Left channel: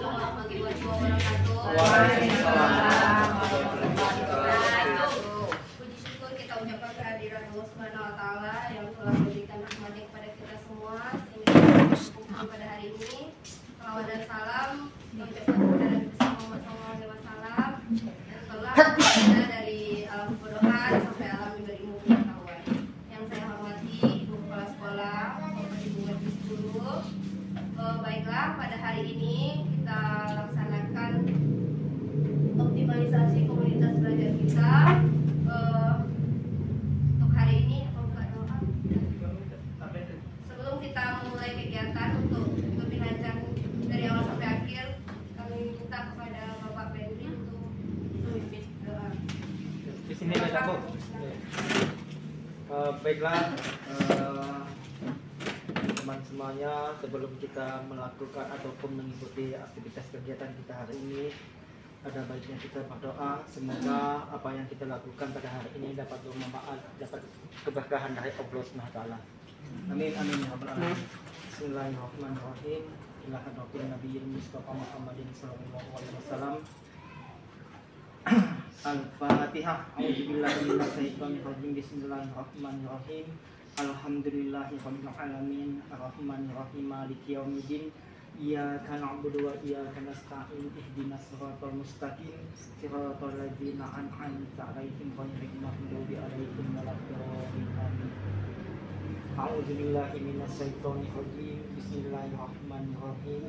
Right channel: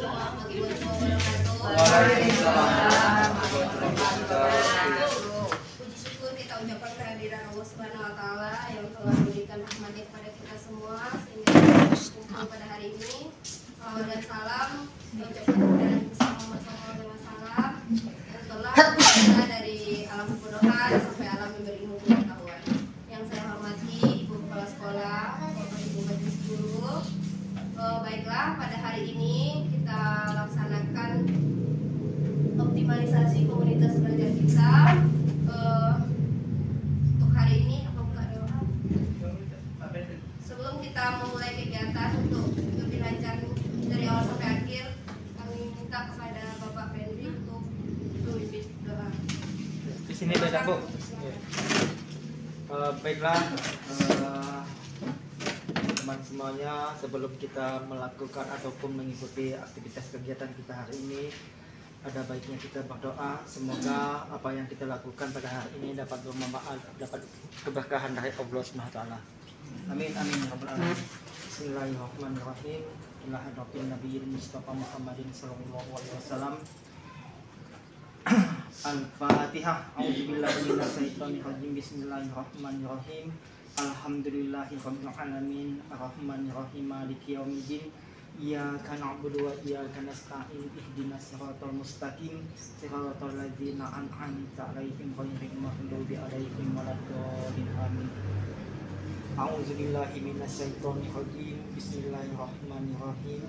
warahmatullahi wabarakatuh. Waalaikumsalam warahmatullahi wabarakatuh. Puji syukur kita ucapkan kehadiran Allah Subhanahu wa taala yang telah memberikan rahmatnya kepada kita semua sehingga kita berkumpul pada hari ini. Salawat dan salam kita ucapkan kepada Nabi Muhammad SAW yang telah kita dari alam kebodohan sampai alam berilmu pengetahuan. Yang saya hormati Ibu Kepala Sekolah, Bapak Ibu Majelis Guru. Baiklah, pada hari ini kita laksanakan optimalisasi komunitas belajar kita. Untuk hari ini aku buka doa. Sebelum kita memulai kegiatan untuk lebih lancar dari awal sampai akhir, kami minta kepada Bapak Pendri untuk memimpin doa. Di sini ada Bu. Baiklah, teman semuanya, sebelum kita melakukan ataupun mengikuti aktivitas kegiatan kita hari ini, ada baiknya kita berdoa semoga apa yang kita lakukan pada hari ini dapat bermanfaat, dapat keberkahan dari Allah Subhanahu wa taala. Amin amin ya rabbal alamin. Bismillahirrahmanirrahim. Ila hadratin nabiyil mustafa Muhammadin sallallahu alaihi wasallam. Al-Fatihah. A'udzubillahi minasyaitonir rajim. Bismillahirrahmanirrahim. Alhamdulillahi rabbil alamin. Arrahmanirrahim. Maliki yaumiddin. Iyyaka na'budu wa iyyaka nasta'in. Ihdinas siratal mustaqim. Siratal ladzina an'amta 'alaihim ghairil maghdubi 'alaihim waladdallin. Amin. A'udzubillahi minasyaitonir rajim. Bismillahirrahmanirrahim.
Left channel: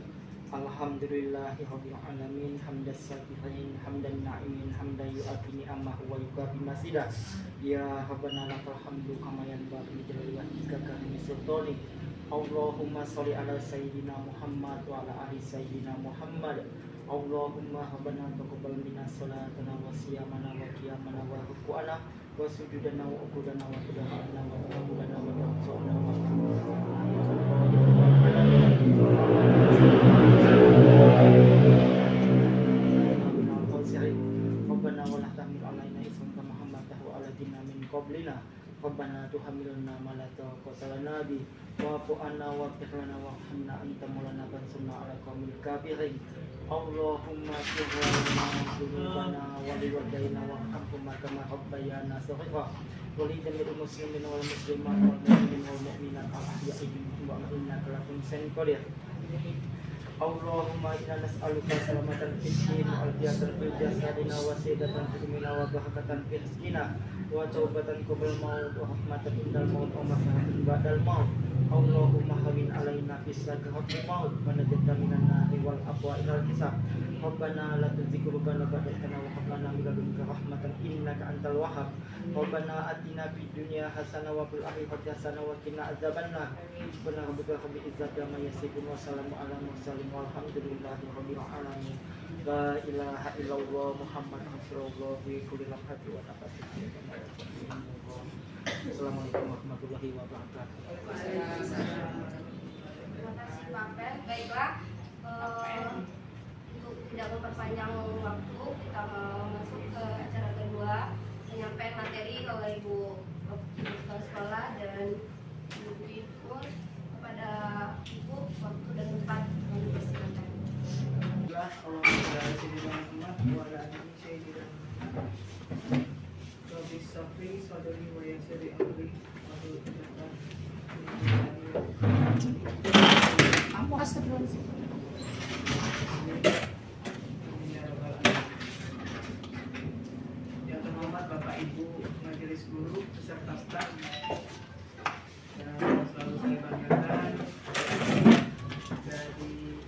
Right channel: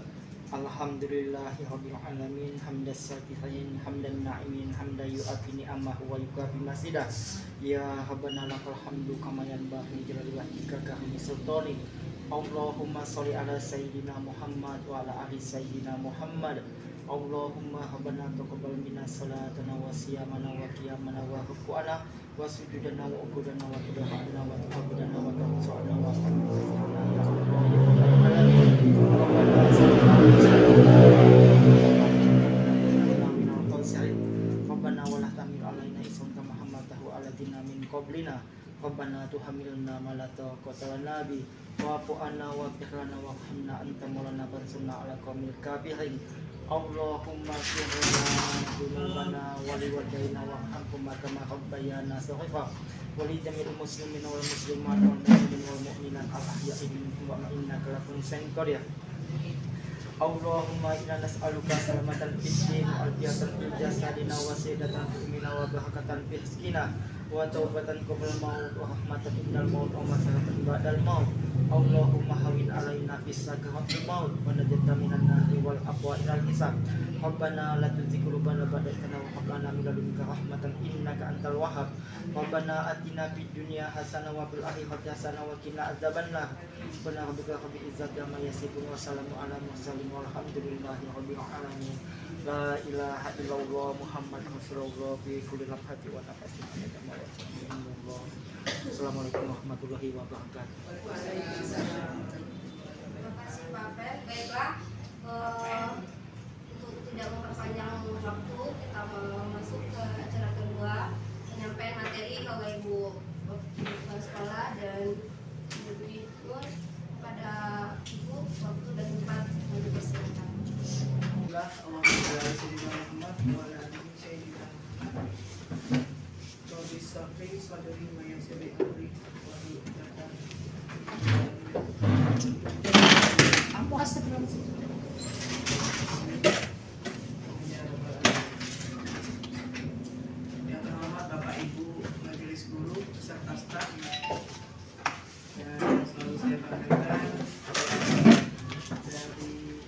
Alhamdulillahi rabbil alamin. Hamdas syakirin, hamdan na'imin, hamdan yu'ati ni'amahu wa yukafi masidah. Ya Rabbana lakal hamdu kama yanbaghi li jalali wajhika ka husni sultani. Allahumma sholli ala sayyidina Muhammad wa ala ali sayyidina Muhammad. Allahumma rabbana taqabbal minna salatana wa siyamana wa qiyamana wa ruku'ana wa sujudana wa ukudana wa qiyamana wa taqabbana wa taqabbana wa Rabbana wa la tahmil alaina isran kama hamaltahu ala ladina min qablina. Rabbana tuhammilna ma la taqata lana bi wa'fu anna waghfir lana warhamna anta maulana fansurna 'alal qaumil kafirin. Allahumma ighfir lana dzunubana wa liwalidayna warhamhuma kama rabbayana shaghira wa li jami'il muslimina wal muslimat wal mu'minina wal mu'minat al-ahya'i minhum wa innaka lakuntum qadir. Allahumma inna nas'aluka salamatan fid din wal afiyatan fil jasadina wa sayyidatan fil mina wa barakatan fil rizqina wa taubatan qabla maut wa rahmatan indal maut wa masalatan ba'dal maut. Allahumma hawin alaina bis sakaratil maut wa najjina minan nari wal aqwa ilal hisab. Rabbana la tuzigh qulubana ba'da idh hadaytana wa hab lana min ladunka rahmatan innaka antal wahhab. Rabbana atina fid dunya hasanah wa fil akhirati hasanah wa qina adzabannar. Subhana rabbika rabbil izzati amma yasifun wa salamun alal mursalin walhamdulillahi rabbil alamin. La ilaha illallah Muhammadur Rasulullah fi kulli lafhatin wa nafasin. Assalamualaikum warahmatullahi wabarakatuh. Terima kasih Pak Pen. Baiklah, untuk tidak memperpanjang waktu, kita mau masuk ke acara kedua, penyampaian materi oleh Ibu Kepala Sekolah dan Ibu kepada Ibu waktu dan tempat yang dipersilakan. Yang terhormat Bapak Ibu Majelis Guru beserta staf yang selalu saya banggakan dari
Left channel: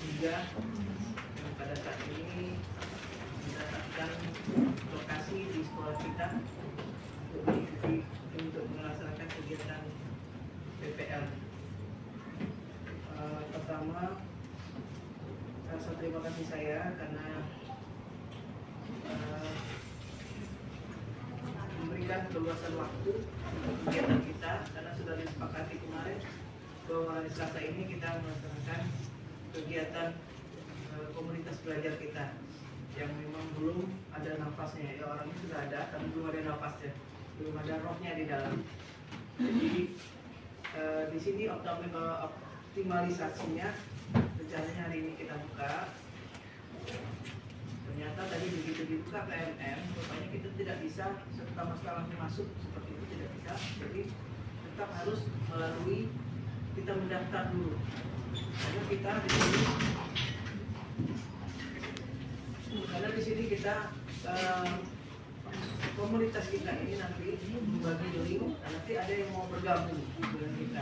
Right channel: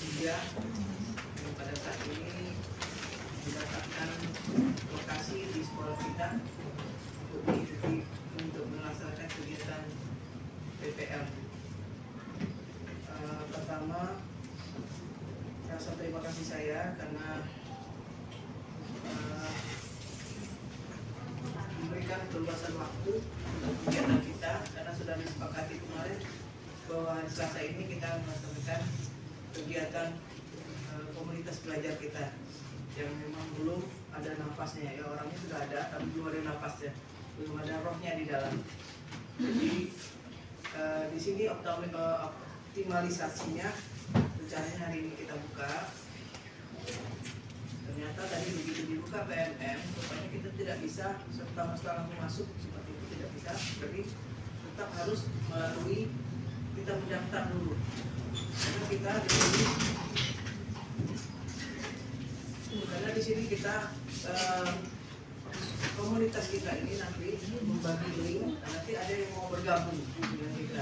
tiga yang pada saat ini mendapatkan lokasi di sekolah kita untuk mengikuti untuk melaksanakan kegiatan PPL. Pertama, rasa terima kasih saya karena memberikan keluasan waktu untuk kegiatan kita, karena sudah disepakati kemarin bahwa hari Selasa ini kita melaksanakan kegiatan komunitas belajar kita yang memang belum ada nafasnya, ya orangnya sudah ada tapi belum ada nafasnya, belum ada rohnya di dalam. Jadi di sini optimalisasinya rencananya hari ini buka, ternyata tadi begitu dibuka PMM, rupanya kita tidak bisa setelah langsung masuk seperti itu, tidak bisa. Jadi tetap harus melalui kita mendaftar dulu. Karena kita di sini kita komunitas kita ini nanti membagi link, nanti ada yang mau bergabung dengan kita.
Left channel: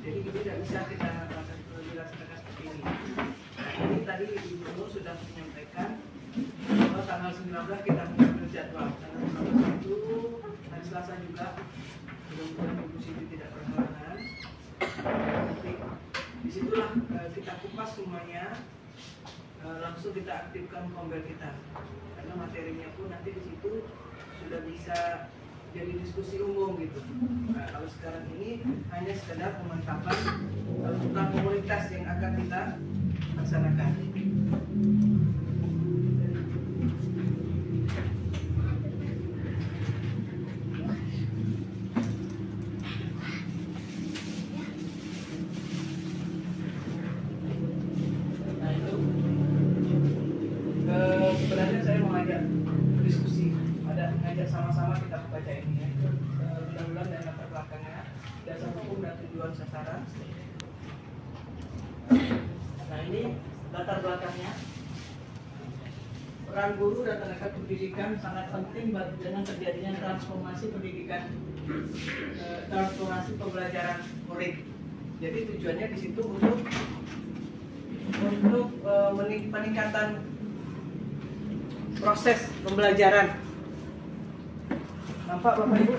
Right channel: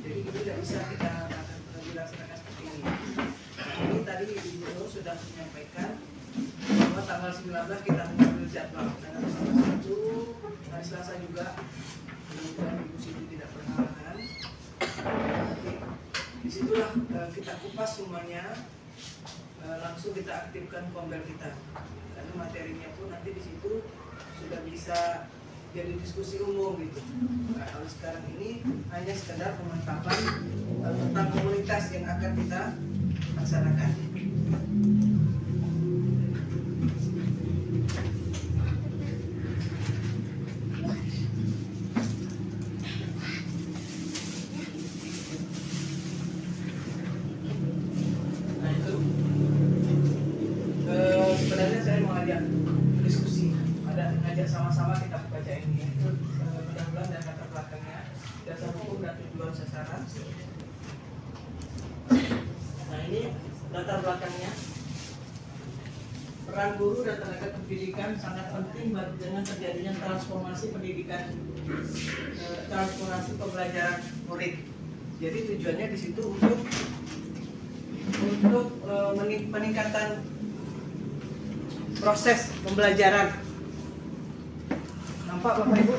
Jadi ini tidak bisa kita akan dilaksanakan seperti ini. Ini tadi Ibu Gubernur sudah menyampaikan bahwa tanggal 19 kita mengambil jadwal. Karena tanggal 1 hari Selasa juga, mudah-mudahan Ibu Siti tidak berhalangan. Nanti disitulah kita kupas semuanya, langsung kita aktifkan kombel kita. Karena materinya pun nanti di situ sudah bisa jadi diskusi umum gitu. Nah, kalau sekarang ini hanya sekedar pemantapan tentang komunitas yang akan kita laksanakan. Nah itu sebenarnya saya mau ajak diskusi, ngajak sama-sama kita baca ini ya. Mudah-mudahan dan latar belakangnya, dasar hukum dan tujuan sasaran. Nah ini latar belakangnya. Peran guru dan tenaga pendidikan sangat penting dengan terjadinya transformasi pendidikan, transformasi pembelajaran murid. Jadi tujuannya di situ untuk peningkatan proses pembelajaran. Nampak Bapak Ibu?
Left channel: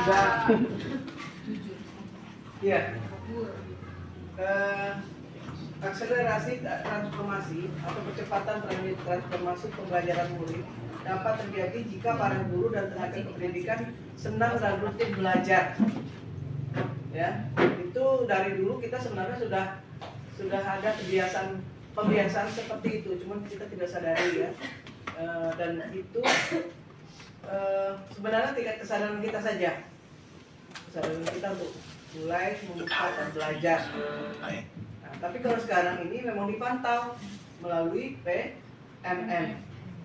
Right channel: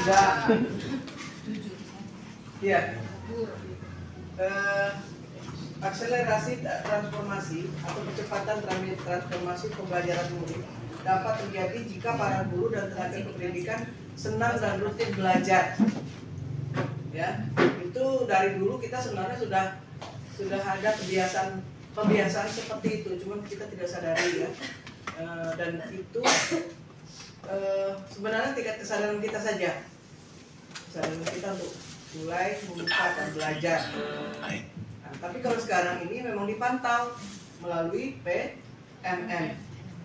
Tidak. Iya. Akselerasi transformasi atau percepatan transformasi pembelajaran murid dapat terjadi jika para guru dan tenaga pendidikan senang dan rutin belajar. Ya, itu dari dulu kita sebenarnya sudah ada pembiasaan seperti itu, cuman kita tidak sadari ya. Dan itu sebenarnya tingkat kesadaran kita saja, kesadaran kita untuk mulai membuka dan belajar. Nah, tapi kalau sekarang ini memang dipantau melalui PMM,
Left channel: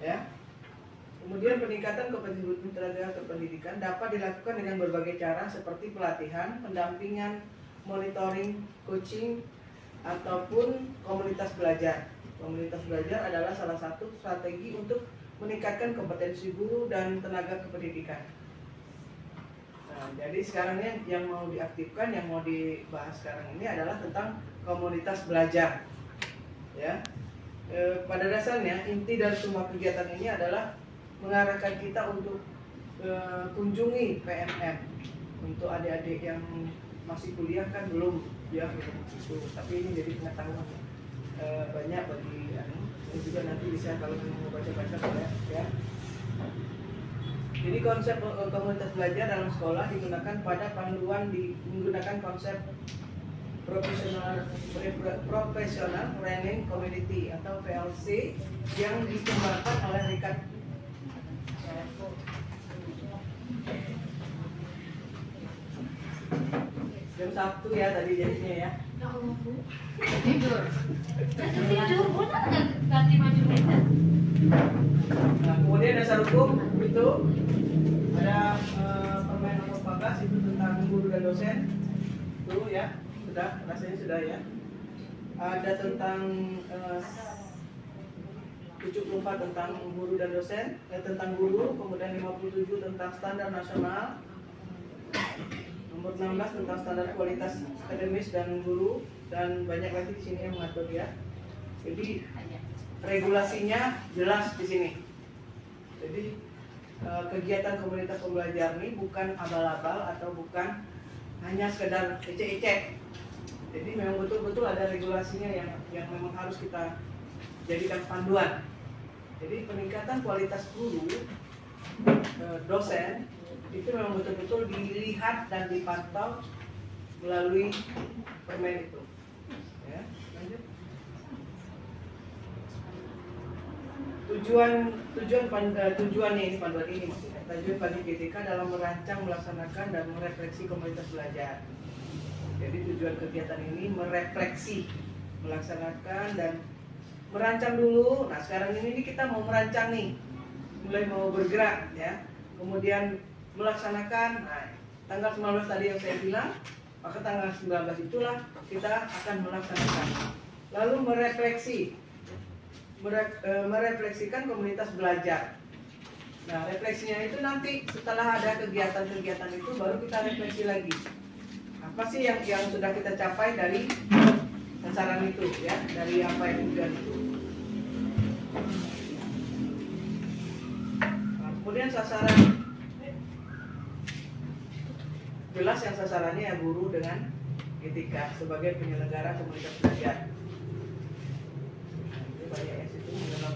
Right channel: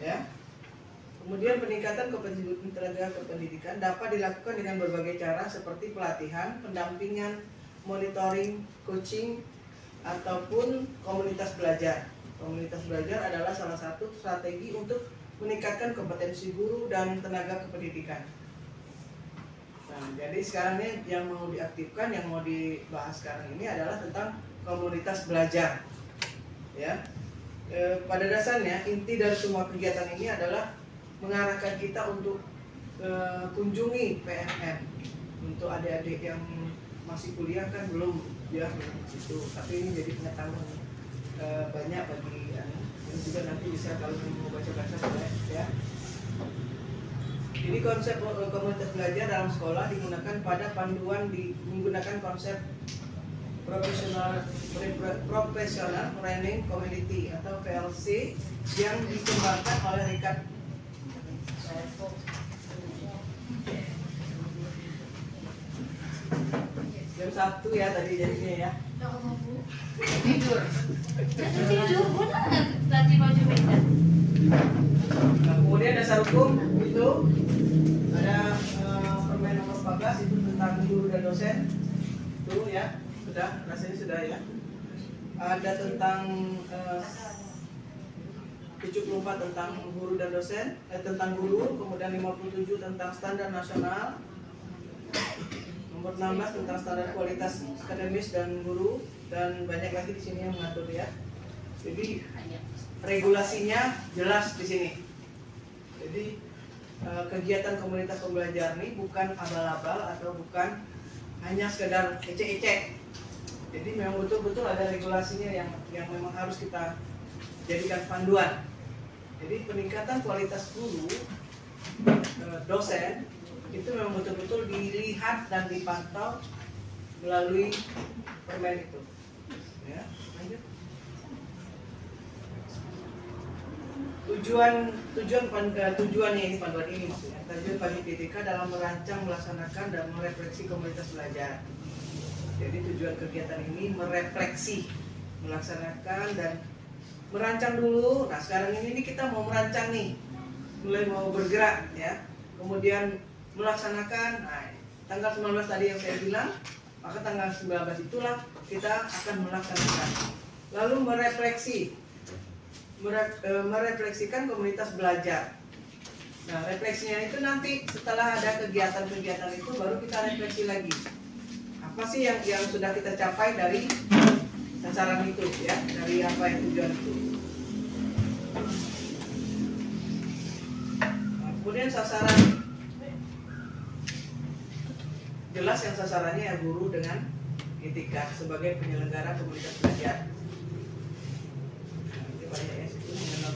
ya. Kemudian peningkatan kompetensi tenaga kependidikan dapat dilakukan dengan berbagai cara seperti pelatihan, pendampingan, monitoring, coaching, ataupun komunitas belajar. Komunitas belajar adalah salah satu strategi untuk meningkatkan kompetensi guru dan tenaga kependidikan. Nah, jadi sekarang ini yang mau diaktifkan, yang mau dibahas sekarang ini adalah tentang komunitas belajar. Ya, pada dasarnya inti dari semua kegiatan ini adalah mengarahkan kita untuk kunjungi PMM. Untuk adik-adik yang masih kuliah kan belum ya itu, tapi ini jadi pengetahuan banyak bagi ini juga nanti bisa kalau mau baca-baca boleh ya. Ini konsep komunitas belajar dalam sekolah digunakan pada panduan menggunakan konsep professional learning community atau PLC yang dikembangkan oleh Richard jam 1 ya tadi jadinya ya. Tidur. Tidur, udah nanti baju beda. Nah, kemudian dasar hukum itu ada Permen nomor 14 itu tentang guru dan dosen. Itu ya, sudah rasanya sudah ya. Ada tentang 74 tentang guru dan dosen, tentang guru, kemudian 57 tentang standar nasional. Nomor 16 tentang standar kualitas akademis dan guru, dan banyak lagi di sini yang mengatur ya. Jadi regulasinya jelas di sini. Jadi kegiatan komunitas pembelajar ini bukan abal-abal atau bukan hanya sekedar ecek-ecek. Jadi memang betul-betul ada regulasinya yang memang harus kita jadikan panduan. Jadi peningkatan kualitas guru, dosen itu memang betul-betul dilihat dan dipantau melalui permen itu. Ya, lanjut. Tujuannya ini panduan ini maksudnya. Tujuan bagi PTK dalam merancang, melaksanakan dan merefleksi komunitas belajar. Jadi tujuan kegiatan ini merefleksi melaksanakan dan merancang dulu. Nah sekarang ini kita mau merancang nih, mulai mau bergerak ya, kemudian melaksanakan. Nah, tanggal 19 tadi yang saya bilang, maka tanggal 19 itulah kita akan melaksanakan. Lalu merefleksikan komunitas belajar. Nah refleksinya itu nanti setelah ada kegiatan-kegiatan itu baru kita refleksi lagi. Apa sih yang sudah kita capai dari sasaran itu ya, dari apa yang tujuan itu. Nah, kemudian sasaran, jelas yang sasarannya ya guru dengan etika sebagai penyelenggara komunitas belajar. Ini banyak ya situ mengenal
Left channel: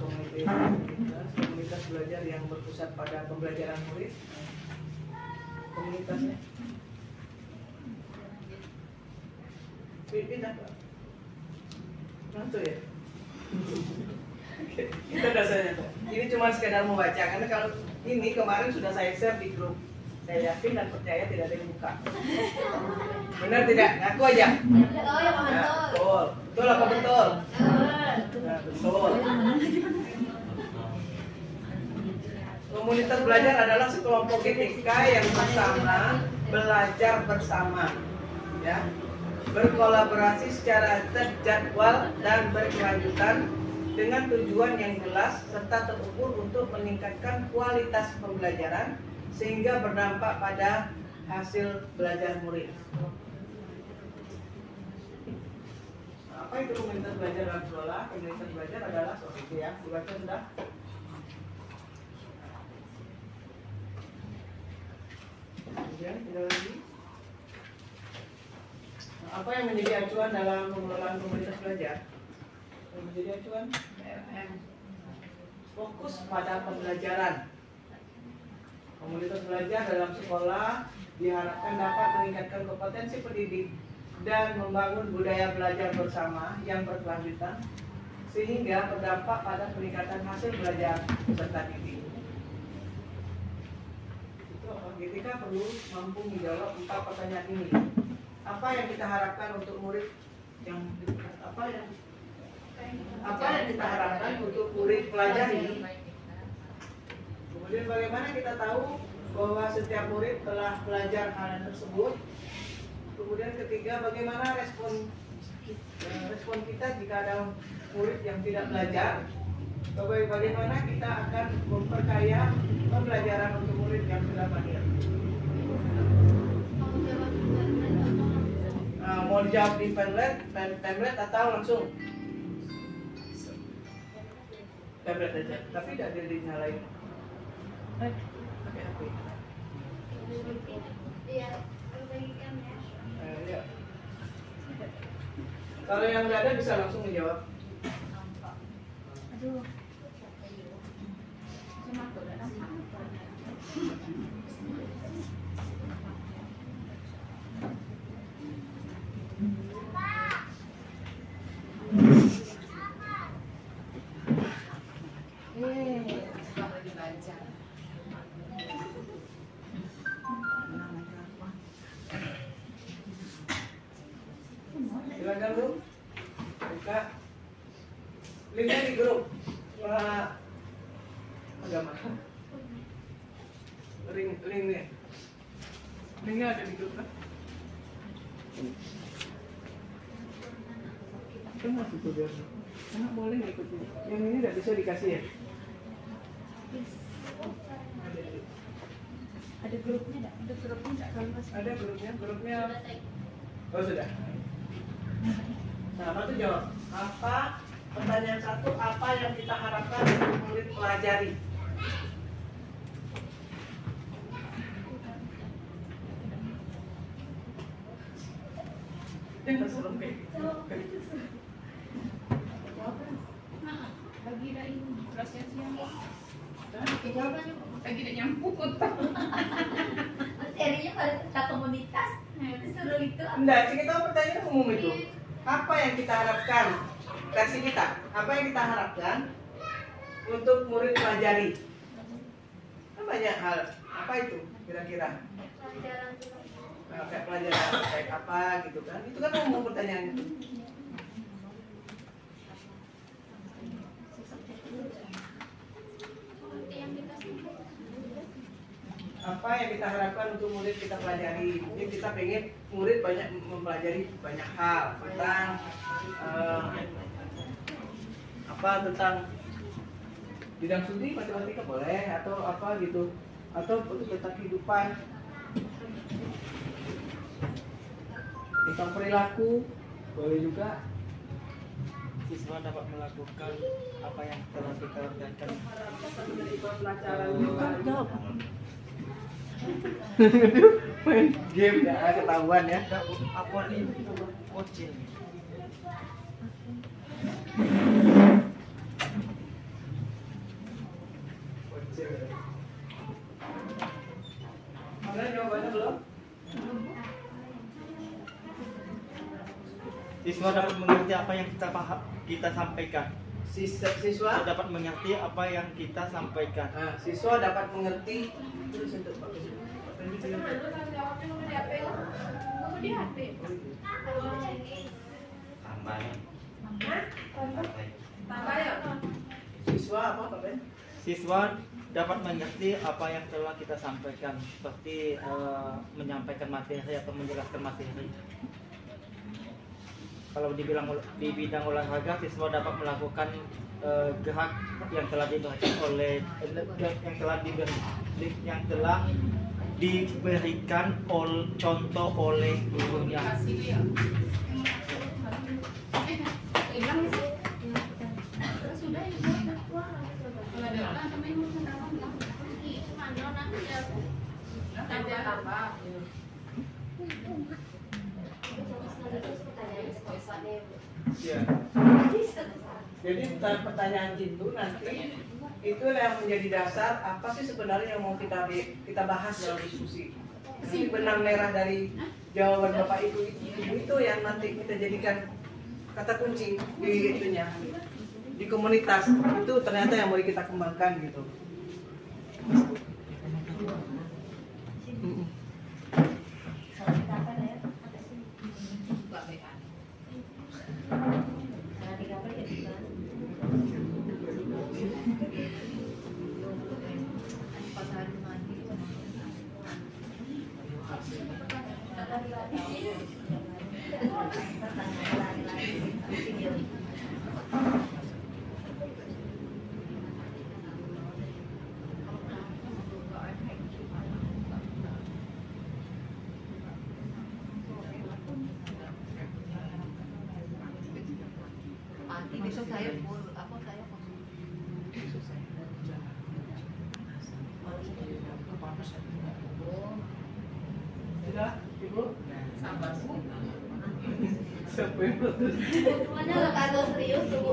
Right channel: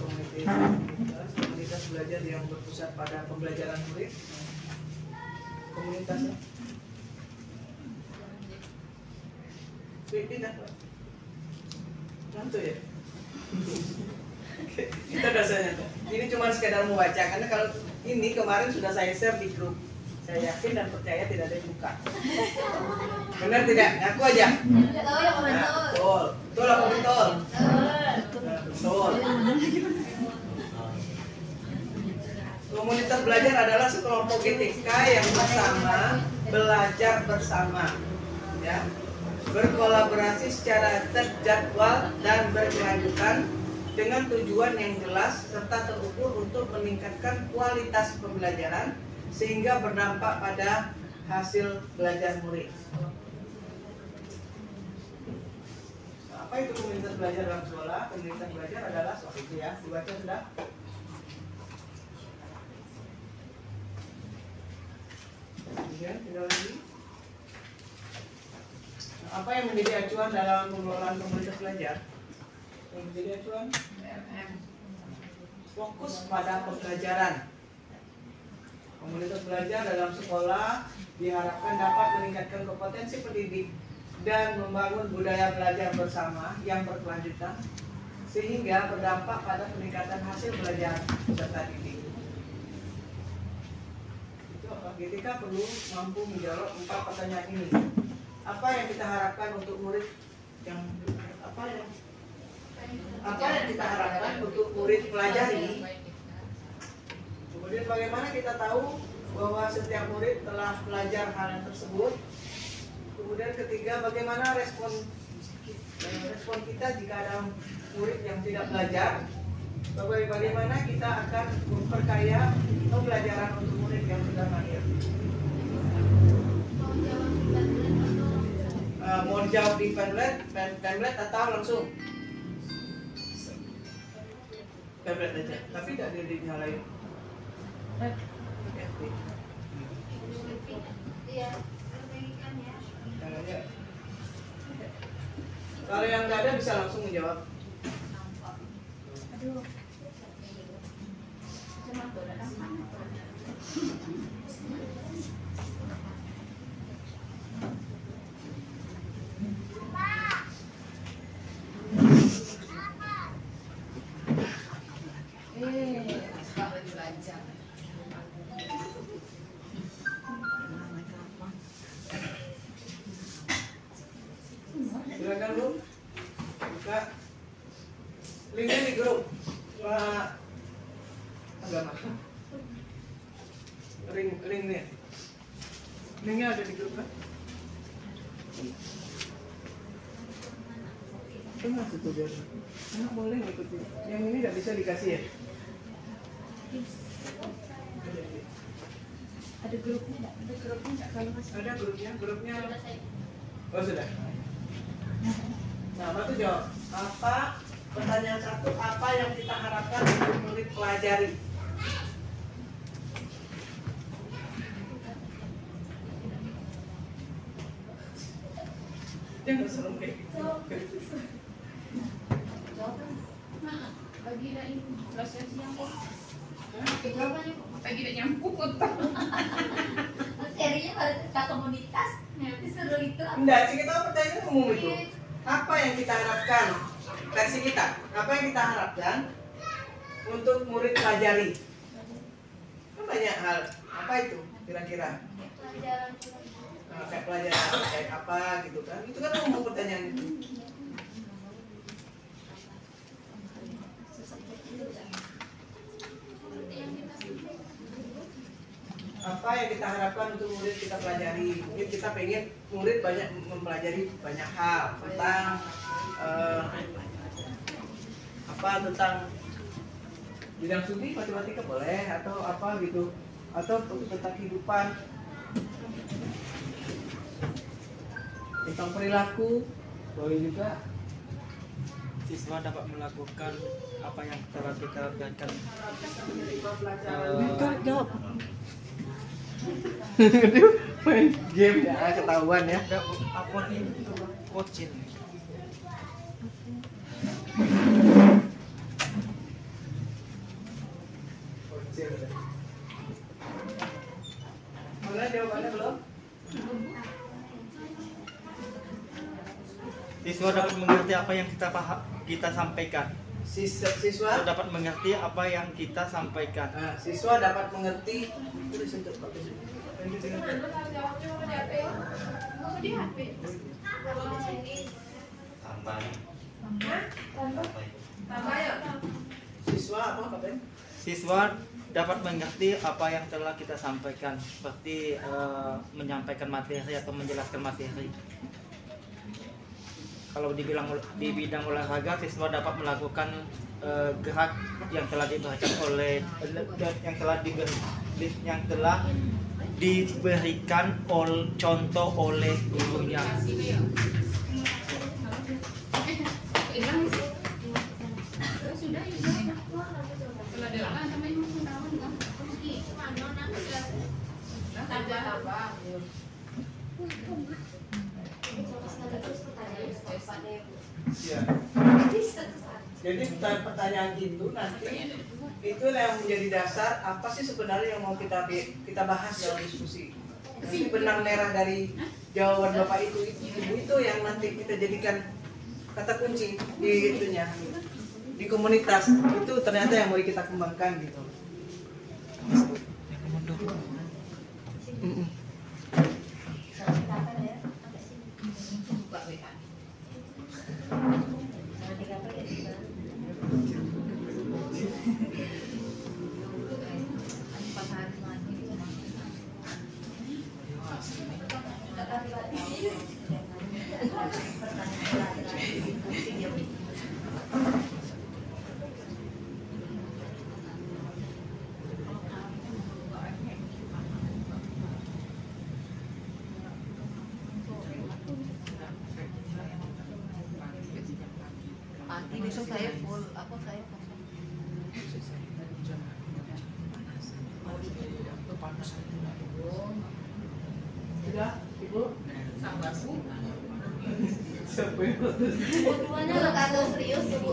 komunitas belajar yang berpusat pada pembelajaran murid. Komunitasnya pindah Pak. Mantu ya. Kita dasarnya. Ini cuma sekedar membaca karena kalau ini kemarin sudah saya share di grup. Saya yakin dan percaya tidak ada yang buka. Benar tidak? Ngaku aja. Oh ya betul. Betul. Betul apa betul? Nah, betul. Komunitas belajar adalah sekelompok GTK yang bersama, belajar bersama, ya, berkolaborasi secara terjadwal dan berkelanjutan dengan tujuan yang jelas serta terukur untuk meningkatkan kualitas pembelajaran sehingga berdampak pada hasil belajar murid. Nah, apa itu komunitas belajar dalam sekolah? Komunitas belajar adalah soal itu ya, dibaca sudah. Kemudian tinggal lagi. Nah, apa yang menjadi acuan dalam pengelolaan komunitas belajar? Yang menjadi acuan fokus pada pembelajaran. Komunitas belajar dalam sekolah diharapkan dapat meningkatkan kompetensi pendidik dan membangun budaya belajar bersama yang berkelanjutan sehingga berdampak pada peningkatan hasil belajar peserta didik. Kita perlu mampu menjawab 4 pertanyaan ini. Apa yang kita harapkan untuk murid yang apa yang kita harapkan untuk murid pelajari? Kemudian bagaimana kita tahu bahwa setiap murid telah belajar hal tersebut? Kemudian ketiga, bagaimana respon kita jika ada murid yang tidak belajar? Bagaimana kita akan memperkaya pembelajaran untuk murid yang sudah mahir? Mau dijawab di Padlet atau langsung? Padlet aja, tapi tidak ada di hal lain. Iya, perbaikan ya. Kalau yang nggak ada bisa langsung menjawab. Aduh. Silakan Bu, buka linknya di grup agama. Linknya ada di grup kan? Tengah situ biar anak boleh ngikutin. Yang ini nggak bisa dikasih ya? Ada grupnya enggak? Ada grupnya enggak? Kalau kasih Ada grupnya. Oh sudah. Nah, Matu jawab. Apa pertanyaan 1? Apa yang kita harapkan untuk murid pelajari? Jangan serem kayak gitu. Pagi dah ini proses yang kok. jawabannya Pagi dah nyambut. materinya pada tentang komunitas. Disuruh itu Enggak, sih kita pertanyaan umum itu. Apa yang kita harapkan? Versi kita. Apa yang kita harapkan untuk murid pelajari? Kan banyak hal. Apa itu kira-kira? pelajaran Kayak pelajaran kayak apa gitu kan? Itu kan umum pertanyaan itu. apa yang kita harapkan untuk murid kita pelajari. Mungkin kita pengen murid banyak mempelajari banyak hal tentang tentang bidang studi matematika boleh, atau apa gitu, atau tentang kehidupan, tentang perilaku boleh juga. Siswa dapat melakukan apa yang telah dikerjakan. Jawab. Main game ya, ketahuan ya. Aku ini coaching. Mana jawabannya belum? Siswa dapat mengerti apa yang kita sampaikan. Siswa dapat mengerti apa yang kita sampaikan. Siswa dapat mengerti. Siswa apa Ben? Siswa dapat mengerti apa yang telah kita sampaikan, seperti menyampaikan materi atau menjelaskan materi. Kalau di bidang olahraga, siswa dapat melakukan gerak yang telah diberikan contoh oleh gurunya. Ya. Jadi pertanyaan itu nanti itu yang menjadi dasar apa sih sebenarnya yang mau kita bahas dalam diskusi. Nanti benang merah dari jawaban Bapak itu yang nanti kita jadikan kata kunci di itunya, di komunitas itu ternyata yang mau kita kembangkan gitu. Besok saya full, apa saya Sudah, Ibu? sabar Bu. Siapa yang Semuanya nggak kagak serius tuh Bu.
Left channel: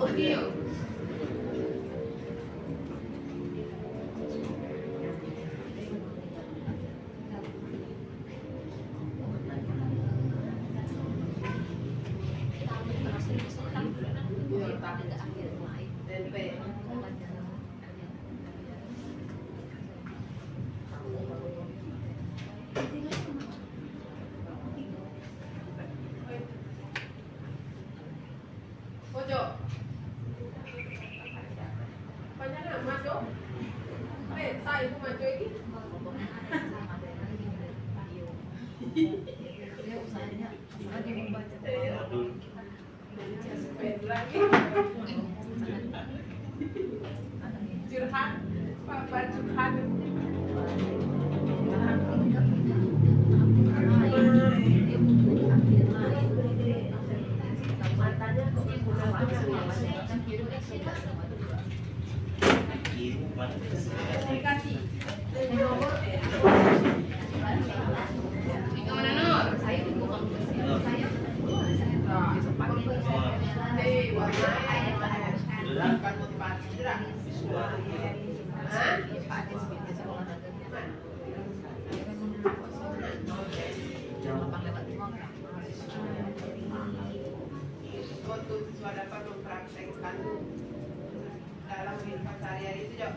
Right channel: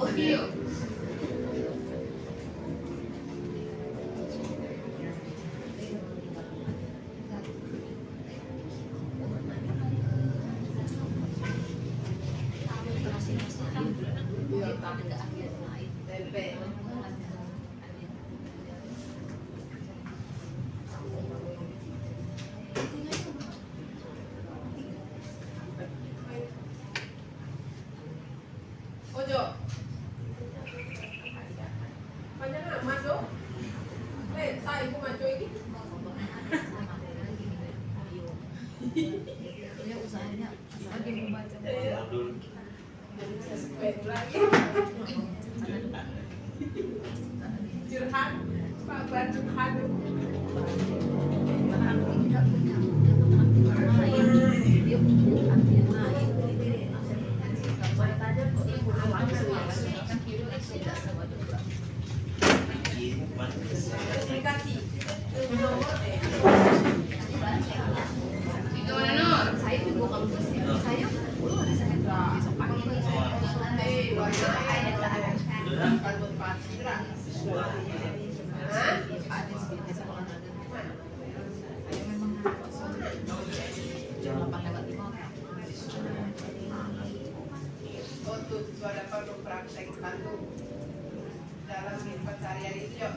Ojo. Banyak nak masuk. Saya pun masuk lagi. Dia usahanya dia membaca Lagi. Curhat. Pak bantu kadu. Untuk siswa dapat mempraktekkan dalam pencarian itu, Jo.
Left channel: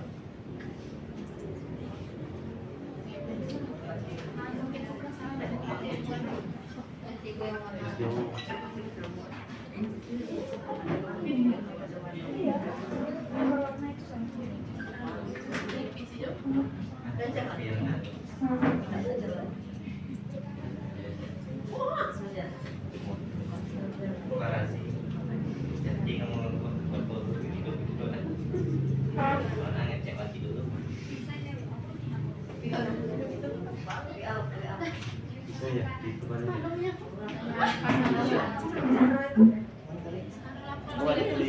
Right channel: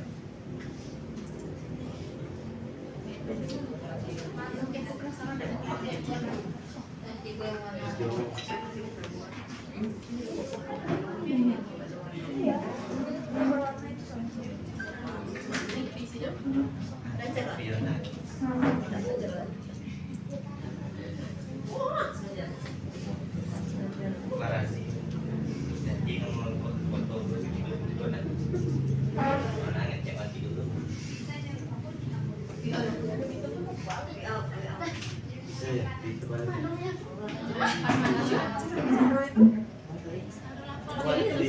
Dan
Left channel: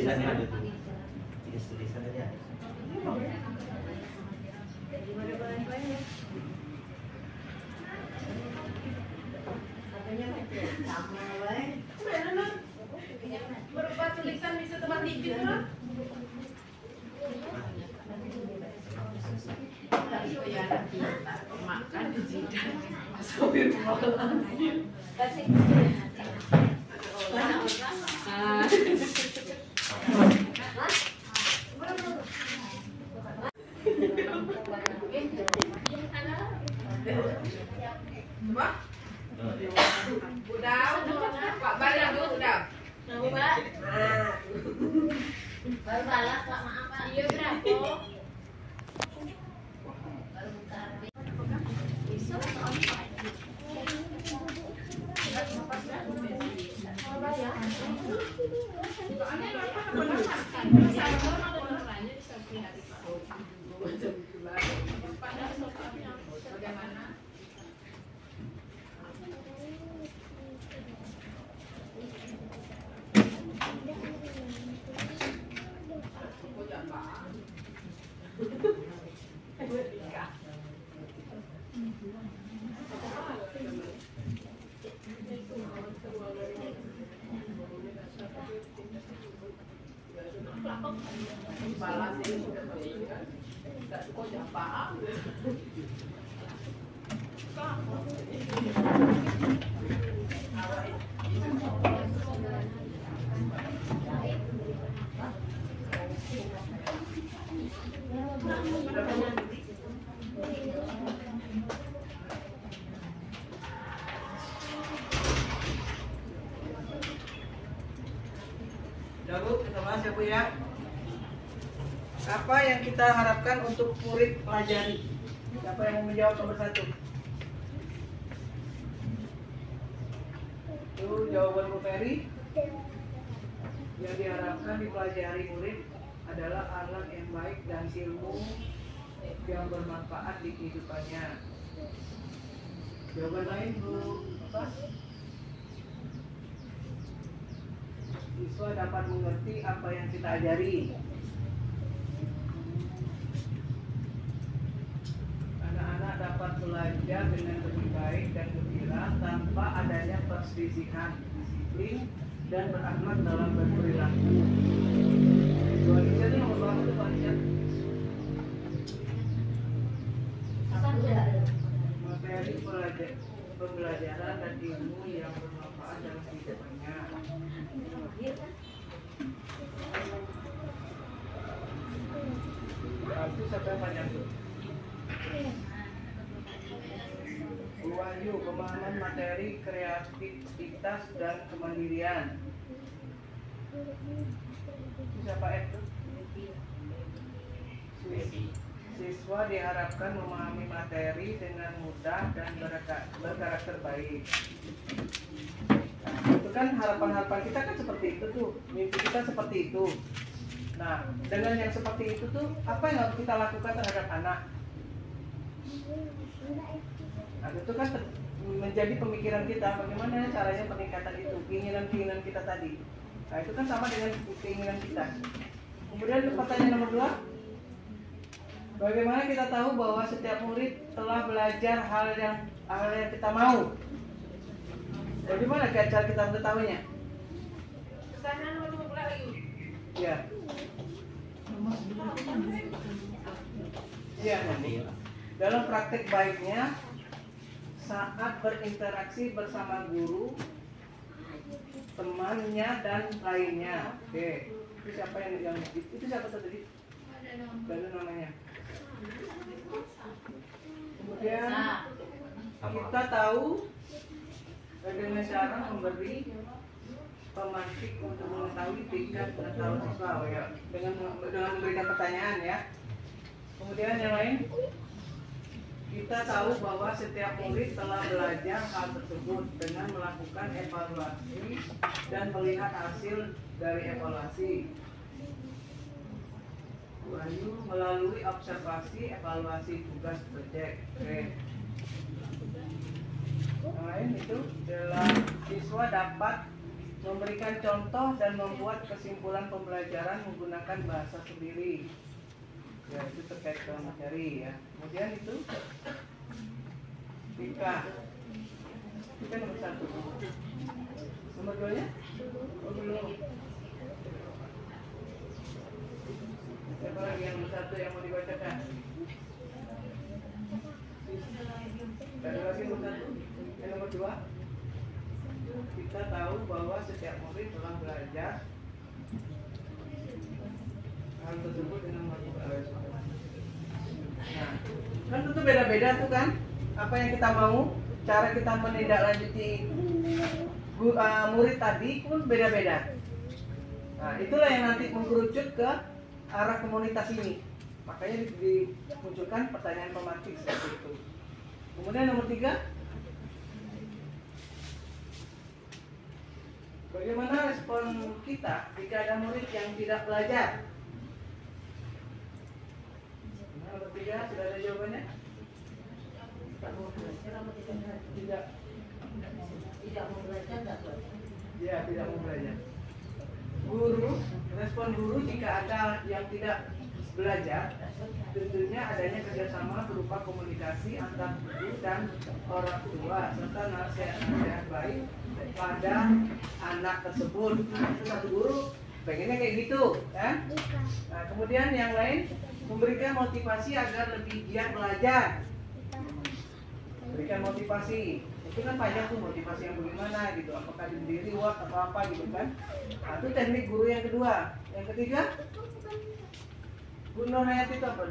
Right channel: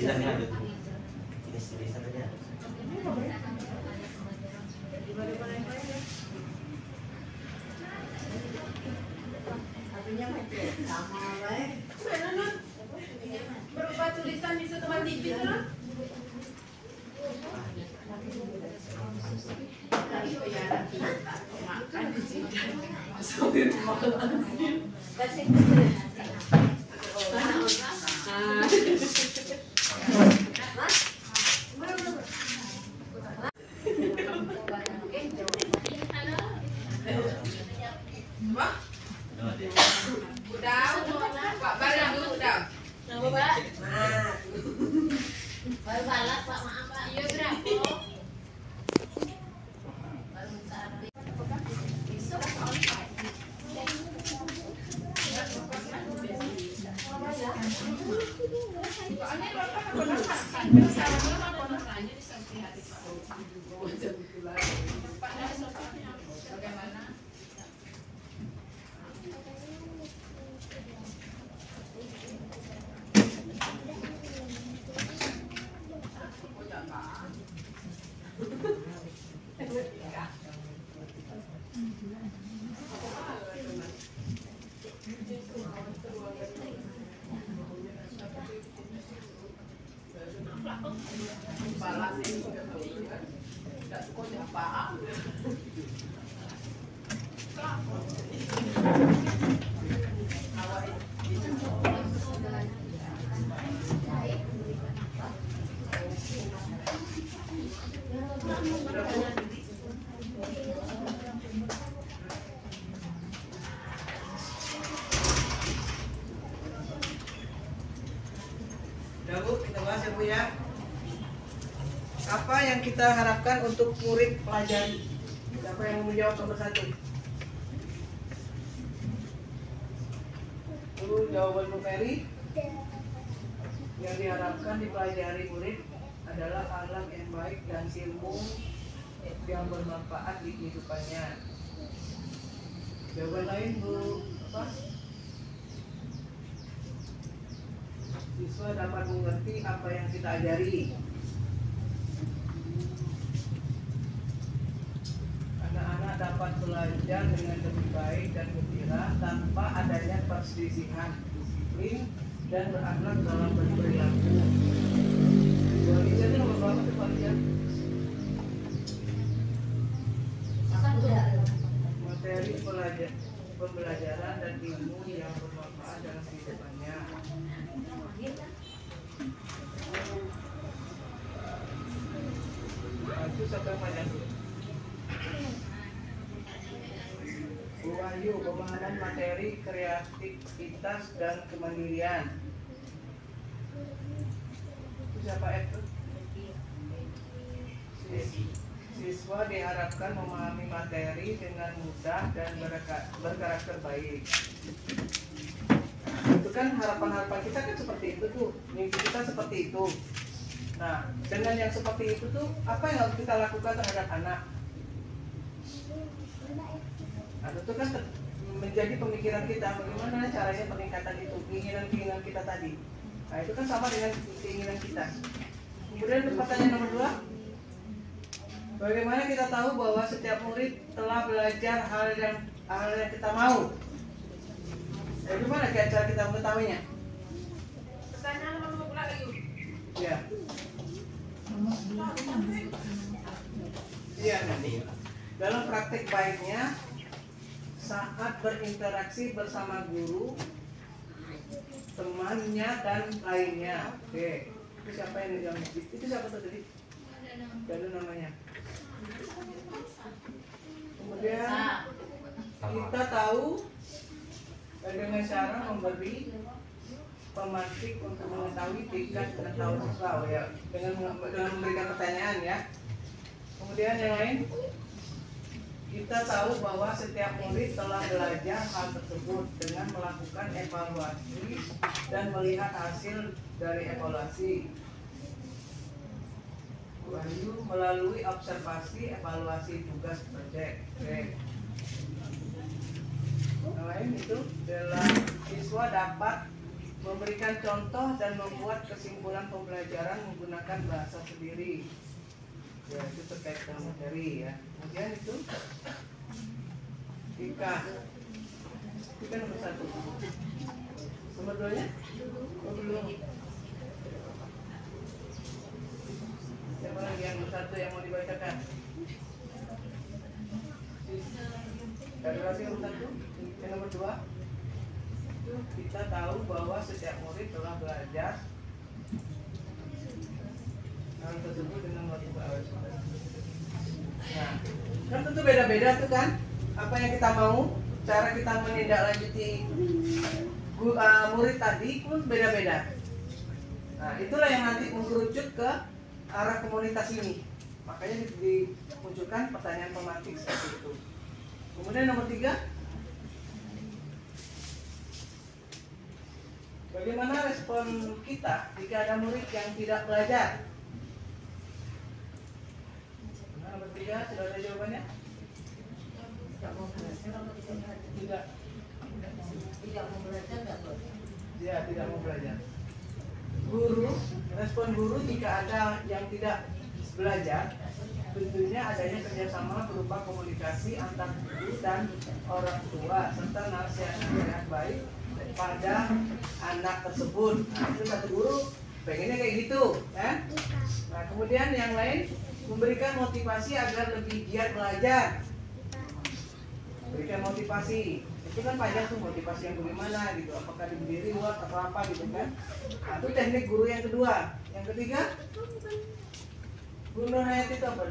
organisasinya. Berupa tulisan bisa teman digit lah. Udah, Pak Bari dulu udah. Iya berapa? Bu, kita bahas ya Bu ya. Apa yang kita harapkan untuk murid pelajari? Siapa yang mau menjawab nomor 1? Itu jawaban Bu Ferry. Yang diharapkan dipelajari murid adalah akhlak yang baik dan ilmu yang bermanfaat di kehidupannya. Jawaban lain Bu apa? Siswa dapat mengerti apa yang kita ajari. Anak-anak dapat belajar dengan lebih baik dan gembira tanpa adanya perselisihan, disiplin, dan berakhlak dalam berperilaku. Bu Aliza itu nomor berapa tuh Bu Aliza? Materi pembelajaran dan ilmu yang bermanfaat dalam kehidupannya. Itu sampai panjang dulu. Bu Wahyu, pemahaman materi, kreativitas dan kemandirian. Itu siapa itu? Siswa diharapkan memahami materi dengan mudah dan berkarakter baik. Itu kan harapan-harapan kita kan seperti itu tuh, mimpi kita seperti itu. Nah, dengan yang seperti itu tuh, apa yang harus kita lakukan terhadap anak? Nah, itu kan menjadi pemikiran kita, bagaimana caranya peningkatan itu, keinginan-keinginan kita tadi. Nah, itu kan sama dengan keinginan kita. Kemudian pertanyaan nomor 2, bagaimana kita tahu bahwa setiap murid telah belajar hal yang kita mau? Bagaimana cara kita mengetahuinya? Kesana nomor lagi. Ya. Iya, dalam praktek baiknya saat berinteraksi bersama guru, temannya dan lainnya. Oke, itu siapa yang itu siapa tadi? Ada namanya. Kemudian kita tahu dengan cara memberi pemantik untuk mengetahui tingkat pengetahuan siswa, ya, dengan memberikan pertanyaan ya. Kemudian yang lain, kita tahu bahwa setiap murid telah belajar hal tersebut dengan melakukan evaluasi dan melihat hasil dari evaluasi. Wahyu melalui observasi, evaluasi tugas proyek. Yang lain itu adalah siswa dapat memberikan contoh dan membuat kesimpulan pembelajaran menggunakan bahasa sendiri. Ya, itu terkait dengan materi ya. Kemudian itu Ika nomor 1. Nomor 2-nya? Siapa lagi yang nomor 1 yang mau dibacakan? Ada lagi nomor 1? Yang nomor 2? Kita tahu bahwa setiap murid telah belajar hal tersebut dengan melakukan. Nah, kan tentu beda-beda tuh kan apa yang kita mau, cara kita menindaklanjuti murid tadi pun beda-beda. Nah, itulah yang nanti mengkerucut ke arah komunitas ini. Makanya dimunculkan pertanyaan pematik seperti itu. Kemudian nomor 3, bagaimana respon kita jika ada murid yang tidak belajar? Nah, nomor 3, sudah ada jawabannya? Tidak mau belajar, nggak belajar. Ya, tidak mau belajar. Guru, respon guru jika ada yang tidak belajar, tentunya adanya kerjasama berupa komunikasi antar guru dan orang tua serta nasihat baik pada anak tersebut. Nah, itu satu guru pengennya kayak gitu, kan? Nah, kemudian yang lain memberikan motivasi agar lebih giat belajar. Berikan motivasi. Itu kan banyak tuh motivasi yang bagaimana gitu. Apakah diri reward atau apa gitu kan? Nah, itu teknik guru yang kedua. Yang ketiga, Guru Hayati itu apa?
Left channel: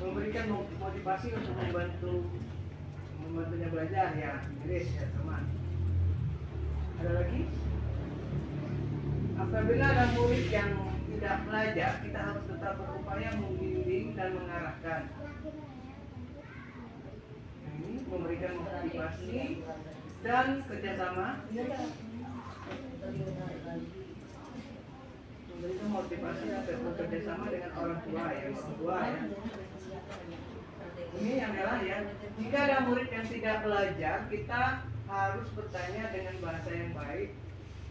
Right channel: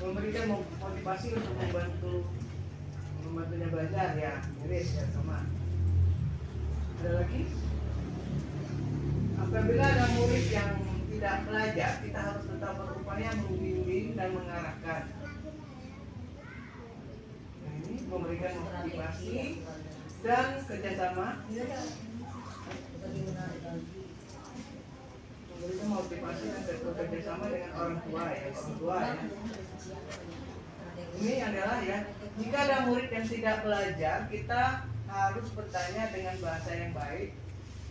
Memberikan motivasi untuk membantunya belajar ya. Iris ya sama. Ada lagi? Apabila ada murid yang tidak belajar, kita harus tetap berupaya membimbing dan mengarahkan. Ini memberikan motivasi dan kerjasama. Memberikan motivasi dan bekerjasama dengan orang tua ya. Ini adalah ya. Jika ada murid yang tidak belajar, kita harus bertanya dengan bahasa yang baik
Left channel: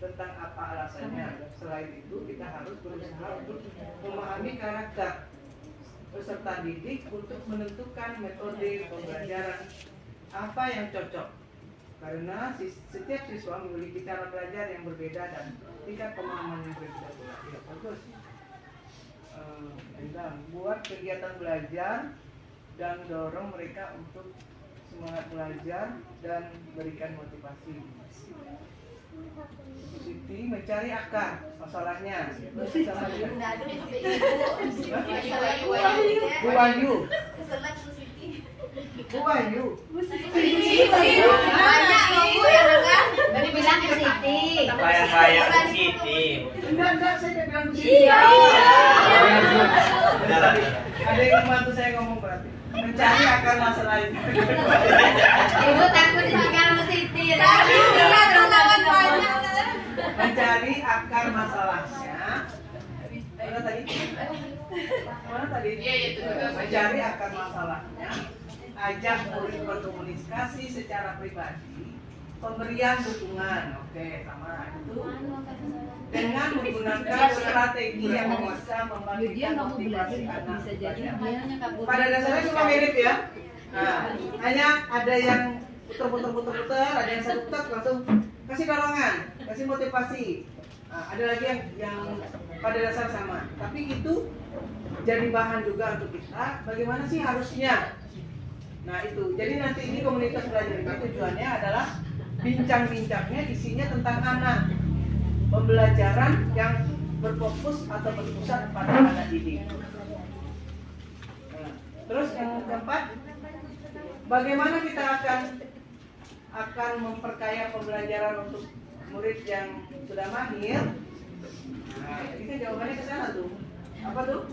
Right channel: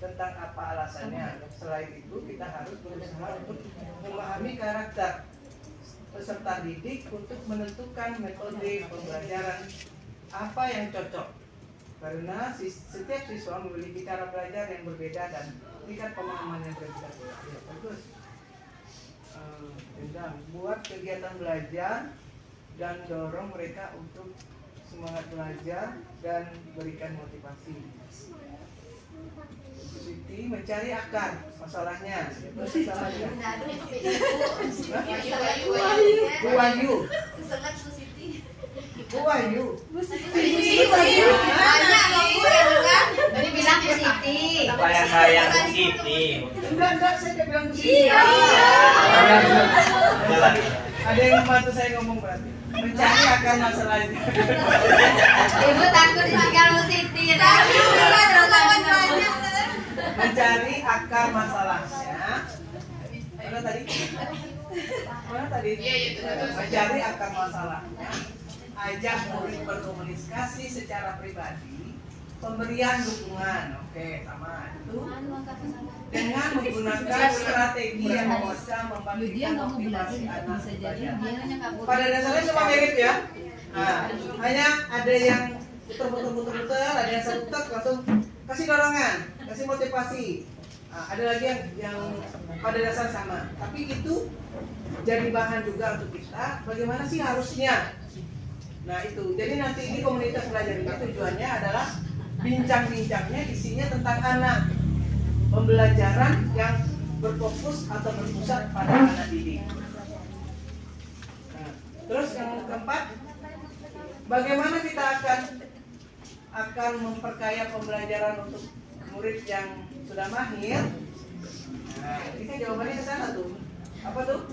tentang apa alasannya. Selain itu, kita harus berusaha untuk memahami karakter peserta didik untuk menentukan metode pembelajaran apa yang cocok. Karena setiap siswa memiliki cara belajar yang berbeda dan tingkat pemahaman yang berbeda. Ya, bagus. Buat kegiatan belajar dan dorong mereka untuk semangat belajar dan berikan motivasi. Siti mencari akar masalahnya. Terus sama dia. Bu Wahyu. Keselak Bu Siti. Bu Wahyu. Banyak kamu yang dengar. Tadi bilang ke Siti. Kayak Bu Siti. Enggak, saya tidak bilang Bu Siti. Iya. Ada yang membantu saya ngomong berarti. Mencari akar masalah itu. Ibu takut ditinggal Bu Siti. Tapi kita terlawan banyak. Mencari akar masalahnya. Mana tadi? Mana tadi? Mencari akar masalahnya. Ajak murid berkomunikasi secara pribadi. Pemberian dukungan. Oke, sama itu. Dengan menggunakan strategi yang bisa membangkitkan motivasi anak belajar. Pada dasarnya semua mirip ya. Nah, hanya ada yang putar, ada yang satu langsung kasih dorongan, kasih motivasi. Nah, ada lagi yang pada dasar sama. Tapi itu jadi bahan juga untuk kita. Bagaimana sih harusnya? Nah itu. Jadi nanti ini komunitas belajar ini tujuannya adalah bincang-bincangnya isinya tentang anak. Pembelajaran yang berfokus atau berpusat pada anak didik. Nah, terus yang keempat, bagaimana kita akan memperkaya pembelajaran untuk murid yang sudah mahir? Nah, kita jawabannya ke sana tuh. Apa tuh?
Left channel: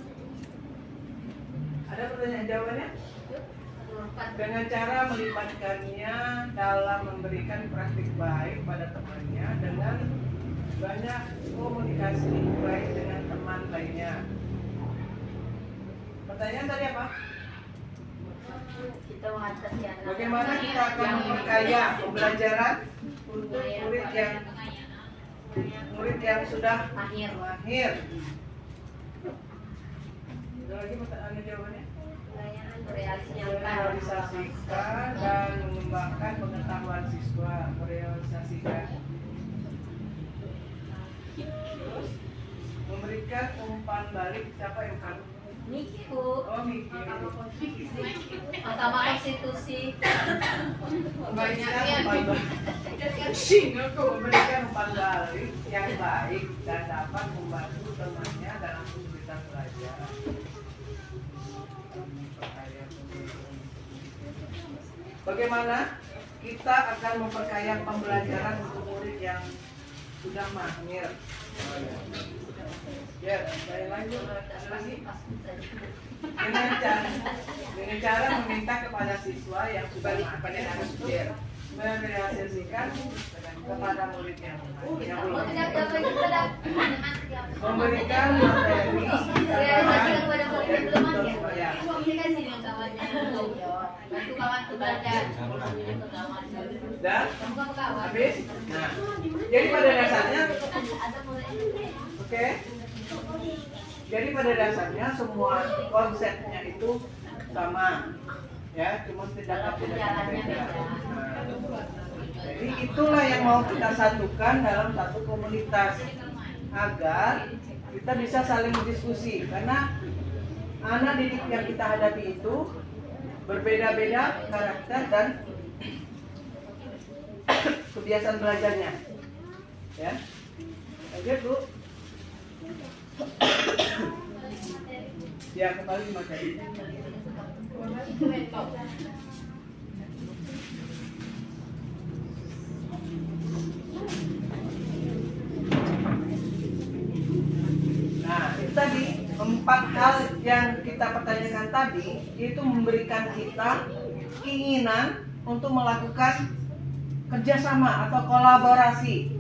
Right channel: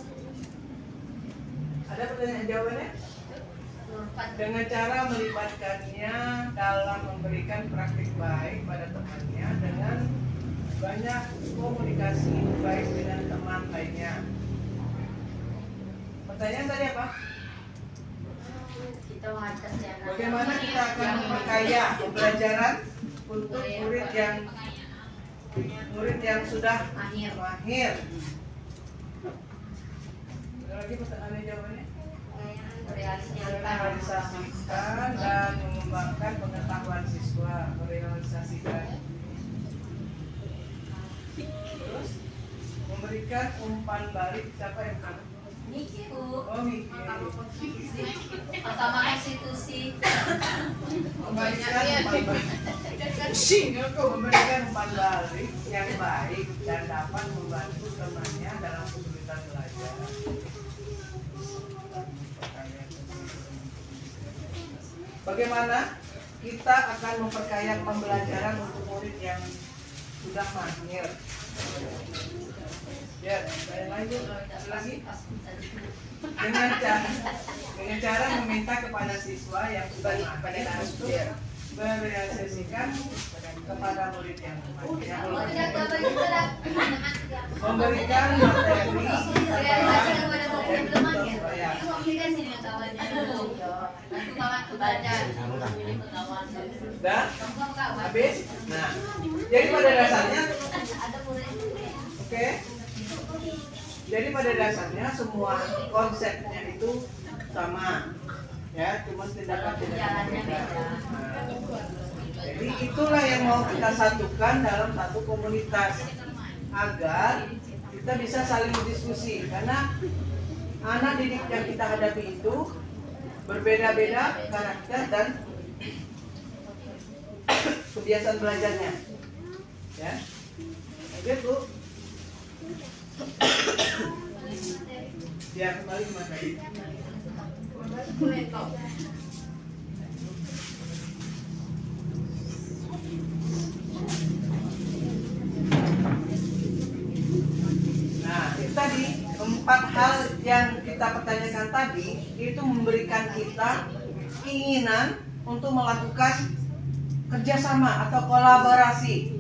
Ada pertanyaan jawabannya? Dengan cara melibatkannya dalam memberikan praktik baik pada temannya dengan banyak komunikasi baik dengan teman lainnya. Pertanyaan tadi apa? Kita mengatasi anak. Bagaimana kita akan memperkaya pembelajaran untuk murid yang murid yang sudah Mahir. mahir. Ada lagi pertanyaannya jawabannya? Merealisasikan dan mengembangkan pengetahuan siswa. Merealisasikan. Terus memberikan umpan balik. Siapa yang kan? Niki Bu. Oh, mikir. Mahkamah Konstitusi. Memberikan umpan balik yang baik dan dapat membantu temannya dalam kesulitan belajar. Bagaimana kita akan memperkaya pembelajaran untuk murid yang sudah mahir? Ya, saya lanjut lagi. Dengan cara meminta kepada siswa yang sudah mahir untuk merealisasikan kepada murid yang belum. Memberikan materi dan habis. Nah, jadi pada dasarnya, oke. Jadi pada dasarnya semua konsepnya itu sama, ya, cuma tindakan berbeda. Jadi itulah yang mau kita satukan dalam satu komunitas agar kita bisa saling berdiskusi, karena anak didik yang kita hadapi itu berbeda-beda karakter dan kebiasaan belajarnya, ya. Lanjut Bu. Ya, kembali ke materi. Nah, itu tadi 4 hal yang kita pertanyakan tadi itu memberikan kita keinginan untuk melakukan kerjasama atau kolaborasi.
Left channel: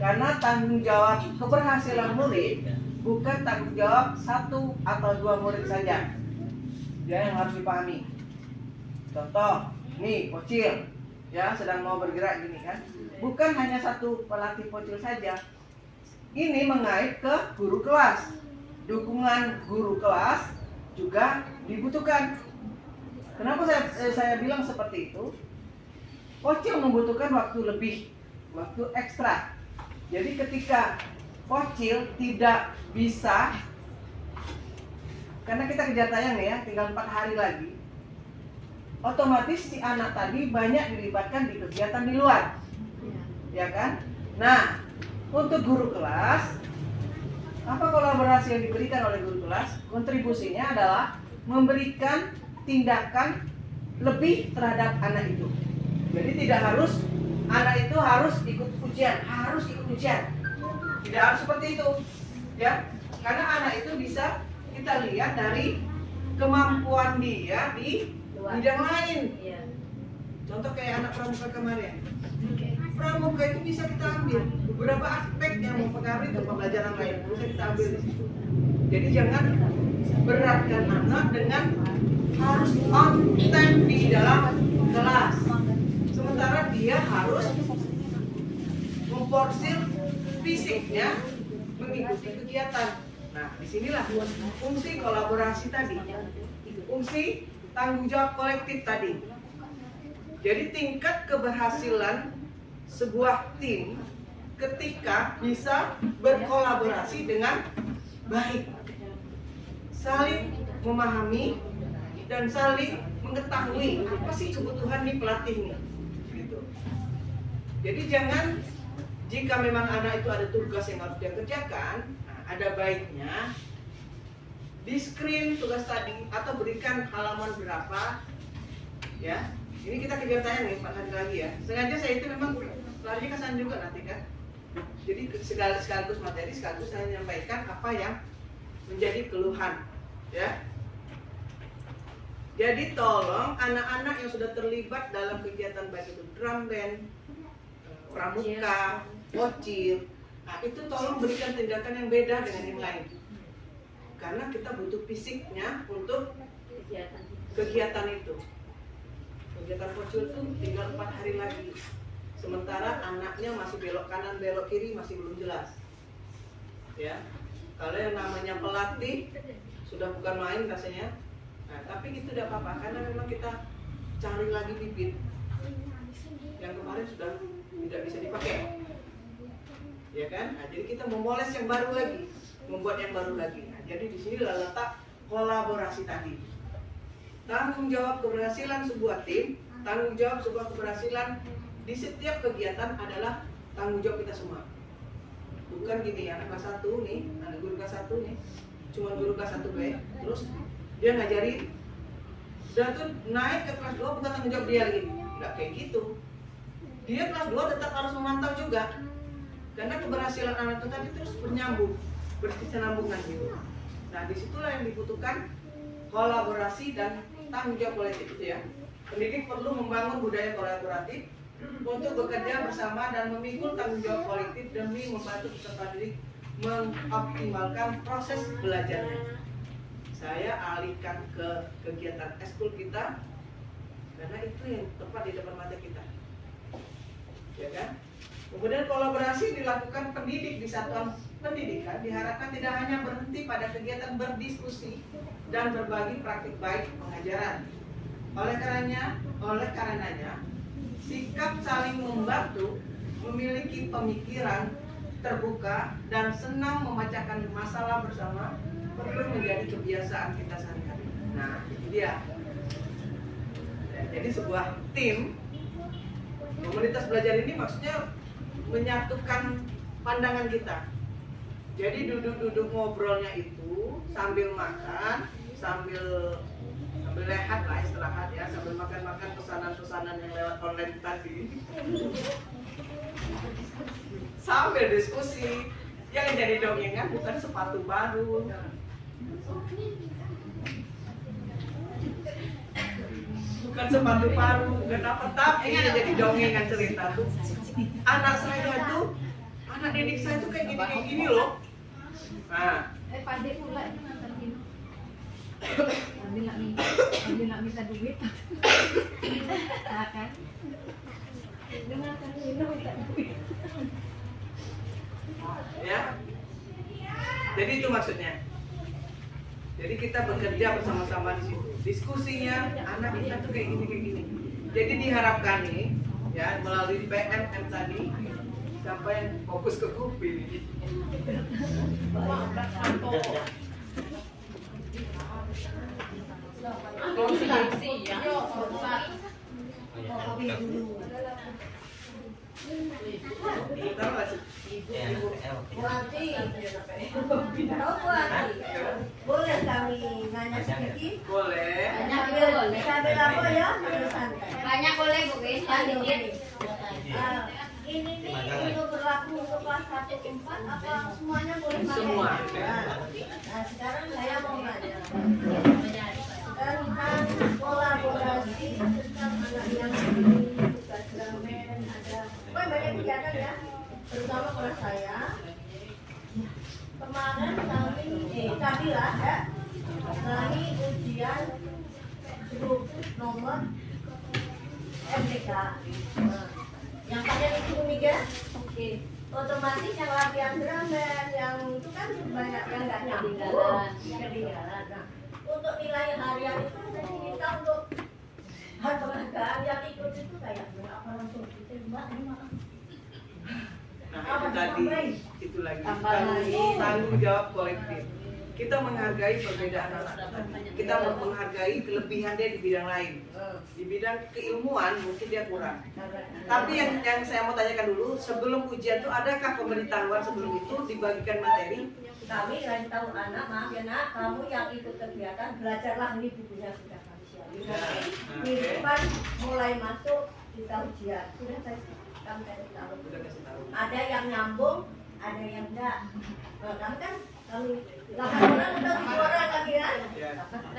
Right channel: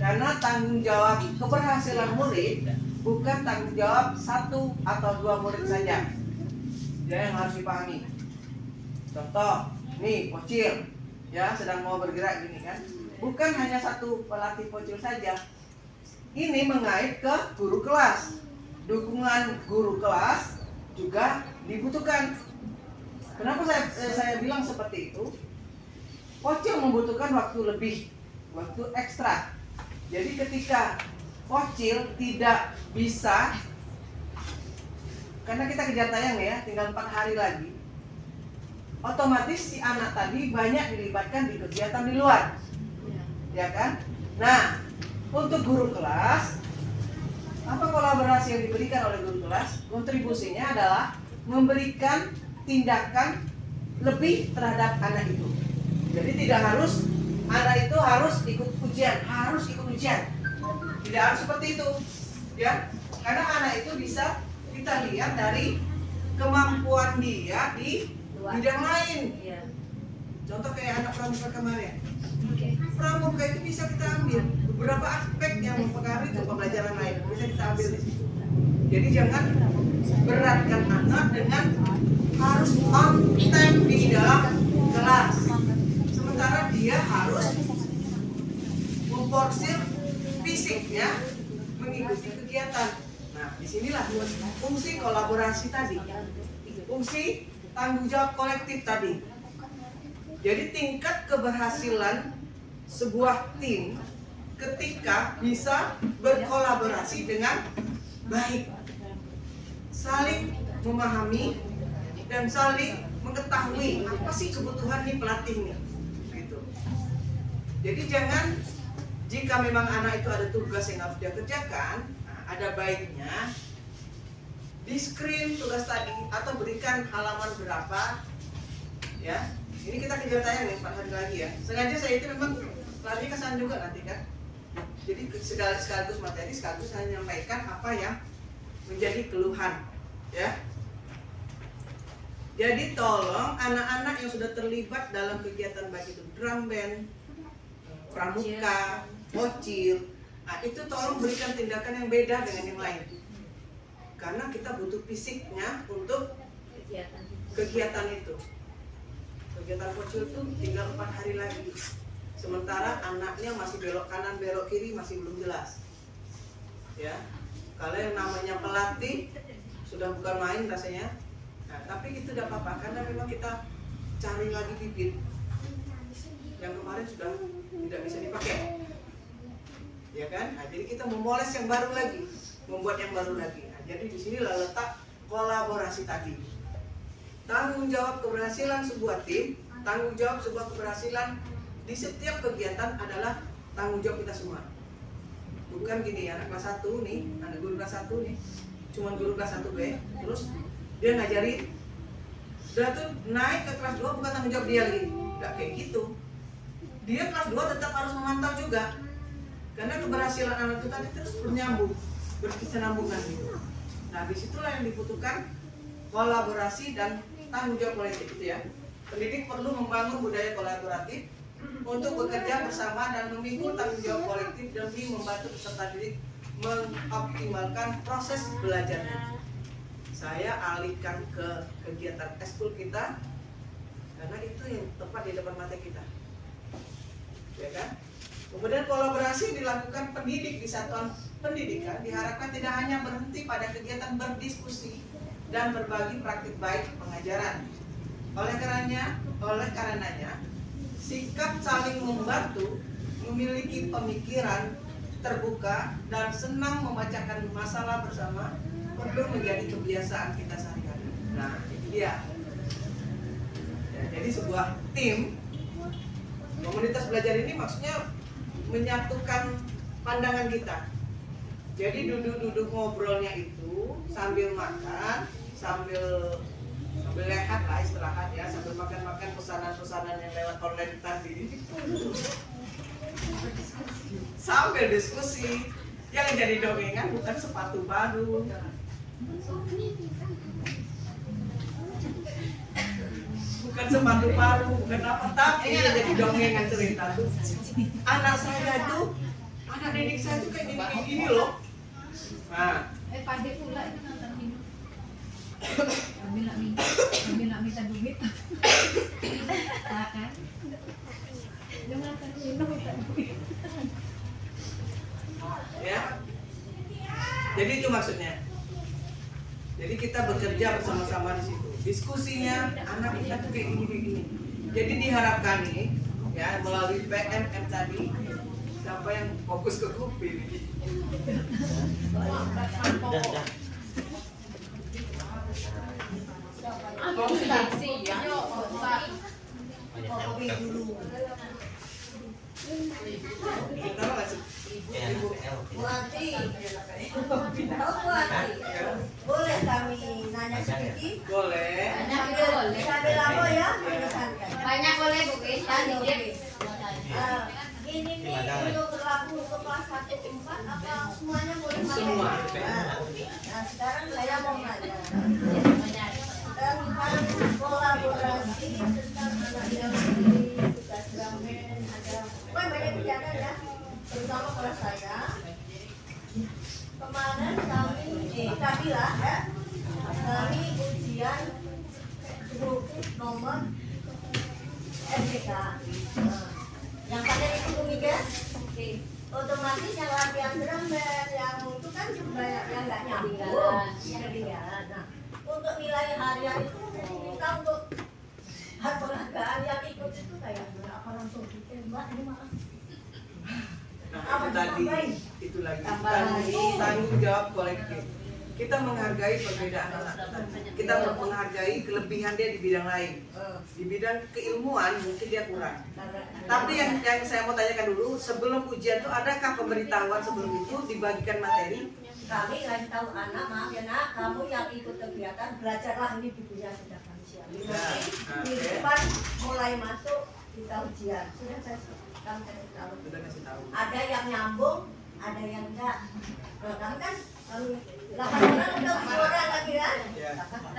Karena tanggung jawab keberhasilan murid bukan tanggung jawab 1 atau 2 murid saja. Ya, yang harus dipahami. Contoh, nih Pocil, ya, sedang mau bergerak gini kan. Bukan hanya 1 pelatih Pocil saja. Ini mengait ke guru kelas. Dukungan guru kelas juga dibutuhkan. Kenapa saya bilang seperti itu? Pocil membutuhkan waktu lebih, waktu ekstra. Jadi ketika Pocil tidak bisa, karena kita kejar tayang ya, tinggal 4 hari lagi, otomatis si anak tadi banyak dilibatkan di kegiatan di luar, ya kan? Nah, untuk guru kelas, apa kolaborasi yang diberikan oleh guru kelas? Kontribusinya adalah memberikan tindakan lebih terhadap anak itu. Jadi tidak harus anak itu harus ikut ujian, tidak harus seperti itu, ya. Karena anak itu bisa kita lihat dari kemampuan dia di bidang lain. Contoh kayak anak pramuka kemarin. Pramuka itu bisa kita ambil beberapa aspek yang mempengaruhi ke pembelajaran lain, bisa kita ambil di situ. Jadi jangan beratkan anak dengan harus on time di dalam kelas. Sementara dia harus memporsir fisiknya mengikuti kegiatan. Nah, disinilah fungsi kolaborasi tadi, fungsi tanggung jawab kolektif tadi. Jadi tingkat keberhasilan sebuah tim ketika bisa berkolaborasi dengan baik, saling memahami dan saling mengetahui apa sih kebutuhan nih pelatih nih, gitu. Jadi jangan, jika memang anak itu ada tugas yang harus dia kerjakan, ada baiknya di screen tugas tadi atau berikan halaman berapa, ya. Ini kita kejar tayang nih 4 hari lagi ya. Sengaja saya itu memang larinya ke sana juga nanti kan. Jadi sekaligus materi, sekaligus saya menyampaikan apa yang menjadi keluhan, ya. Jadi tolong anak-anak yang sudah terlibat dalam kegiatan baik itu drum band, pramuka, Pocil, nah itu tolong berikan tindakan yang beda dengan yang lain. Karena kita butuh fisiknya untuk kegiatan itu. Kegiatan Pocil itu tinggal 4 hari lagi. sementara anaknya masih belok kanan belok kiri masih belum jelas. Ya, kalau yang namanya pelatih sudah bukan main rasanya. Nah, tapi itu tidak apa-apa karena memang kita cari lagi bibit yang kemarin sudah tidak bisa dipakai, ya kan? Nah, jadi kita memoles yang baru lagi, membuat yang baru lagi. Nah, jadi di sinilah letak kolaborasi tadi. Tanggung jawab keberhasilan sebuah tim, tanggung jawab sebuah keberhasilan di setiap kegiatan adalah tanggung jawab kita semua. Bukan gini, anak kelas 1 nih, anak guru kelas 1 nih, cuman guru kelas 1 guys, terus dia ngajarin, udah tuh naik ke kelas 2 bukan tanggung jawab dia lagi, nggak kayak gitu. Dia kelas 2 tetap harus memantau juga, karena keberhasilan anak itu tadi terus bernyambung, berkesinambungan gitu. Nah disitulah yang dibutuhkan kolaborasi dan tanggung jawab kolektif itu ya. Pendidik perlu membangun budaya kolaboratif untuk bekerja bersama dan memikul tanggung jawab kolektif demi membantu peserta didik mengoptimalkan proses belajarnya. Saya alihkan ke kegiatan eskul kita karena itu yang tepat di depan mata kita, ya kan? Kemudian kolaborasi dilakukan pendidik di satuan pendidikan diharapkan tidak hanya berhenti pada kegiatan berdiskusi dan berbagi praktik baik pengajaran. Oleh karenanya sikap saling membantu, memiliki pemikiran terbuka dan senang memecahkan masalah bersama perlu menjadi kebiasaan kita sehari-hari. Nah, itu dia. Ya, jadi sebuah tim komunitas belajar ini maksudnya menyatukan pandangan kita. Jadi duduk-duduk ngobrolnya itu sambil makan, sambil lehat lah istirahat ya, sambil makan-makan pesanan-pesanan yang lewat online tadi. Sambil diskusi. Yang jadi dongengan bukan sepatu baru. Bukan sepatu baru, bukan apa, tapi yang jadi dongengan cerita tuh. Anak saya tuh, anak didik saya tuh kayak gini loh. Nah, Pade pula itu ngantar minum. Kami nak minta duit. Kan? Dia ngantar minum minta duit. ya. Jadi itu maksudnya. Jadi kita bekerja bersama-sama di situ. Diskusinya anak kita tuh kayak gini. Jadi diharapkan nih, ya melalui PMM tadi, siapa yang fokus ke kuping? Boleh kami nanya sedikit? Boleh. Bisa berapa ya? Banyak boleh Bu Gis. Ini nih untuk berlaku untuk kelas 1 ke 4 apa semuanya boleh pakai? Semua. Nah sekarang saya mau nanya tentang kolaborasi tentang anak yang tugas ramen ada banyak kegiatan ya, terutama kelas saya kemarin tadi lah ya kami ujian grup nomor MTK. Yang pada itu Bumiga, otomatis yang latihan drum band yang itu kan banyak yang nggak nyambung, ketinggalan. Nah, untuk nilai harian itu tadi minta untuk penghargaan yang ikut itu kayak berapa langsung kita mbak ini malah. Nah itu lagi tanggung jawab kolektif. Kita menghargai perbedaan anak. Kita menghargai kelebihan dia di bidang lain. Di bidang keilmuan mungkin dia kurang. Tapi yang saya mau tanyakan dulu, sebelum ujian itu adakah pemberitahuan sebelum itu dibagikan materi? Kami kasih tahu anak, maaf ya nak, kamu yang ikut kegiatan belajarlah ini bukunya sudah kami siapin. Minggu depan mulai masuk kita ujian. Sudah kami kasih tahu. Sudah kasih tahu. Ada yang nyambung, ada yang enggak. Nah, kami kan kami lakukan untuk juara lagi ya. Nah,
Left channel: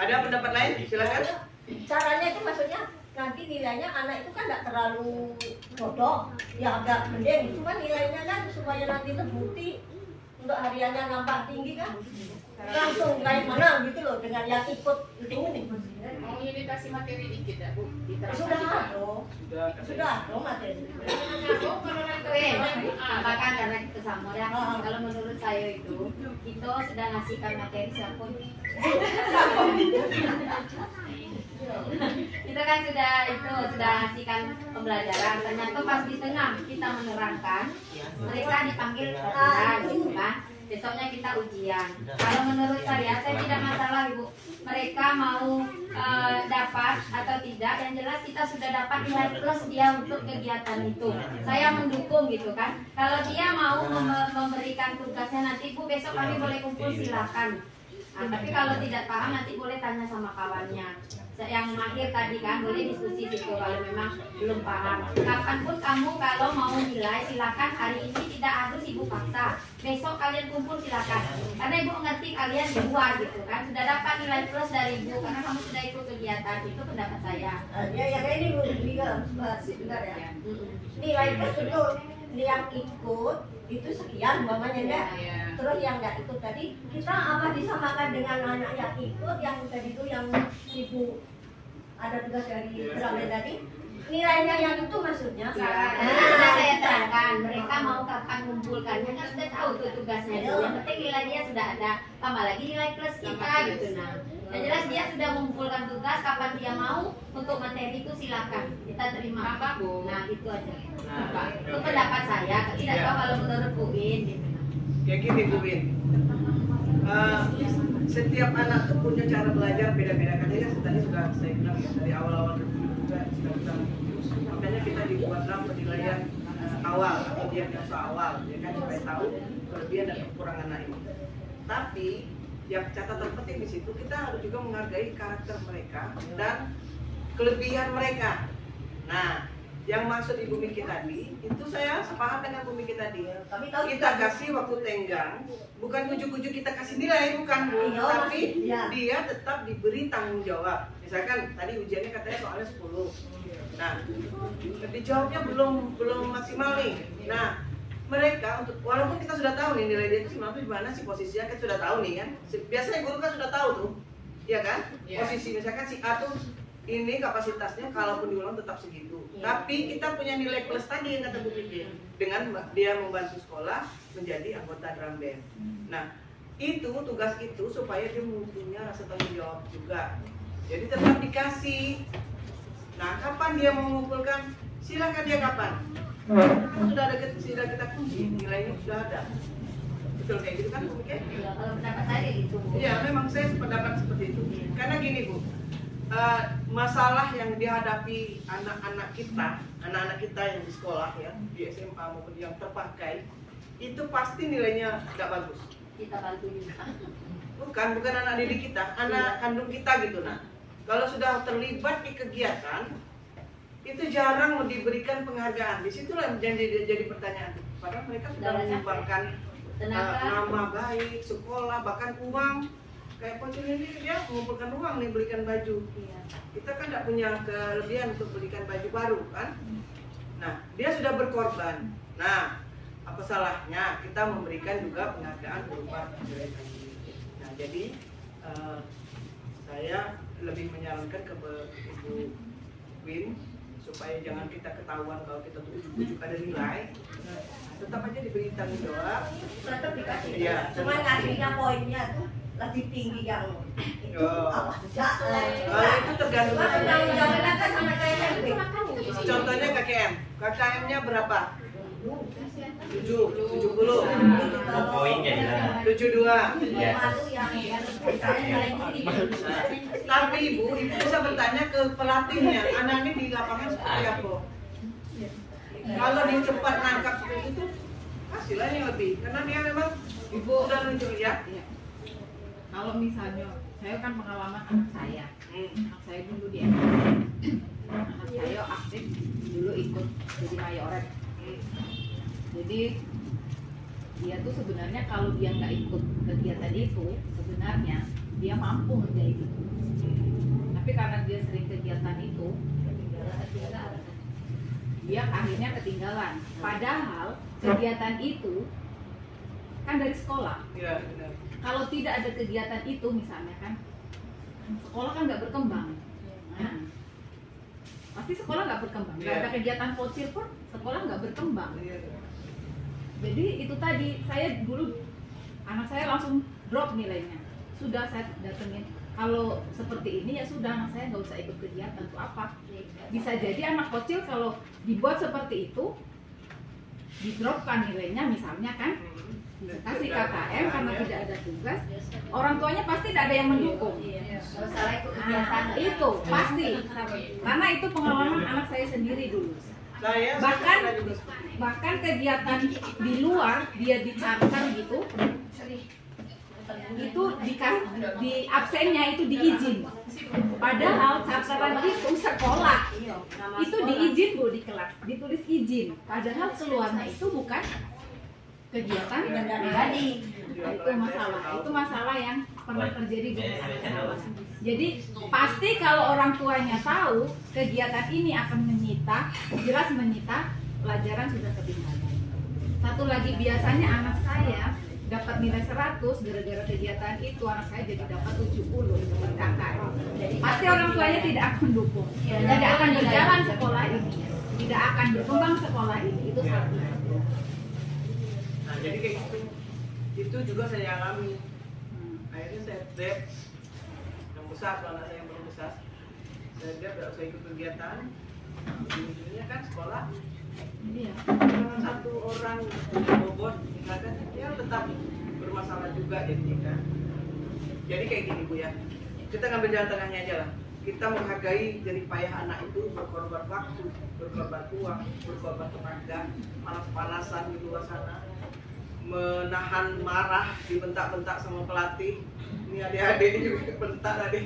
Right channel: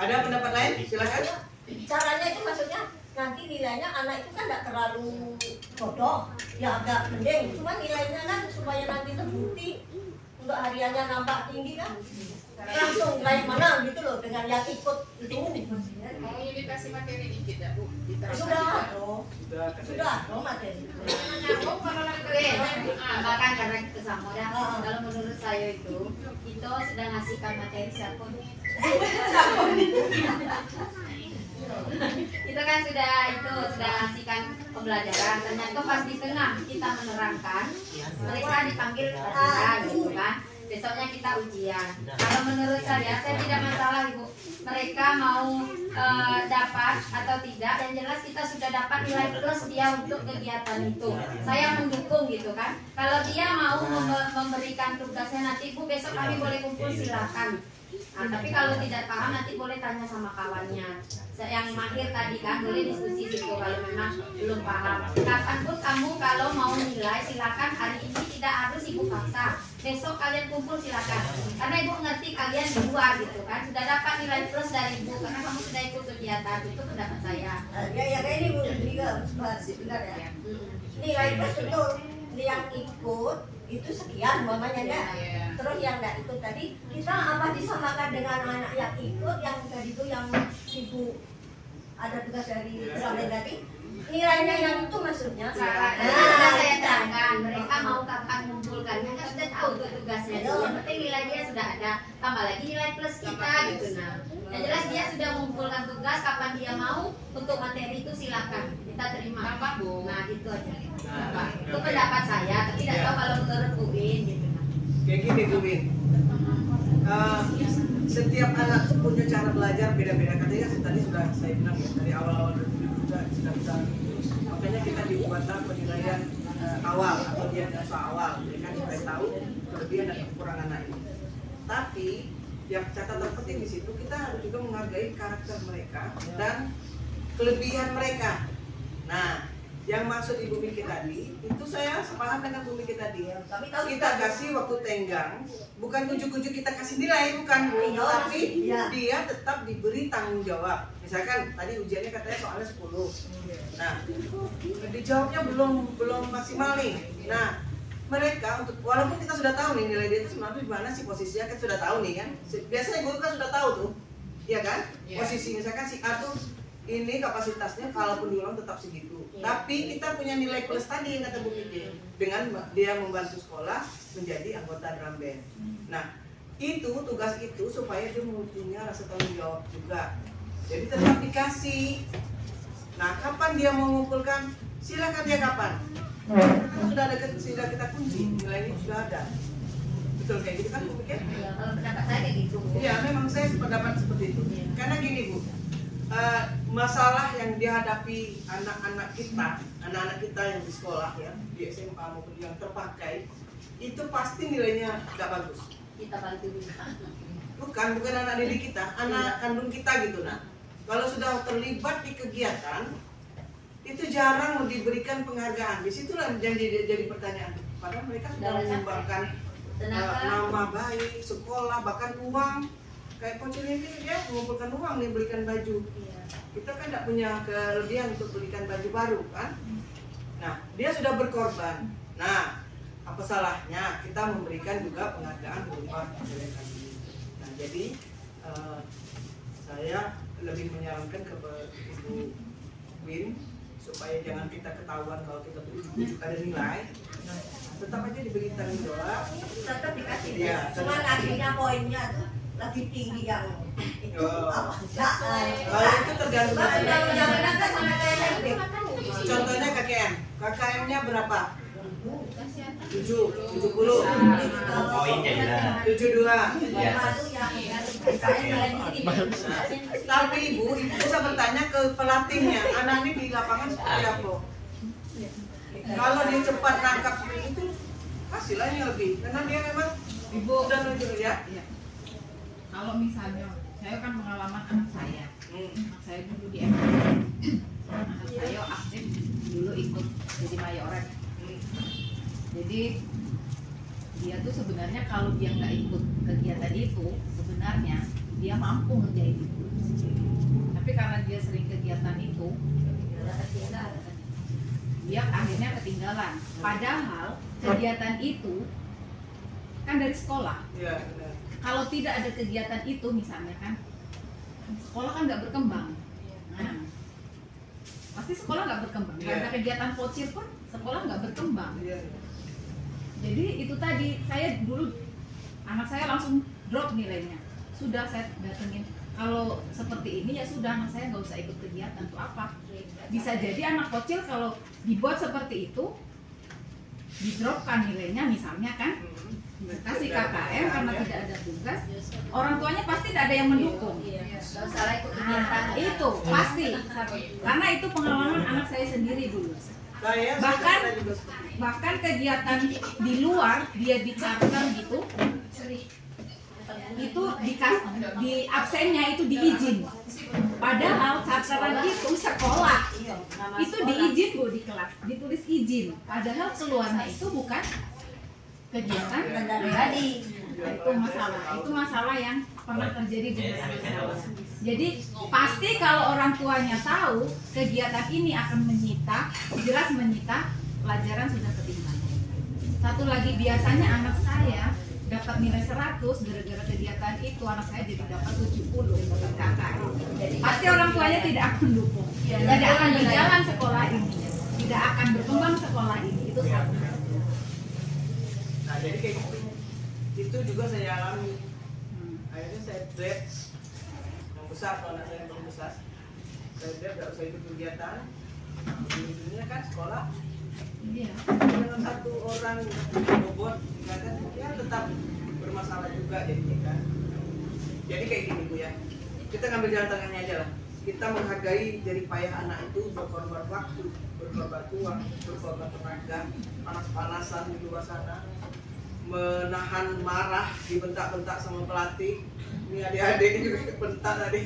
ada pendapat lain? Silakan. Caranya itu maksudnya nanti nilainya anak itu kan enggak terlalu bodoh, ya agak mending. Cuma nilainya kan supaya nanti terbukti untuk hariannya nampak tinggi kan. langsung naik mana gitu loh dengan yang ikut itu. Mau imitasi materi dikit ya Bu? Sudah loh, Sudah, sudah loh materi. Bahkan karena itu sama ya. Kalau menurut saya itu sudah ngasihkan materi siapa nih? Itu kan sudah ngasihkan pembelajaran. Ternyata pas di tengah kita menerangkan, mereka dipanggil latihan gitu kan. Besoknya kita ujian. Kalau menurut saya tidak masalah Ibu. Mereka mau dapat atau tidak, yang jelas kita sudah dapat nilai plus dia untuk kegiatan itu. Saya mendukung gitu kan. Kalau dia mau memberikan tugasnya nanti Bu, besok kami boleh kumpul silakan. Nah, tapi kalau tidak paham nanti boleh tanya sama kawannya. Yang mahir tadi kan boleh diskusi situ kalau memang belum paham. Kapanpun kamu kalau mau nilai silakan, hari ini tidak harus Ibu paksa. Besok kalian kumpul silakan. Karena Ibu ngerti kalian di luar gitu kan. Sudah dapat nilai plus dari Ibu karena kamu sudah ikut kegiatan. Itu pendapat saya. Ya yang ini Bu juga benar ya. Nilai plus itu yang ikut itu sekian umpamanya enggak. Terus yang enggak ikut tadi kita apa disamakan dengan anak yang ikut yang tadi itu yang Ibu ada tugas dari Bramen tadi, nilainya yang itu maksudnya. Saya terangkan mereka mau kapan mengumpulkannya kan sudah tahu tuh tugasnya itu. Yang penting nilai dia sudah ada, tambah lagi nilai plus kita gitu. Nah, yang jelas dia sudah mengumpulkan tugas, kapan dia mau untuk materi itu silakan kita terima. Nah itu aja. Itu pendapat saya, tapi tidak tahu kalau menurut Bu Win gitu. Kayak gini Bu Win, setiap anak tuh punya cara belajar beda-beda. Katanya tadi sudah saya bilang ya, dari awal-awal juga sudah kita, makanya kita dibuatlah penilaian awal atau diagnosa awal, ya kan, supaya tahu kelebihan dan kekurangan anak ini. Tapi yang catatan penting di situ kita harus juga menghargai karakter mereka dan kelebihan mereka. Nah, yang maksud Ibu Miki tadi itu saya sepaham dengan Bu Miki tadi. Kita kasih waktu tenggang, bukan ujuk-ujuk kita kasih nilai, bukan, tapi dia tetap diberi tanggung jawab. Misalkan tadi ujiannya katanya soalnya 10. Nah, dijawabnya belum maksimal nih. Nah, mereka untuk walaupun kita sudah tahu nih nilai dia itu sebenarnya di mana sih posisinya, kita sudah tahu nih kan. Biasanya guru kan sudah tahu tuh, ya kan? Posisi misalkan si A tuh ini kapasitasnya kalaupun diulang tetap segitu. Tapi kita punya nilai plus tadi yang kata Bu Miki, dengan dia membantu sekolah menjadi anggota drum band. Nah, itu tugas itu supaya dia punya rasa tanggung jawab juga. Jadi tetap dikasih. Nah, kapan dia mengumpulkan? Silakan dia kapan. Kan sudah kita kunci, nilainya sudah ada. Betul kayak gitu kan Bu Miki? Iya, kalau pendapat saya kayak gitu. Iya, memang saya pendapat seperti itu. Karena gini Bu, masalah yang dihadapi anak-anak kita yang di sekolah ya, di SMA maupun yang terpakai, itu pasti nilainya tidak bagus. Kita bantu juga. Bukan anak didik kita, anak kandung kita gitu. Nah, kalau sudah terlibat di kegiatan, itu jarang diberikan penghargaan. Disitulah yang jadi pertanyaan. Padahal mereka sudah menyumbangkan nama baik, sekolah, bahkan uang. Kayak Pocin ini dia mengumpulkan uang nih, belikan baju. Kita kan tidak punya kelebihan untuk belikan baju baru kan. Nah, dia sudah berkorban. Nah, apa salahnya kita memberikan juga penghargaan berupa nilai baju. Nah, jadi saya lebih menyarankan ke Ibu Win supaya jangan kita ketahuan kalau kita tuh ujuk-ujuk ada nilai. Tetap aja diberi tanggung jawab. Tetap dikasih. Iya. Cuman ngasihnya poinnya tuh lebih tinggi yang itu apa enggak. Kalau itu tergantung. Jangan kan sampai kayak gitu. Contohnya KKM. KKM-nya berapa? 70. Poin jadi lah. 72. Ya. Tapi ibu bisa bertanya ke pelatihnya, anak ini di lapangan seperti apa? Kalau dia cepat nangkap seperti itu, hasilnya yang lebih. Karena dia memang Ibu sudah nunjuk ya. Kalau misalnya saya kan pengalaman anak saya dulu di SMA. Anak saya aktif dulu ikut jadi mayoret. Jadi dia tuh sebenarnya kalau dia nggak ikut kegiatan itu, sebenarnya dia mampu ngerjain itu. Tapi karena dia sering kegiatan itu, dia akhirnya ketinggalan. Padahal kegiatan itu kan dari sekolah. Iya, benar. Kalau tidak ada kegiatan itu misalnya kan, sekolah kan nggak berkembang. Nah, pasti sekolah nggak berkembang. Nggak ada kegiatan pocil pun sekolah nggak berkembang. Iya. Jadi itu tadi, saya dulu anak saya langsung drop nilainya. Sudah saya datengin, kalau seperti ini ya sudah, anak saya nggak usah ikut kegiatan. Untuk apa? Bisa jadi anak kecil kalau dibuat seperti itu, didropkan nilainya misalnya kan, kasih KKM karena tidak ada tugas, orang tuanya pasti tidak ada yang mendukung. Nggak usah lah ikut Nah, kegiatan. itu pasti, karena itu pengalaman anak saya sendiri dulu. Bahkan kegiatan di luar dia di charter gitu, itu di absennya itu diizin. Padahal charteran itu sekolah itu diizin Bu di kelas, ditulis izin. Padahal keluarnya itu bukan kegiatan pribadi. Itu masalah yang pernah terjadi di masyarakat. Jadi pasti kalau orang tuanya tahu kegiatan ini akan jelas menyita pelajaran sudah ketinggalan. Satu lagi, biasanya anak saya dapat nilai 100 gara-gara kegiatan itu, anak saya jadi dapat 70 dengan KKM. Jadi pasti orang tuanya tidak akan mendukung, tidak akan berjalan sekolah ini, tidak akan berkembang sekolah ini. Itu satu. Nah, jadi kayak gitu. Itu juga saya alami. Akhirnya saya drop yang besar, anak saya yang belum besar. Saya drop, nggak usah ikut kegiatan. Ujung-ujungnya kan sekolah. Iya. Dengan satu orang punya bobot, misalkan, ya tetap bermasalah juga jadinya kan. Jadi kayak gini Bu ya. Kita ngambil jalan tengahnya aja lah. Kita menghargai jerih payah anak itu, berkorban waktu, berkorban uang, berkorban tenaga, panas-panasan di luar sana, menahan marah, dibentak-bentak sama pelatih. Ini adik-adik ini juga bentak tadi.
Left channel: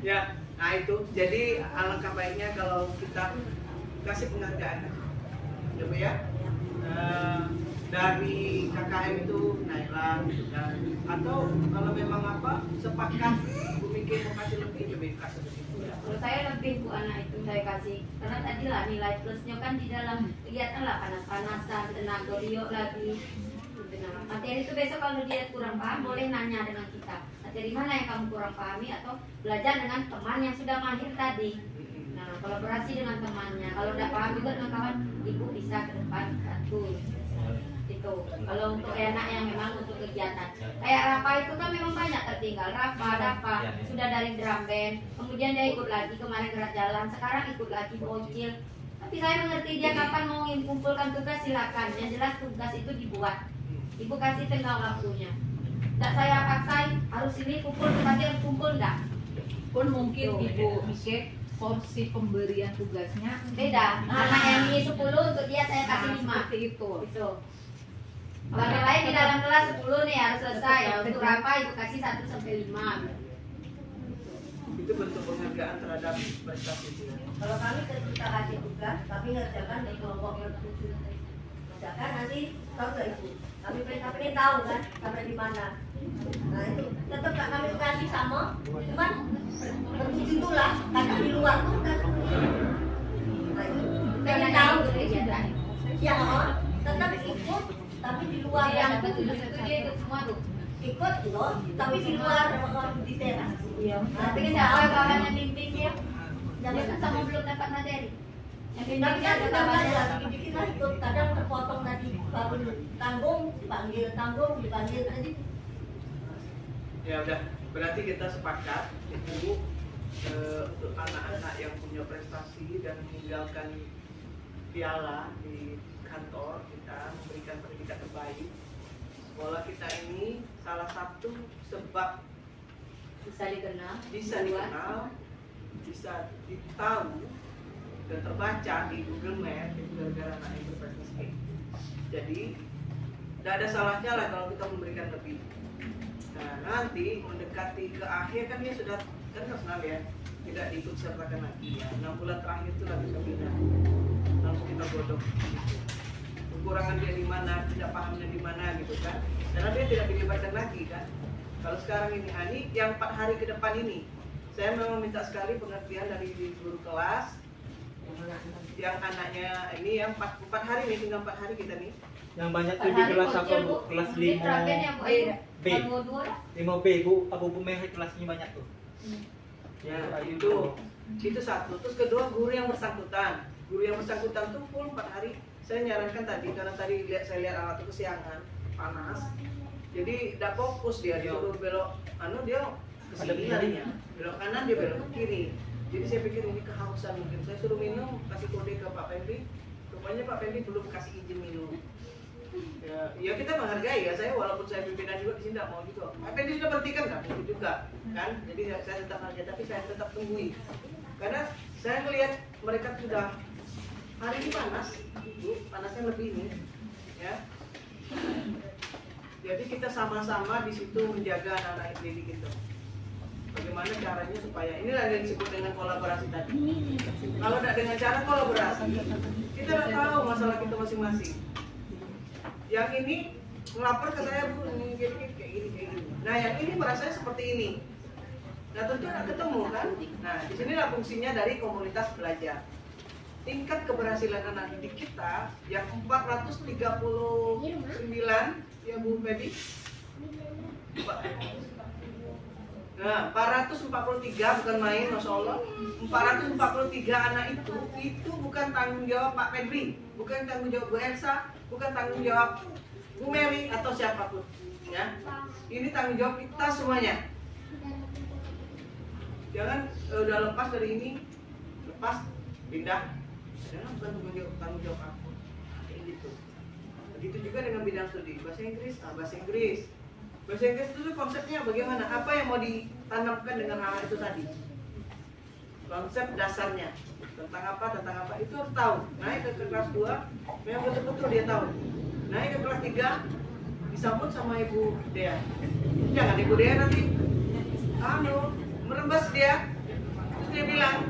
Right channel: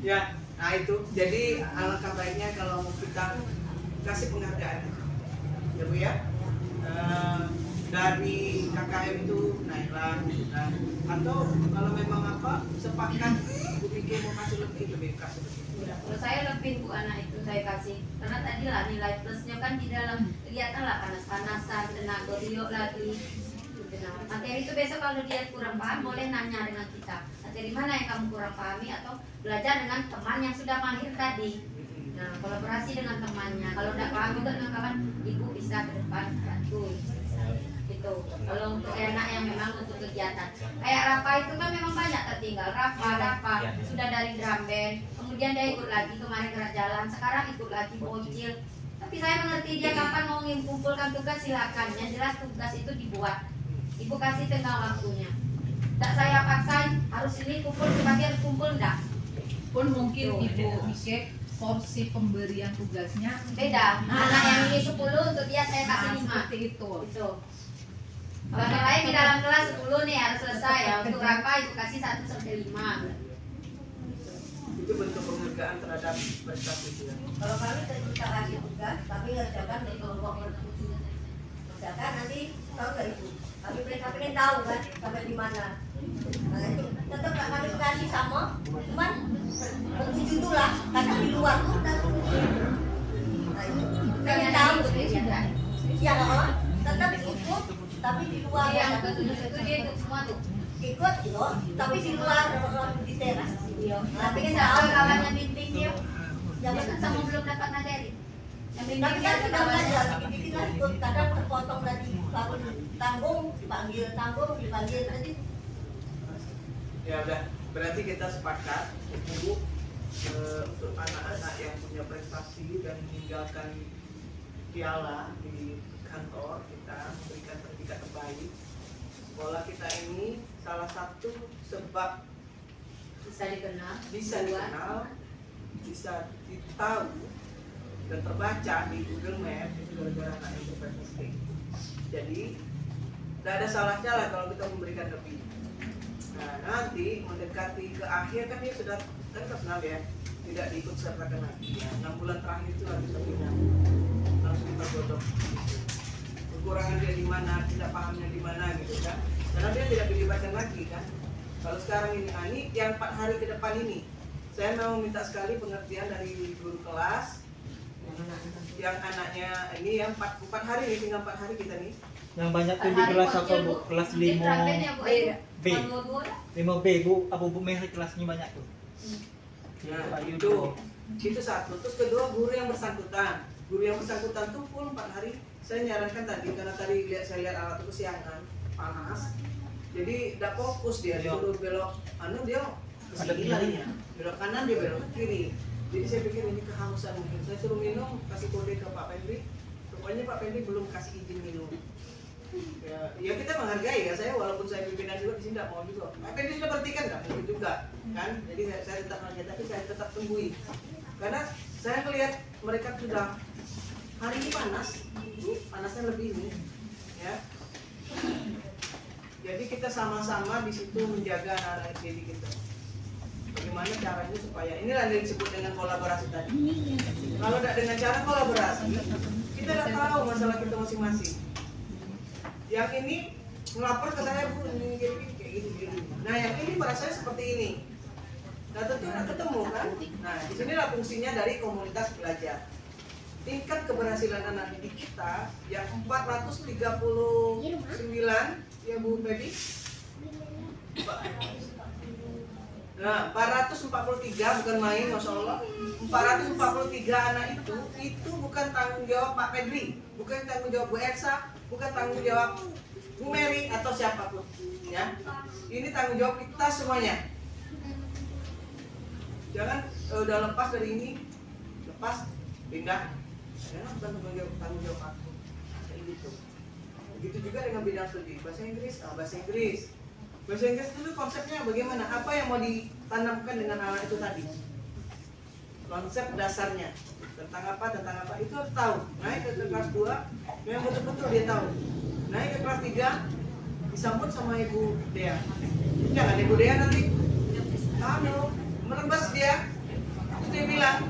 Ya, nah itu. Jadi alangkah baiknya kalau kita kasih penghargaan, ya Bu ya. Dari KKM itu naiklah, atau kalau memang apa sepakat Bu mikir mau kasih lebih, lebih kasih begitu. Kalau saya lebih Bu anak itu saya kasih, karena tadi lah nilai plusnya kan di dalam kegiatan lah, panas-panasan, tenaga riok lagi. Materi itu besok kalau dia kurang paham boleh nanya dengan kita. Materi mana yang kamu kurang pahami, atau belajar dengan teman yang sudah mahir tadi. Nah, kolaborasi dengan temannya. Kalau tidak paham juga dengan kawan, ibu bisa ke depan bantu. Gitu. Kalau untuk anak yang memang untuk kegiatan, kayak Rafa itu kan memang banyak tertinggal. Rafa sudah dari drum band, kemudian dia ikut lagi kemarin gerak jalan, sekarang ikut lagi bocil. Tapi saya mengerti dia kapan mau mengumpulkan tugas, silakan. Yang jelas tugas itu dibuat. Ibu kasih tengah waktunya. Tidak saya paksain harus ini kumpul, sebagian kumpul enggak. Pun mungkin Ibu mikir porsi pemberian tugasnya Beda. Anak yang ini 10 untuk dia saya kasih 5. seperti itu. Itu. Kalau lain di dalam kelas 10 nih harus selesai ya. Untuk apa ibu kasih 1 sampai 5. Itu bentuk penghargaan terhadap staff itu. Kalau kami kita kasih tugas, tapi ngerjakan dari kelompok tertuju. Ngerjakan nanti tahu nggak itu? Kami pengen tahu kan sampai di mana. Nah itu tetap nggak kami kasih sama, cuman tertuju itu lah karena di luar tuh udah tertuju. Nah itu pengen tahu ya, tetap ikut tapi di luar. Yang ke-7 itu dia ikut semua tuh. Ikut loh, tapi di luar di teras. Tapi kan siapa kawannya bimbing dia? Dia kan sama belum dapat materi. Yang bimbing Tapi dia kan ada sudah kawannya. belajar, bikin lah ikut. Kadang terpotong dari baru tanggung, dipanggil tadi. Ya udah, berarti kita sepakat Ibu untuk anak-anak yang punya prestasi dan meninggalkan piala di kantor kita, memberikan sertifikat terbaik. Sekolah kita ini salah satu sebab Bisa dikenal. bisa dikenal, bisa ditahu dan terbaca di Google Map itu gara-gara anak itu prestasi. Jadi tidak ada salahnya lah kalau kita memberikan lebih. Nah nanti mendekati ke akhir kan dia sudah kan terkenal ya, tidak diikut sertakan lagi ya. 6 bulan terakhir itu lah bisa pindah, langsung kita godok. Kekurangan dia di mana, tidak pahamnya di mana gitu kan, karena dia tidak dilibatkan lagi kan. Kalau sekarang ini yang 4 hari ke depan ini, saya memang minta sekali pengertian dari guru kelas yang anaknya ini yang 4 hari nih, tinggal 4 hari kita nih. Yang banyak tuh di kelas apa Bu? Kelas 5 B. 5B Bu, Abu Merah kelasnya banyak tuh. Ya, Ayu itu tuh. itu satu. Terus kedua, guru yang bersangkutan tuh full 4 hari. Saya nyarankan tadi karena tadi saya lihat anak itu kesiangan, panas. Jadi tidak fokus dia, disuruh belok dia ke sini larinya. Belok kanan dia belok ke kiri. Jadi saya pikir ini kehausan mungkin. Saya suruh minum, kasih kode ke Pak Pendri. Rupanya Pak Pendri belum kasih izin minum. Ya kita menghargai ya, saya walaupun saya pimpinan juga di sini tidak mau juga. Pak Pendri sudah berhentikan kan, itu juga kan. Jadi saya tetap aja, tapi saya tetap tunggui. Karena saya melihat mereka sudah hari ini panas, panasnya lebih ini, ya. Jadi kita sama-sama di situ menjaga anak-anak didik kita. Bagaimana caranya supaya inilah yang disebut dengan kolaborasi tadi. Kalau tidak dengan cara kolaborasi, kita tidak tahu masalah kita masing-masing. Yang ini ngelapor ke saya, Bu, ini kayak gini. Nah, yang ini merasa seperti ini. Nah, tentu akan ketemu kan. Nah, disinilah fungsinya dari komunitas belajar. Tingkat keberhasilan anak didik kita yang 439 ya Bu Baby. Nah, 443 bukan main, Masya Allah. 443 anak itu bukan tanggung jawab Pak Negeri, bukan tanggung jawab Bu Elsa, bukan tanggung jawab Bu Mary atau siapapun, ya. Ini tanggung jawab kita semuanya. Jangan udah lepas dari ini, lepas pindah. Jangan bukan tanggung jawab aku. Kayak gitu. Begitu juga dengan bidang studi bahasa Inggris, bahasa Inggris. Bahasa Inggris itu konsepnya bagaimana? Apa yang mau ditanamkan dengan anak itu tadi? Konsep dasarnya tentang apa itu harus tahu. Naik ke kelas 2, memang betul-betul dia tahu. Naik ke kelas 3, disambut sama Ibu Dea. Jangan Ibu Dea nanti merembas dia. Terus dia bilang,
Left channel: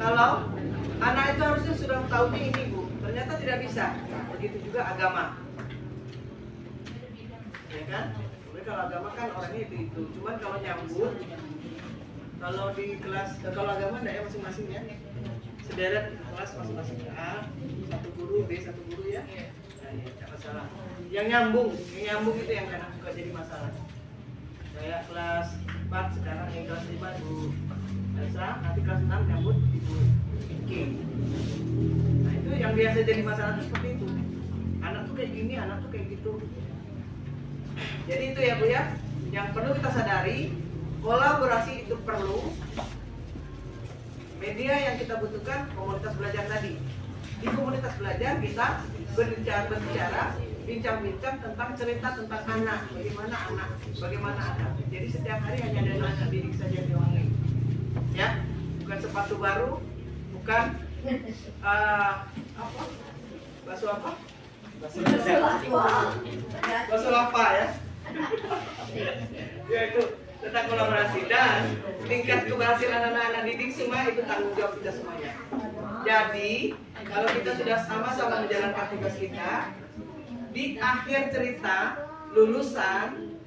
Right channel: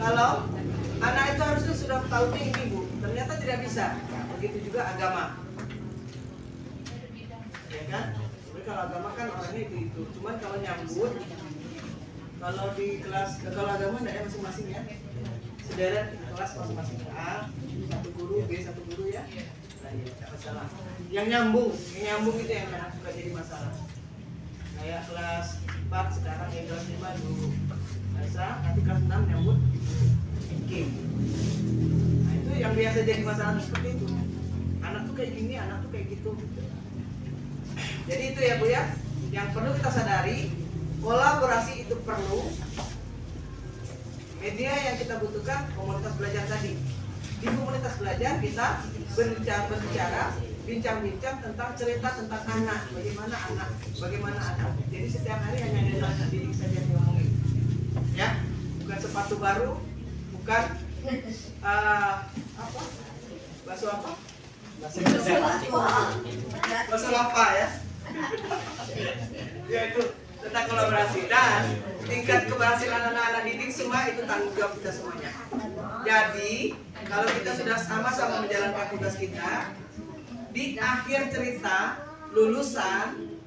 kalau anak itu harusnya sudah tahunya ini Bu, ternyata tidak bisa. Begitu juga agama, ya kan? Kalau agama kan orangnya itu. Cuman kalau nyambut, kalau di kelas, kalau agama enggak ya masing-masing ya. Sederet kelas masing-masing A, satu guru, B satu guru ya. Nah, ya, tidak masalah. Yang nyambung itu yang kadang suka jadi masalah. Kayak kelas 4 sekarang yang kelas 5 Bu Aisyah, nanti kelas 6 nyambut Ibu Kim. Nah itu yang biasa jadi masalah seperti itu. Anak tuh kayak gini, anak tuh kayak gitu. Jadi itu ya Bu ya, yang perlu kita sadari, kolaborasi itu perlu. Media yang kita butuhkan komunitas belajar tadi. Di komunitas belajar kita berbicara, bincang-bincang tentang cerita tentang anak, bagaimana anak. Jadi setiap hari hanya ada anak didik saja yang diomongin. Ya, bukan sepatu baru, bukan bakso apa? Bakso lapa ya. Ya itu tentang kolaborasi dan tingkat keberhasilan anak-anak didik semua itu tanggung jawab kita semuanya. Jadi kalau kita sudah sama-sama menjalankan tugas kita, di akhir cerita lulusan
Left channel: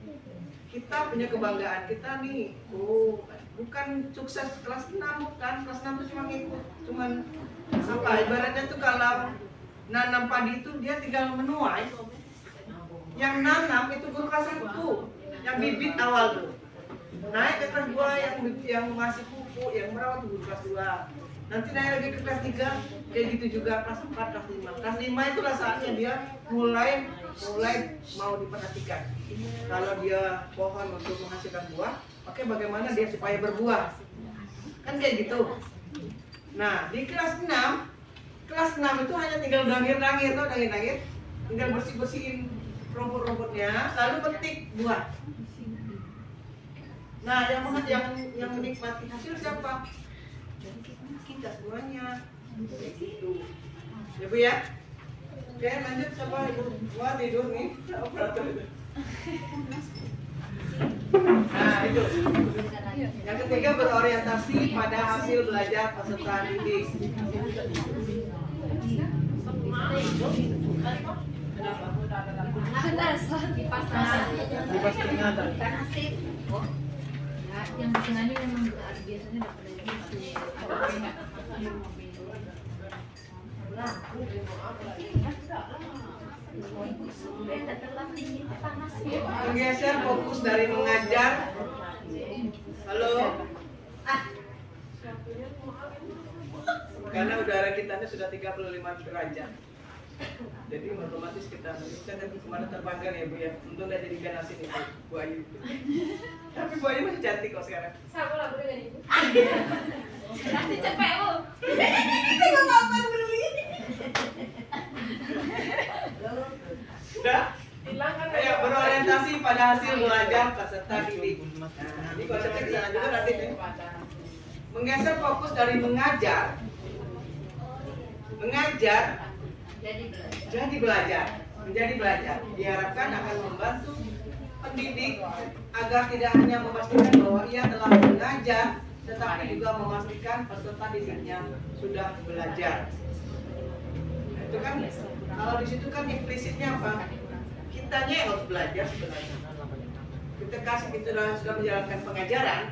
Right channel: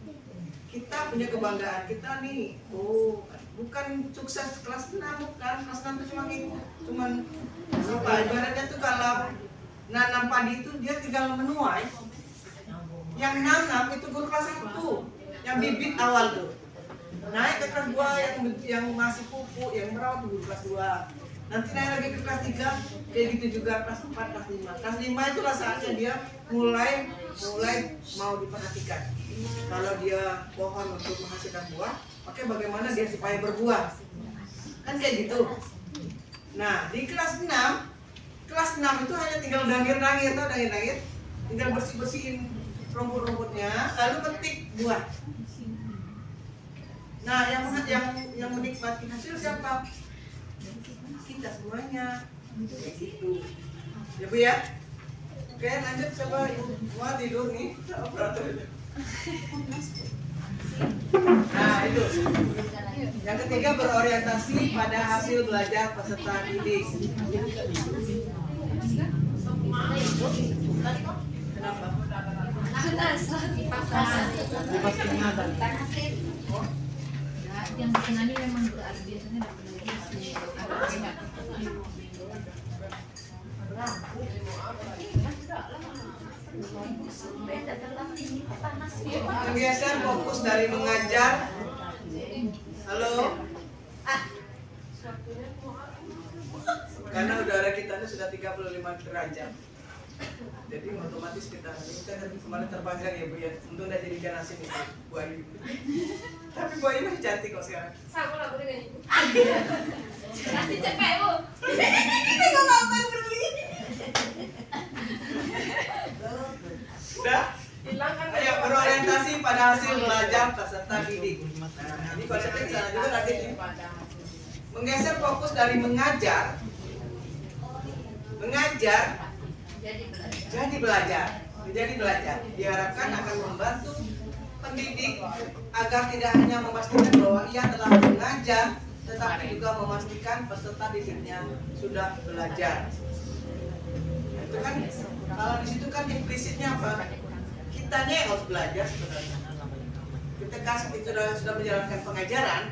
kita punya kebanggaan kita nih. Oh, bukan sukses kelas 6 bukan, kelas 6 itu cuman apa ibaratnya tuh kalau nanam padi itu dia tinggal menuai. Yang nanam itu guru kelas 1, yang bibit awal tuh. Naik ke kelas 2 yang masih pupuk, yang merawat guru kelas 2. Nanti naik lagi ke kelas 3, kayak gitu juga kelas 4, kelas 5. Kelas 5 itulah saatnya dia mulai mau diperhatikan. Kalau dia pohon untuk menghasilkan buah, oke bagaimana dia supaya berbuah? Kan kayak gitu. Nah, di kelas 6 itu hanya tinggal dangir-dangir, tinggal bersih-bersihin rumput-rumputnya, lalu petik buah. Nah, yang menikmati hasil siapa? Kita semuanya. Gitu. Ya Bu ya. Oke, lanjut coba Ibu. Wah, tidur nih. Nah, itu. Yang ketiga berorientasi pada hasil belajar peserta didik. Yang bikinannya memang biasanya dapat lagi ada Menggeser fokus dari mengajar. Halo. Karena udara kita ini sudah 35 derajat. Jadi otomatis kita kemarin terbangkan ya Bu ya. Untung udah jadi ikan asin itu Bu Ayu. Tapi Bu Ayu masih cantik kok sekarang. Sama lah Bu dengan ibu. Kasih cepet Bu. Tengok apa dulu ini. Sudah? Ayo berorientasi pada hasil belajar peserta didik. Nah, ini konsepnya di sana juga nanti tuh. Menggeser fokus dari mengajar jadi belajar, menjadi belajar. Diharapkan akan membantu pendidik agar tidak hanya memastikan bahwa ia telah mengajar, tetapi juga memastikan peserta didiknya sudah belajar. Nah, itu kan kalau di situ kan implisitnya apa? Kitanya yang harus belajar sebenarnya. Ketika kita sudah menjalankan pengajaran,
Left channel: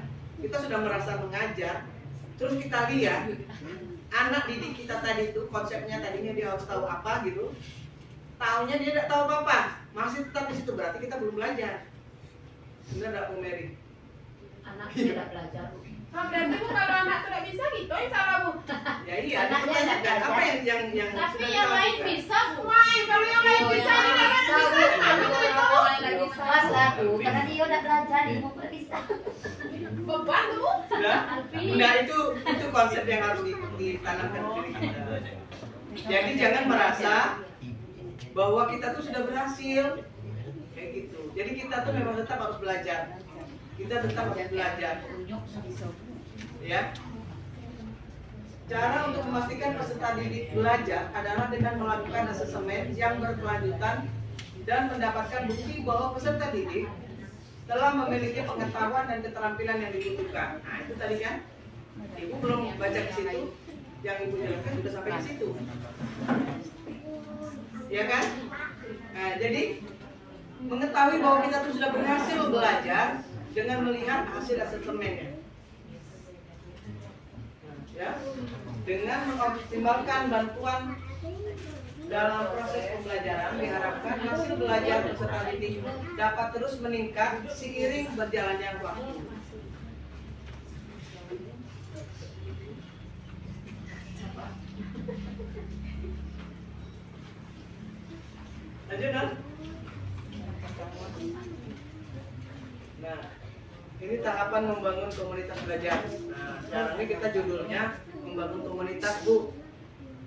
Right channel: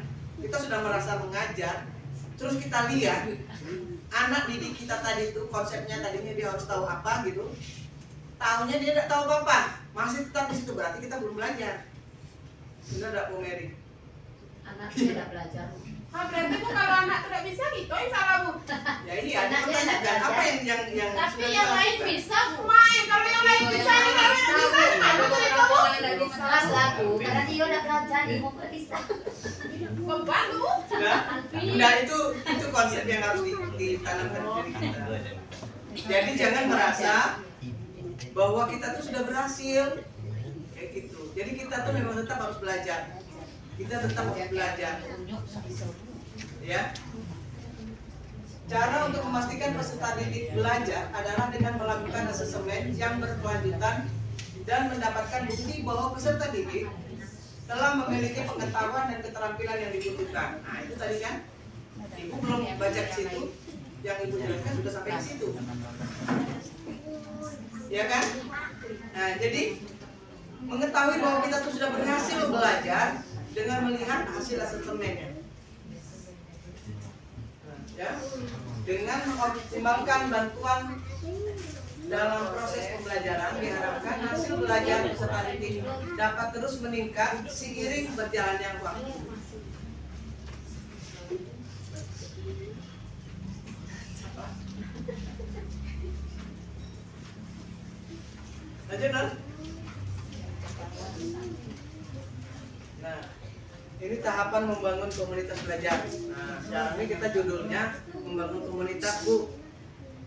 kita sudah merasa mengajar, terus kita lihat anak didik kita tadi itu konsepnya tadinya dia harus tahu apa gitu, taunya dia tidak tahu apa-apa, masih tetap di situ, berarti kita belum belajar. Benar tidak Bu Mary? Anak tidak belajar. Berarti Bu kalau anak tidak bisa gitu, yang salah Bu. Ya iya, Anaknya itu tidak apa belajar. yang Tapi sudah yang kita lain lakukan? bisa Bu main. Kalau yang lain bisa, yang lain bisa. Aduh dari kamu. Mas aku, karena dia udah belajar, ibu nggak bisa. Beban Bu. Sudah? Udah itu konsep yang harus ditanamkan di diri kita. Jadi jangan merasa bahwa kita tuh sudah berhasil kayak gitu. Jadi kita tuh memang tetap harus belajar. Kita tetap harus belajar. Ya. Cara untuk memastikan peserta didik belajar adalah dengan melakukan asesmen yang berkelanjutan dan mendapatkan bukti bahwa peserta didik telah memiliki pengetahuan dan keterampilan yang dibutuhkan. Nah, itu tadi kan Ibu belum baca di situ, yang Ibu jelaskan sudah sampai ke situ. Ya kan? Nah, jadi mengetahui bahwa kita tuh sudah berhasil belajar dengan melihat hasil asesmennya. Ya, dengan mengoptimalkan bantuan dalam proses pembelajaran, diharapkan hasil belajar peserta didik dapat terus meningkat seiring berjalannya waktu. Lanjut, Don. Nah, ini tahapan membangun komunitas belajar. Nah, sekarang ini kita judulnya membangun komunitas, Bu.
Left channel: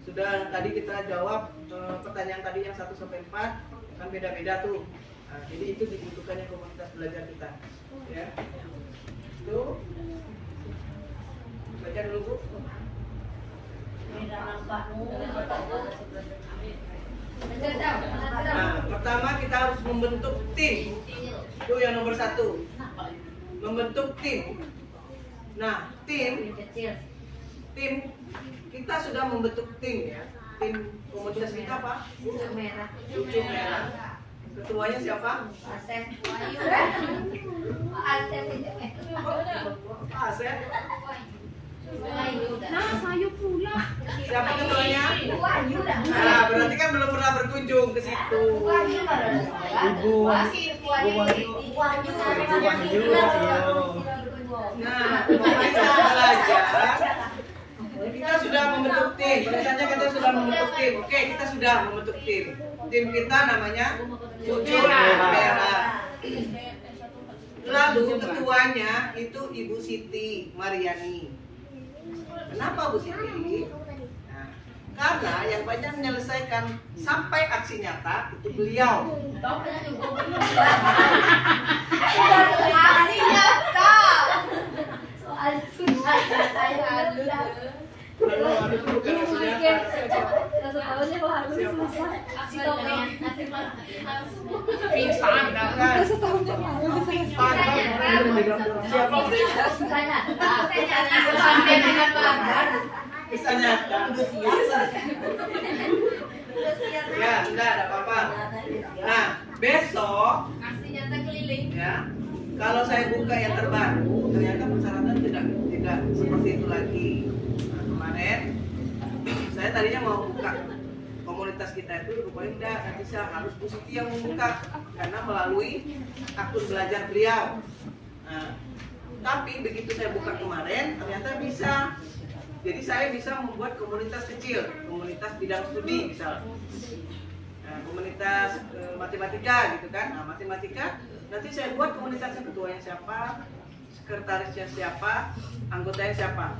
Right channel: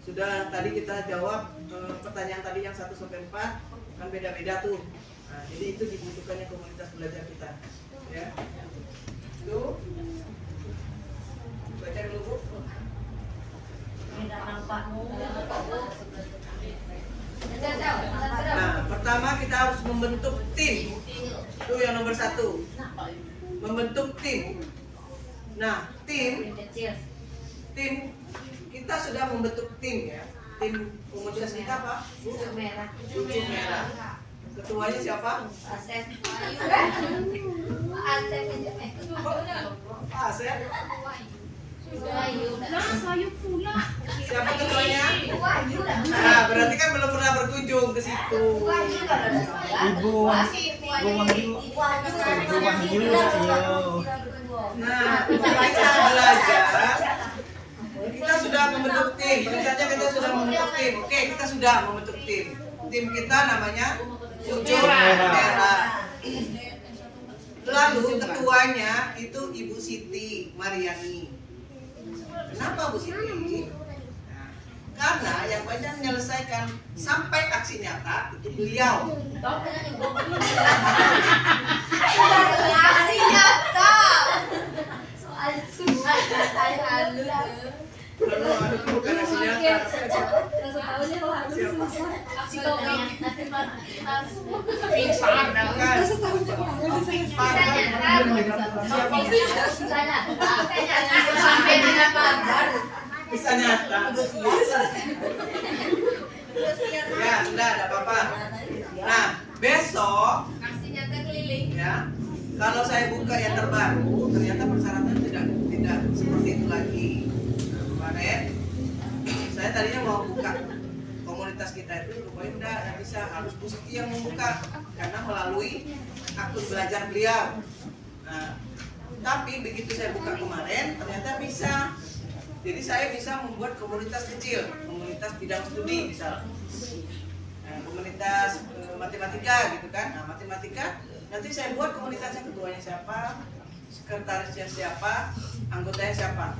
Sudah tadi kita jawab pertanyaan tadi yang 1 sampai 4 kan beda-beda tuh. Nah, jadi itu dibutuhkannya komunitas belajar kita. Ya. Itu baca dulu, Bu. Nah, pertama kita harus membentuk tim. Itu yang nomor 1. Membentuk tim. Nah, tim kita sudah membentuk tim ya. Tim komunitas kita apa? Cucu merah. Cucu merah. Ketuanya siapa? Asep. Asep aja. Pak Asep. Wahyu dah. Nah, saya pula. Siapa ketuanya? Wahyu dah. Nah, berarti kan belum pernah berkunjung ke situ. Wahyu dah ada saya. Ibu Wahyu. Nah, untuk kita belajar, kita sudah membentuk tim. Rencananya kita sudah membentuk tim. Oke, kita sudah membentuk tim. Tim kita namanya Cucu Merah. Lalu ketuanya itu Ibu Siti Mariani. Kenapa Bu Siti? Nah, karena yang banyak menyelesaikan sampai aksi nyata itu beliau. Aksi nyata. Soal susah saya halus. Kalau itu bukan aksi nyata. Rasa tahunya kok halus susah. Aksi tongeng. Pingsan dah kan. Siapa? Susah nyata. Sampai dengan banggar. Bisa nyata. Ya, enggak ada apa-apa. Nah, besok Aksi nyata keliling. ya, kalau saya buka yang terbaru, ternyata persyaratan tidak seperti itu lagi. Nah, kemarin saya tadinya mau buka komunitas kita itu itu rupanya tidak bisa, harus Bu Siti yang membuka karena melalui akun belajar beliau. Nah, tapi begitu saya buka kemarin ternyata bisa. Jadi saya bisa membuat komunitas kecil, komunitas bidang studi misalnya, komunitas matematika gitu kan. Nah, matematika nanti saya buat komunitasnya, ketuanya siapa, sekretarisnya siapa, anggotanya siapa.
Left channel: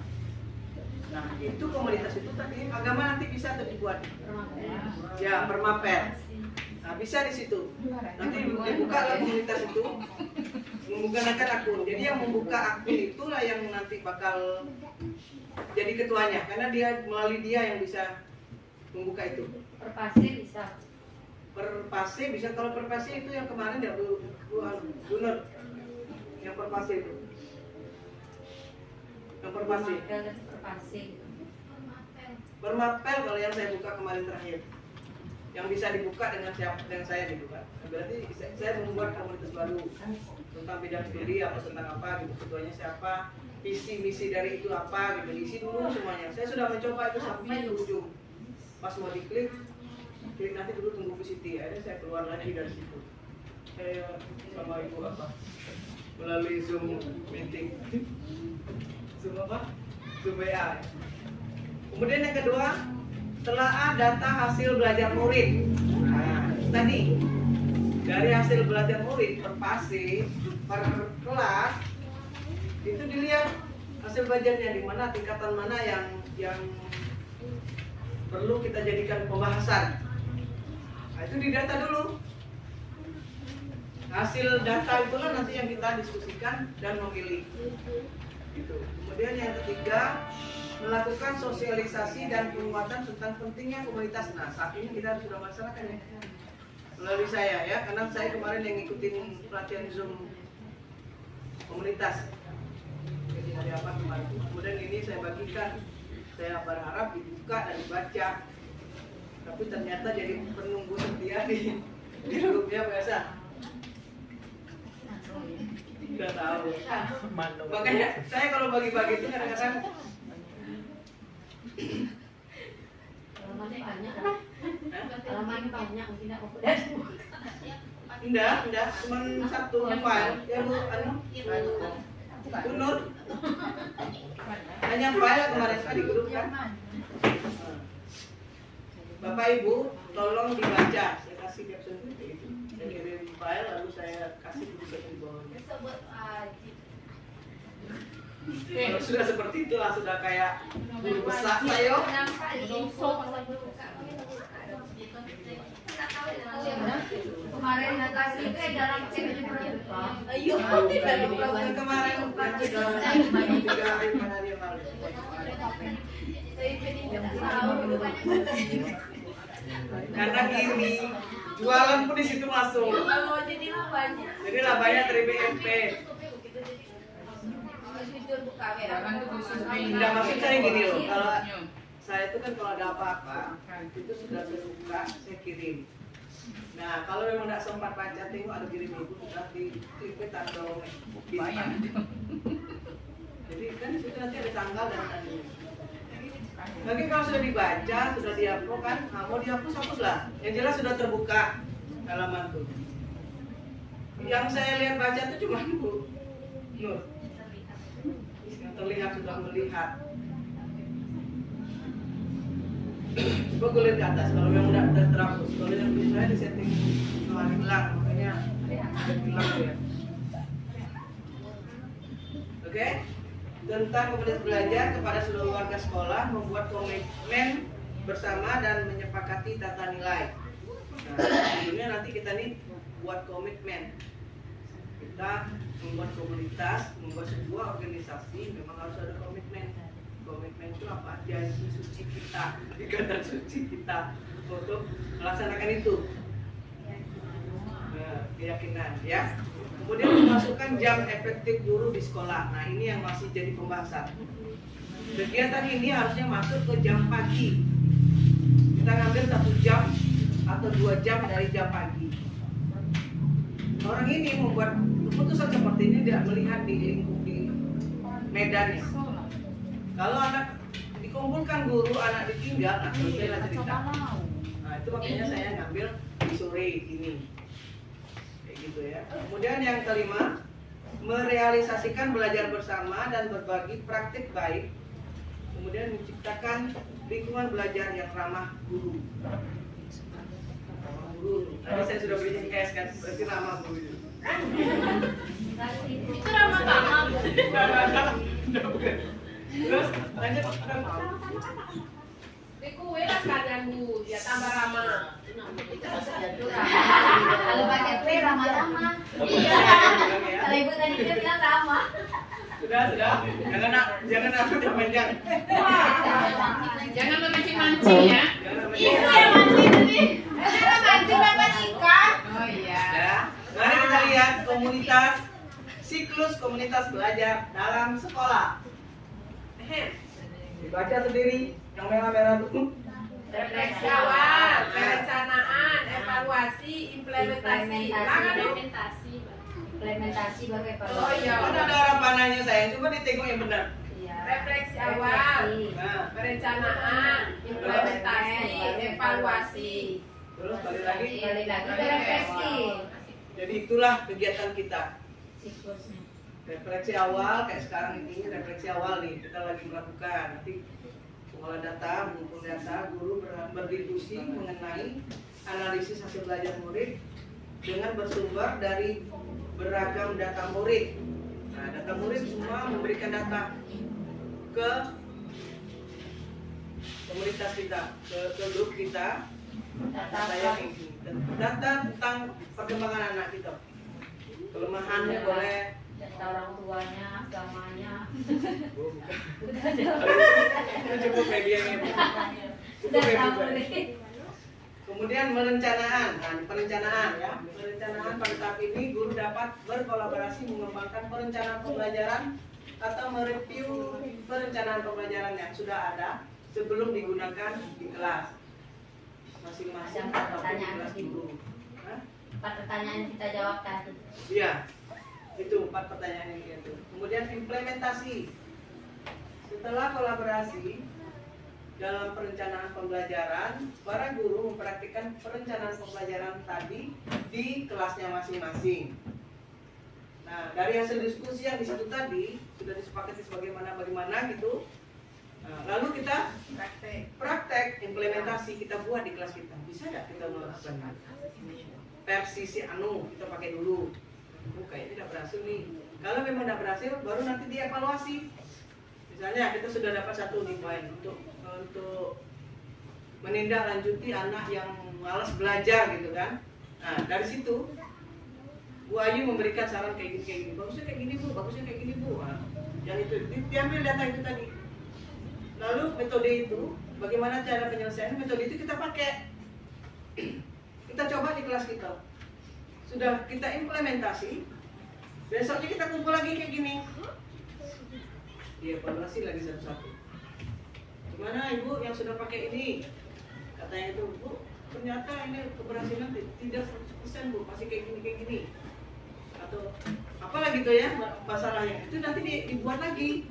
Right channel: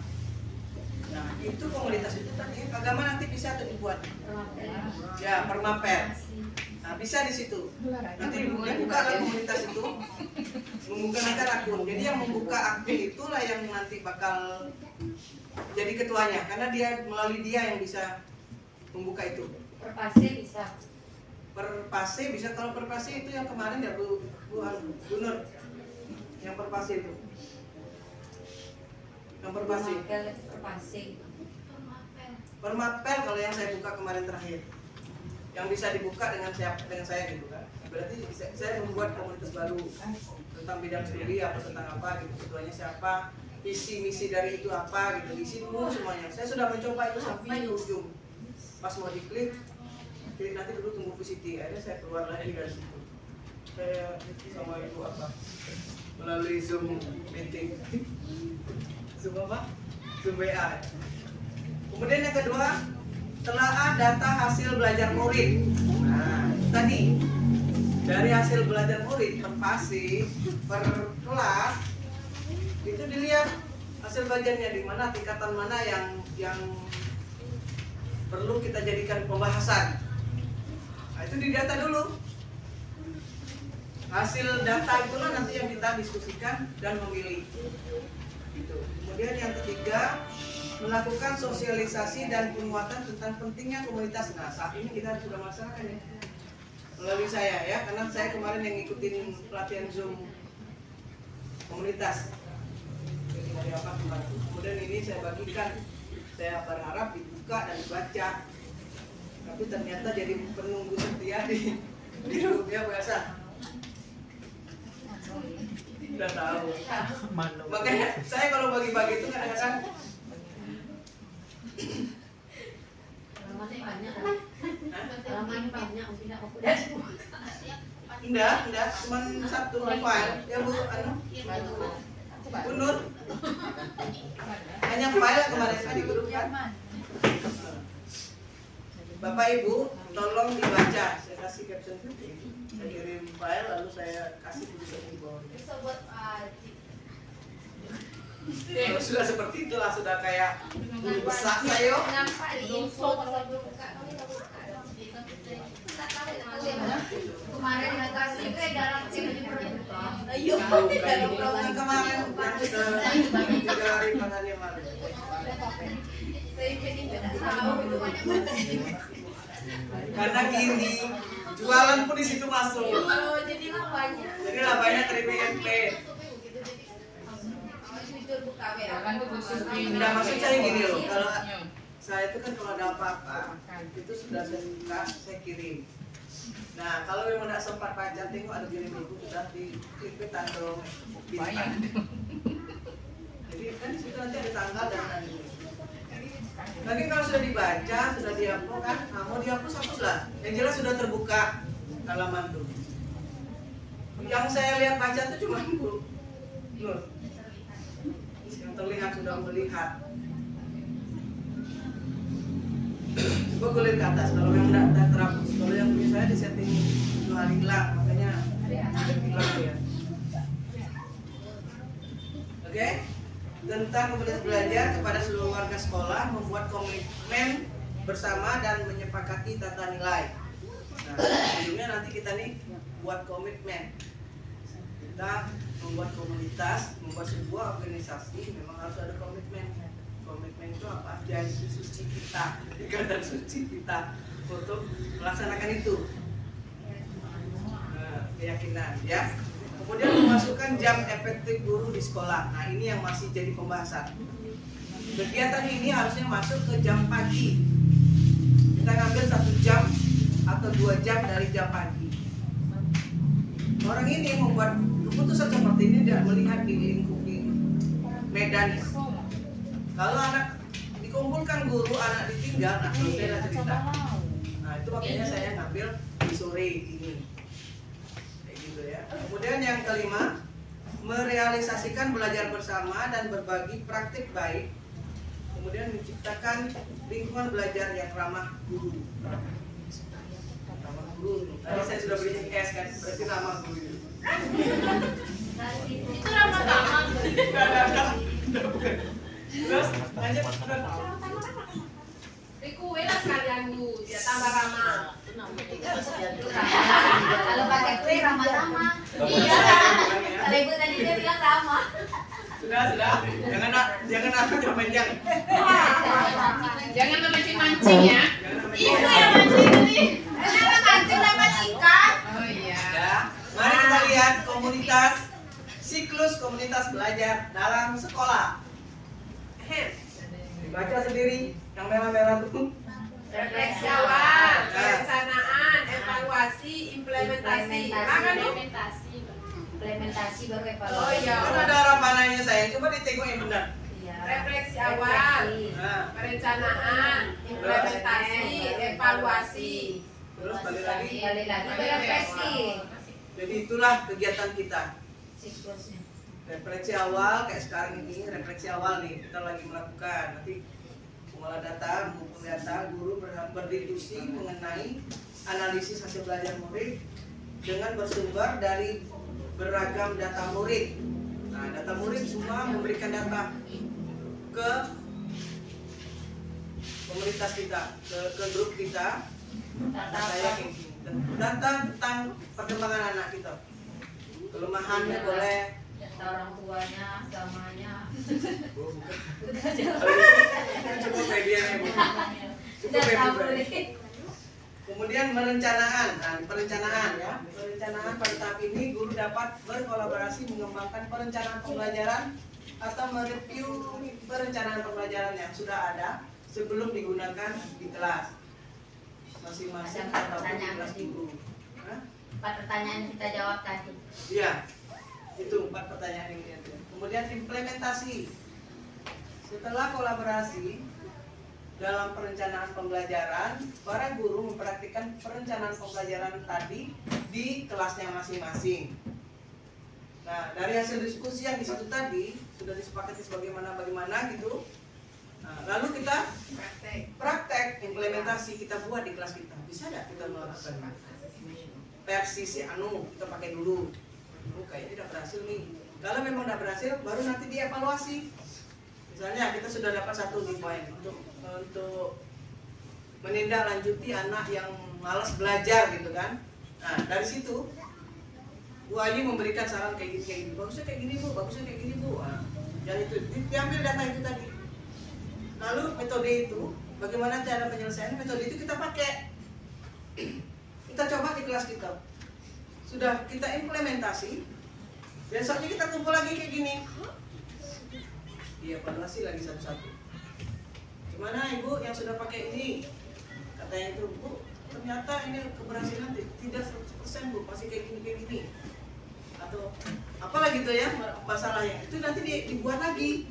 Nah, itu komunitas itu tadi agama nanti bisa dibuat. Ya, permapel. Nah, bisa di situ. Nanti dibuka ke komunitas itu menggunakan akun. Jadi yang membuka akun itulah yang nanti bakal jadi ketuanya, karena dia melalui dia yang bisa membuka itu. Perpase bisa. Perpase bisa. Kalau perpase itu yang kemarin ya Bu Nur, yang perpase itu. Yang perpase. Permapel kalau yang saya buka kemarin terakhir. Yang bisa dibuka dengan saya gitu kan. Berarti saya membuat komunitas baru tentang bidang studi apa, tentang apa gitu, ketuanya siapa, visi misi dari itu apa gitu, isi dulu semuanya. Saya sudah mencoba itu sampai di ujung. Pas mau diklik nanti dulu tunggu Bu Siti. Akhirnya saya keluar lagi dari situ. Saya sama Ibu apa melalui Zoom meeting. Zoom apa? Zoom WA. Kemudian yang kedua, telaah data hasil belajar murid. Nah, tadi dari hasil belajar murid per fase, per kelas itu dilihat hasil belajarnya di mana, tingkatan mana yang perlu kita jadikan pembahasan. Nah, itu didata dulu. Hasil data itulah nanti yang kita diskusikan dan memilih. Gitu. Kemudian yang ketiga, melakukan sosialisasi dan penguatan tentang pentingnya komunitas. Nah, saat ini kita sudah melaksanakan ya melalui saya ya, karena saya kemarin yang ngikutin pelatihan Zoom komunitas. Jadi hari apa kemarin. Kemudian ini saya bagikan. Saya berharap dibuka dan dibaca. Tapi ternyata jadi penunggu setia di grupnya biasa. Udah tahu. Makanya saya kalau bagi-bagi itu kadang-kadang Enggak, cuma satu file ya Bu, Bu Nur. Hanya file kemarin di grup kan. Bapak Ibu, tolong dibaca. Saya kasih caption seperti itu. Saya kirim file lalu saya kasih di bawahnya. Kalau sudah seperti itulah, sudah kayak guru besar saya. Kemarin nggak kasih itu dalam Ayo, Bukan kemarin, bukan sudah 3 hari 4 hari yang lalu. Karena gini, jualan pun di situ masuk. Jadi labanya. Jadi labanya terima MP. Tidak, maksud saya gini loh, kalau saya itu kan kalau ada apa-apa itu sudah saya buka, saya kirim. Nah, kalau memang tidak sempat baca, tengok ada kirim itu sudah diklik tanda bintang. Jadi kan di situ nanti ada tanggal dan nanti. Lagi kalau sudah dibaca, sudah dihapus kan, nah, mau dihapus hapuslah. Yang jelas sudah terbuka halaman tuh. Yang saya lihat baca tuh cuma Nur. Yang terlihat sudah melihat. Coba gue lihat ke atas, kalau yang tidak terhapus. Kalau yang saya di setting 2 hari hilang, makanya ada hilang ya. Oke? Tentang komunitas belajar kepada seluruh warga sekolah, membuat komitmen bersama dan menyepakati tata nilai. Nah, sebelumnya nanti kita nih buat komitmen. Kita membuat komunitas, membuat sebuah organisasi, memang harus ada komitmen. Komitmen itu apa? Janji suci kita, ikatan suci kita untuk melaksanakan itu. Keyakinan ya. Kemudian memasukkan jam efektif guru di sekolah. Nah, ini yang masih jadi pembahasan. Kegiatan ini harusnya masuk ke jam pagi. Kita ngambil 1 jam atau 2 jam dari jam pagi. Orang ini membuat keputusan seperti ini tidak melihat di lingkup di medannya. Kalau anak dikumpulkan guru, anak ditinggal, nah selesai cerita. Nah, itu itu makanya saya ngambil di sore ini. Kayak gitu ya. Kemudian yang kelima, merealisasikan belajar bersama dan berbagi praktik baik. Kemudian menciptakan lingkungan belajar yang ramah guru. Ramah guru. Tadi saya sudah beri S kan, berarti ramah guru. Itu ramah-ramah. Terus lanjut. Kue lah sekalian Bu, ya tambah ramah. Kalau pakai kue ramah-ramah. Iya. Kalau ibu tadi dia bilang ramah. Sudah. Jangan aku panjang. Jangan memancing-mancing ya. Itu yang mancing tadi. Jangan mancing dapat ikan. Oh iya. Ya. Mari kita lihat siklus komunitas belajar dalam sekolah. Dibaca sendiri yang merah-merah itu. Refleksi awal, perencanaan, evaluasi, implementasi. Implementasi baru evaluasi. Oh iya. Kan ada harapannya saya. Coba ditengok yang benar. Iya. Refleksi awal, Nah, perencanaan, implementasi, evaluasi. terus balik lagi. Kembali lagi ke refleksi. Jadi itulah kegiatan kita. Siklusnya. Refleksi awal kayak sekarang ini, refleksi awal nih kita lagi melakukan. Nanti pengolah data, mengumpul data, guru berdiskusi mengenai analisis hasil belajar murid dengan bersumber dari beragam data murid. Nah, data murid semua memberikan data ke komunitas kita, ke grup kita. Data saya kayak gini. Data tentang perkembangan anak kita. Kelemahannya boleh. Data orang tuanya, agamanya. Oh, bukan. Cukup media ya, Bu. Cukup Data ya, Bu. murid. Kemudian perencanaan. Nah, perencanaan ya. Perencanaan pada tahap ini guru dapat berkolaborasi mengembangkan perencanaan pembelajaran atau mereview perencanaan pembelajaran yang sudah ada sebelum digunakan di kelas masing-masing Ada atau di pertanyaan kelas tadi. guru. Hah? 4 pertanyaan yang kita jawab tadi. Iya, itu 4 pertanyaan yang itu. Kemudian implementasi. Setelah kolaborasi dalam perencanaan pembelajaran, para guru mempraktikkan perencanaan pembelajaran tadi di kelasnya masing-masing. Nah, dari hasil diskusi yang di situ tadi sudah disepakati bagaimana gitu. Nah, lalu kita praktek implementasi kita buat di kelas kita. Bisa nggak kita melakukan versi si anu kita pakai dulu? Kayaknya tidak berhasil nih. Kalau memang tidak berhasil, baru nanti dievaluasi. Misalnya kita sudah dapat 1 nih poin untuk menindaklanjuti anak yang malas belajar gitu kan. Nah, dari situ Bu Ayu memberikan saran kayak gini. Bagusnya kayak gini Bu, bagusnya kayak gini Bu. Nah, dan itu diambil data itu tadi. Lalu metode itu, bagaimana cara penyelesaian metode itu kita pakai. Kita coba di kelas kita. Sudah kita implementasi. Besoknya kita kumpul lagi kayak gini. Dievaluasi lagi satu-satu. Gimana Ibu yang sudah pakai ini? Katanya itu, Bu, ternyata ini keberhasilan tidak 100% Bu, masih kayak gini. Atau apalagi itu ya masalahnya. Itu nanti dibuat lagi,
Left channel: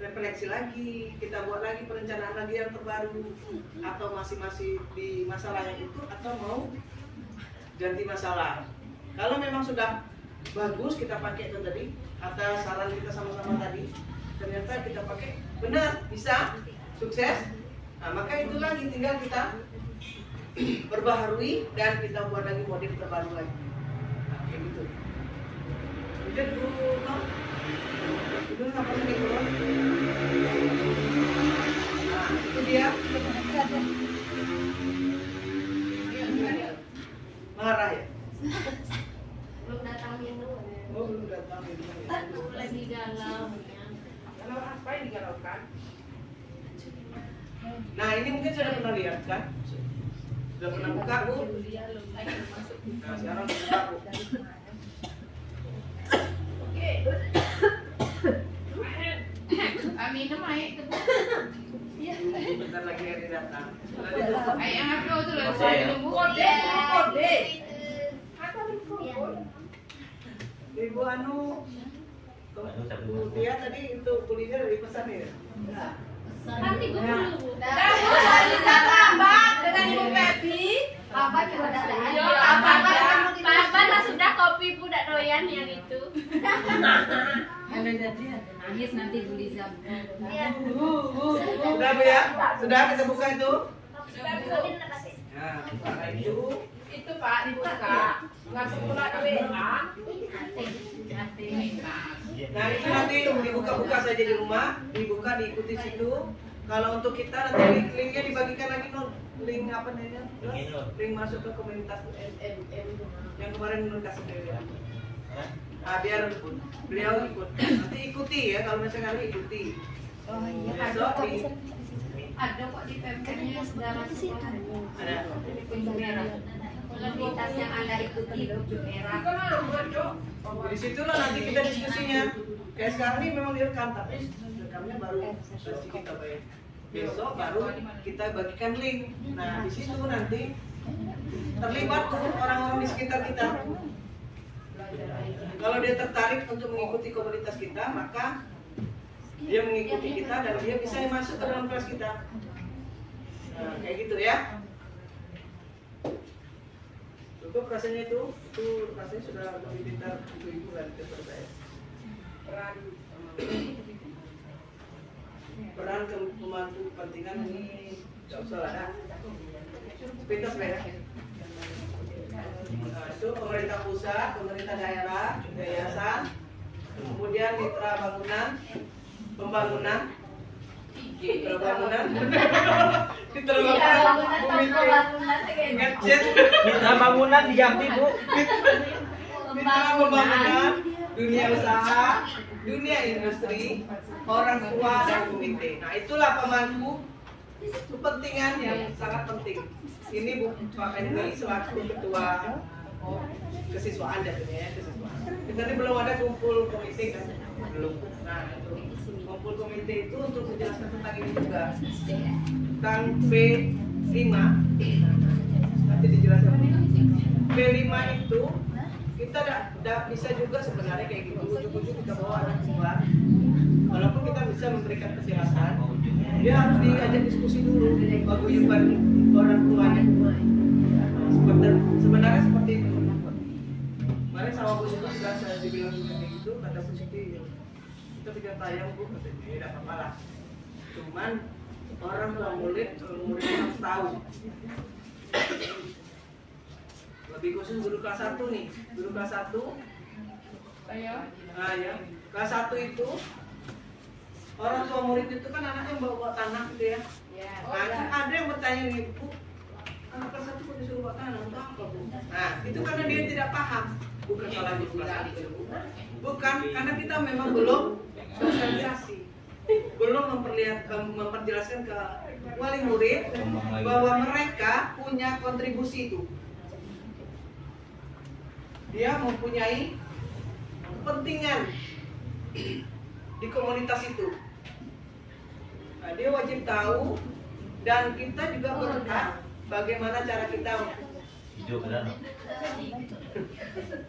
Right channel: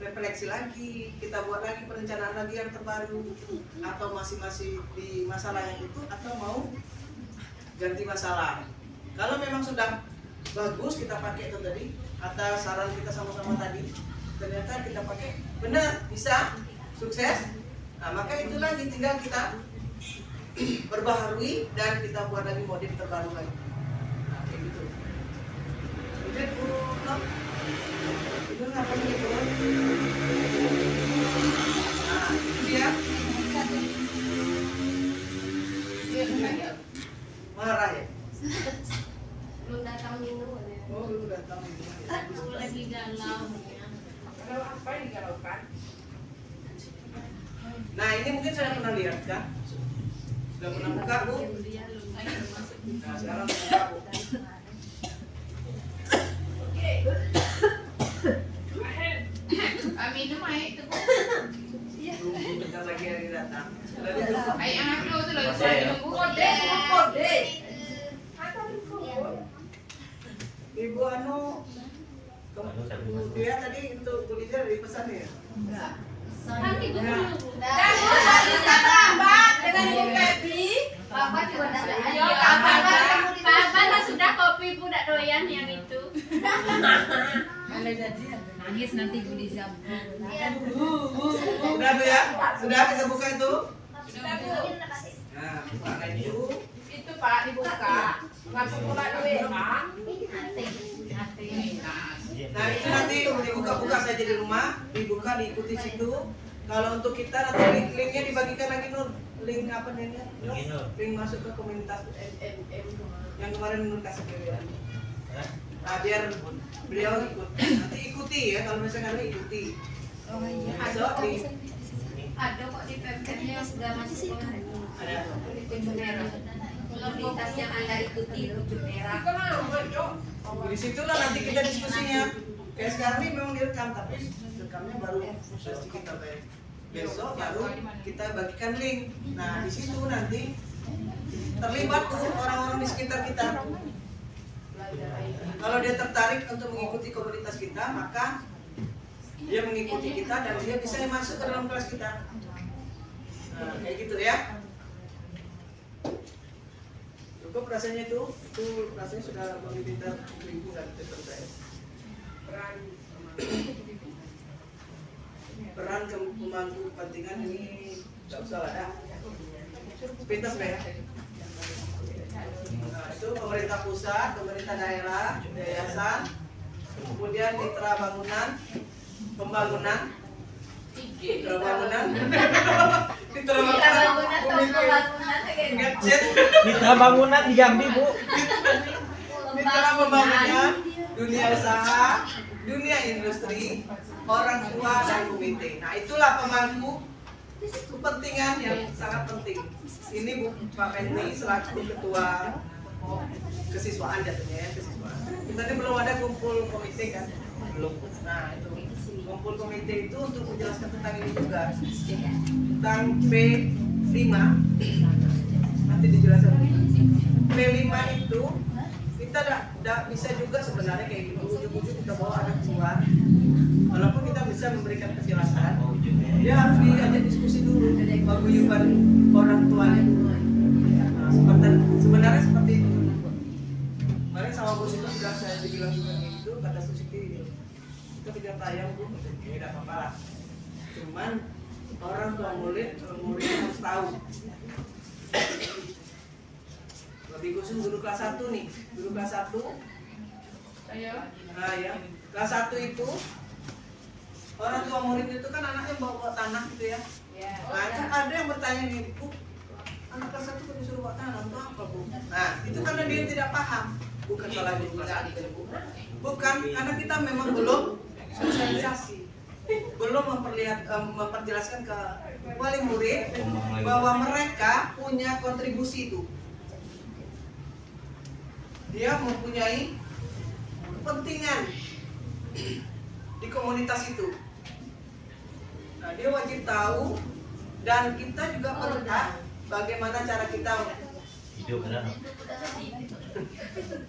refleksi lagi, kita buat lagi perencanaan lagi yang terbaru, atau masih di masalah yang itu, atau mau ganti masalah. Kalau memang sudah bagus kita pakai itu tadi, atas saran kita sama-sama tadi, ternyata kita pakai benar bisa sukses. Nah, maka itu lagi tinggal kita perbaharui dan kita buat lagi model terbaru lagi. Nah, kayak gitu. Jadi itu apa sih itu? Nah, itu dia. Marah ya? Belum datang minum. Oh, belum datang minum. Lagi galau. Kalau apa yang digalaukan? Nah, ini mungkin sudah pernah lihat kan? Sudah pernah buka, Bu? Nah, sekarang buka, Bu. Minum air itu Bu. Bentar lagi hari datang. Sudah ditutup. Air yang aku itu lagi saya minum Bu. Kode. Ibu Anu, dia tadi untuk kuliner dari pesan ya? Nanti dulu. Dan bisa tambah dengan Ibu Pepi Bapak juga ada Iya, Bapak sudah kopi budak doyan yang itu. Nangis nanti Guliza. Sudah Bu ya? Sudah kita buka itu? Sudah Bu. Nah, buka itu. Itu Pak dibuka. Langsung pula duit Pak. Nah itu nanti dibuka-buka saja di rumah, dibuka diikuti situ. Kalau untuk kita nanti linknya dibagikan lagi Nur, link apa nih? Link masuk ke komunitas yang kemarin Nur kasih beliau. Nah, biar beliau ikut. Nanti ikuti ya, kalau misalnya kalian ikuti. Besok di Ada kok di pempeknya yang sudah masuk di pintu merah. Komunitas yang Anda ikuti pintu merah. di situ lah nanti kita diskusinya. Kayak sekarang ini memang direkam, tapi rekamnya baru pasti kita bayar. Besok baru kita bagikan link. Nah di situ nanti terlibat tuh orang-orang di sekitar kita. Kalau dia tertarik untuk mengikuti komunitas kita, maka dia mengikuti kita dan dia bisa masuk ke dalam kelas kita. Nah, kayak gitu ya. Cukup rasanya itu rasanya sudah meminta ibu-ibu kan saya. Peran pemangku kepentingan ini nggak usah ada. Pintas ya. Nah, itu pemerintah pusat, pemerintah daerah, yayasan, kemudian mitra bangunan, pembangunan, mitra bangunan, gadget, Mitra bangunan di Jambi, Bu. mitra pembangunan, dunia usaha, dunia industri, orang tua dan komite. Nah itulah pemangku kepentingan yang sangat penting. Ini Bu Pak Menri selaku ketua kesiswaan jatuhnya ya, kesiswaan. Kita ini belum ada kumpul komite kan? Belum. Nah itu kumpul komite itu untuk menjelaskan tentang ini juga, tentang P5. Nanti dijelaskan. P5 itu kita tidak bisa juga sebenarnya kayak gitu. Ujuk-ujuk kita bawa anak keluar. Walaupun kita bisa memberikan kejelasan, dia harus diajak diskusi dulu, paguyuban orang tuanya. Nah, sebenarnya seperti itu. Kemarin sama Bu Siti sudah saya dibilang juga kayak gitu, kata Bu Siti, kita tidak tayang Bu, katanya tidak apa-apa lah. Cuman orang tua muridnya harus tahu. Lebih khusus guru kelas 1 nih, guru kelas 1. Nah ya, kelas 1 itu orang tua murid itu kan anaknya bawa tanah gitu ya. Nah, ada yang bertanya nih, Bu, anak kelas 1 kok disuruh bawa tanah, itu apa Bu? Nah, itu karena dia tidak paham. Bukan salah guru kelas 1, Bu. Bukan, karena kita memang belum sosialisasi, belum memperjelaskan ke wali murid bahwa mereka punya kontribusi itu. Dia mempunyai kepentingan di komunitas itu. Nah, dia wajib tahu dan kita juga berhak bagaimana cara kita hidup kan?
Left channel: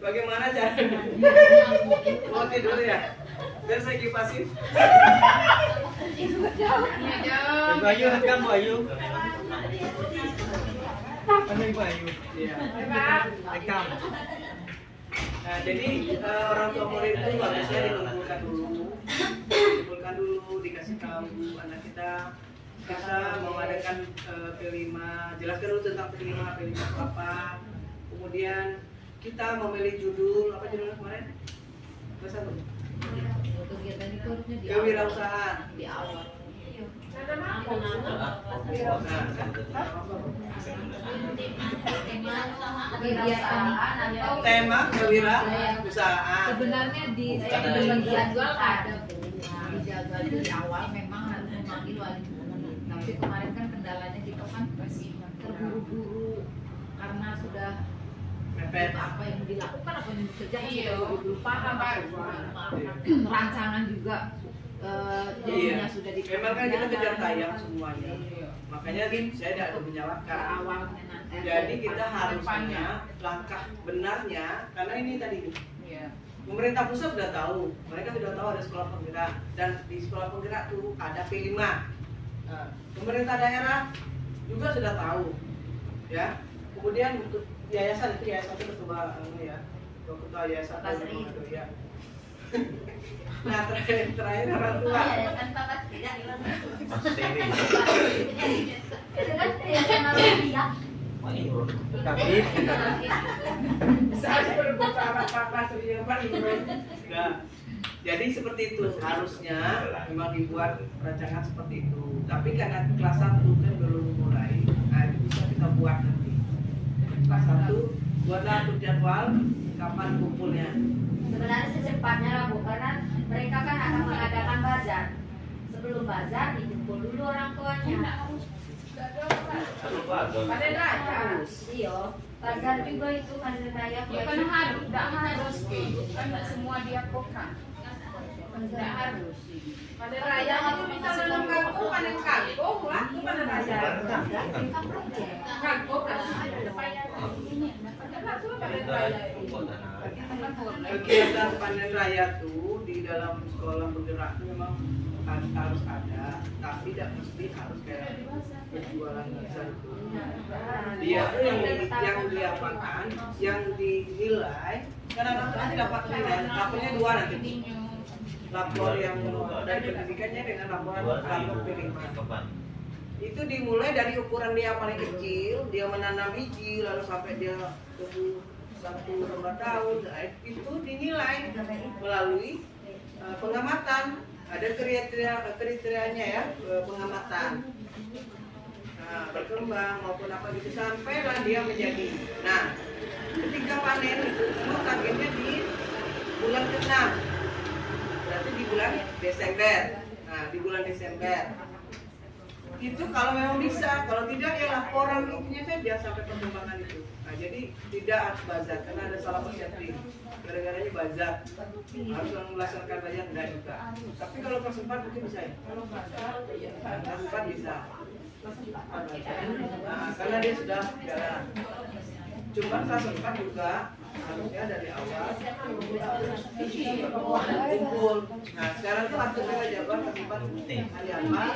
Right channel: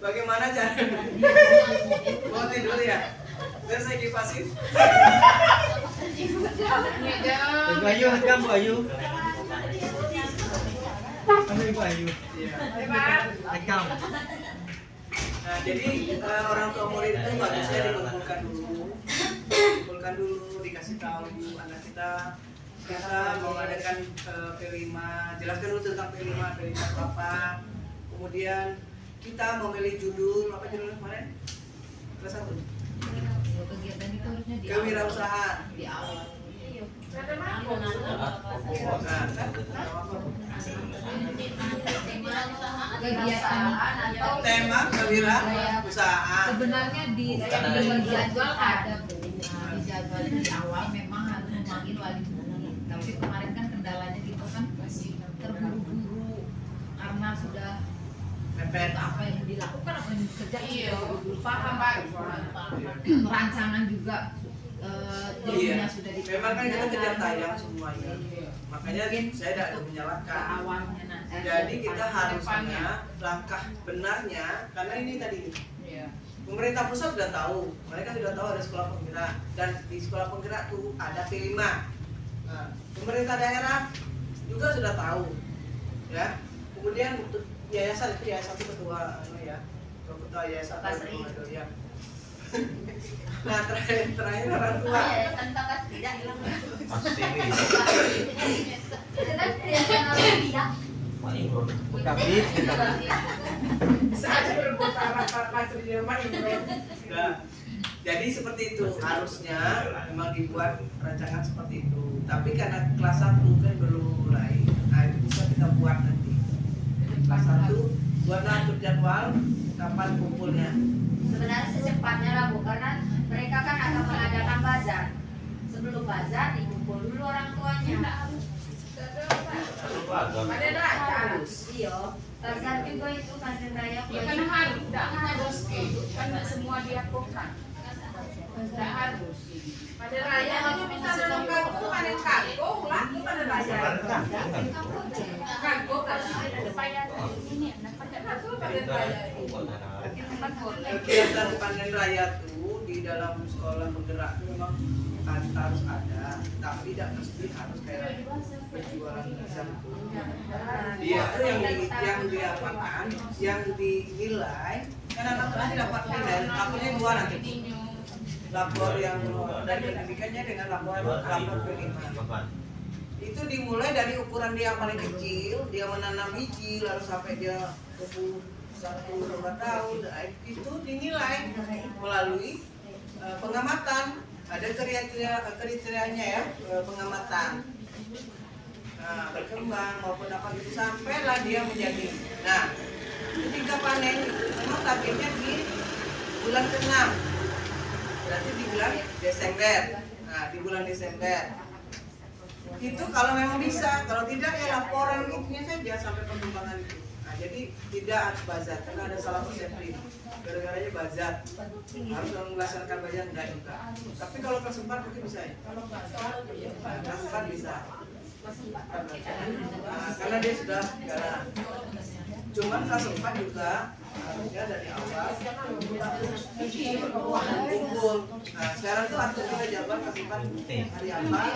Bagaimana cara mau tidur ya? Biar saya kipasin. Bu Ayu, rekam Bu Ayu. Kami Bu Ayu. Iya. Rekam. Nah, jadi orang tua murid itu bagusnya dikumpulkan dulu, dikasih tahu anak kita mau adakan P5, jelaskan dulu tentang P5 apa. Kemudian kita memilih judul, apa judulnya kemarin? Kelas 1. Kegiatan itu harusnya di Kewirausahaan. di awal. Tema kewirausahaan. Sebenarnya di jadwal ada Bu. Nah, di jadwal itu di awal memang harus memanggil wali murid. Tapi kemarin kan kendalanya kita kan terburu-buru karena sudah Mepet. apa yang dilakukan, apa yang dikerjakan, Iya. belum paham. Rancangan juga jadinya sudah Memang kan kita kejar tayang semuanya. Iya. Makanya saya tidak ada Ke menyalahkan. awalnya nanti. Jadi kita harusnya langkah benarnya, karena ini tadi pemerintah pusat sudah tahu, mereka sudah tahu ada sekolah penggerak dan di sekolah penggerak tuh ada P5. Nah, pemerintah daerah juga sudah tahu, ya. Kemudian untuk yayasan itu ketua ketua yayasan ya. Nah terakhir orang tua. Yayasan Bapak tidak hilang. Mas TV. Itu kan yayasan orang dia. Tapi Saat berbuka apa Sri Jerman Nah, jadi seperti itu harusnya memang dibuat rancangan seperti itu. Tapi karena kelas 1 kan belum mulai, nah itu bisa kita buat nanti. Kelas 1 buatlah atur jadwal kapan kumpulnya. Sebenarnya secepatnya lah Bu, karena mereka kan akan mengadakan bazar. Sebelum bazar dikumpul dulu orang tuanya. ada Harus, iya. Bazar juga itu Panen Raya. Ya kan harus, tidak harus gitu. Kan nggak semua diapokan. Tidak harus. ada raya itu bisa dalam kangkung, panen kangkung lah, itu ada raya. Kangkung kan panen raya itu. Kegiatan panen raya tuh di dalam sekolah bergerak itu memang harus ada, tapi tidak mesti harus kayak berjualan besar itu. Dia tuh yang diapakan, yang dinilai, kan anak nanti dapat nilai, lapornya 2 nanti. Lapor yang dari pendidikannya dengan lapor kelima. Itu dimulai dari ukuran dia paling kecil, dia menanam biji, lalu sampai dia tumbuh 1-2 tahun, itu dinilai melalui pengamatan. Ada kriterianya ya, pengamatan. Nah, berkembang maupun apa gitu sampailah dia menjadi. Nah, ketika panen itu memang targetnya di bulan ke-6. Berarti di bulan Desember. Nah, di bulan Desember. Itu kalau memang bisa, kalau tidak ya laporan itunya saja sampai perkembangan itu. Nah, jadi tidak harus bazar karena ada salah persepsi. Gara-garanya bazar harus melaksanakan bazar enggak juga. Tapi kalau kelas 4 mungkin bisa ya. Nah, kelas 4 bisa. Nah, karena dia sudah jalan. Cuman kelas 4 juga harusnya dari awal kumpul. Nah, sekarang tuh atur kita jadwal kelas 4 hari apa,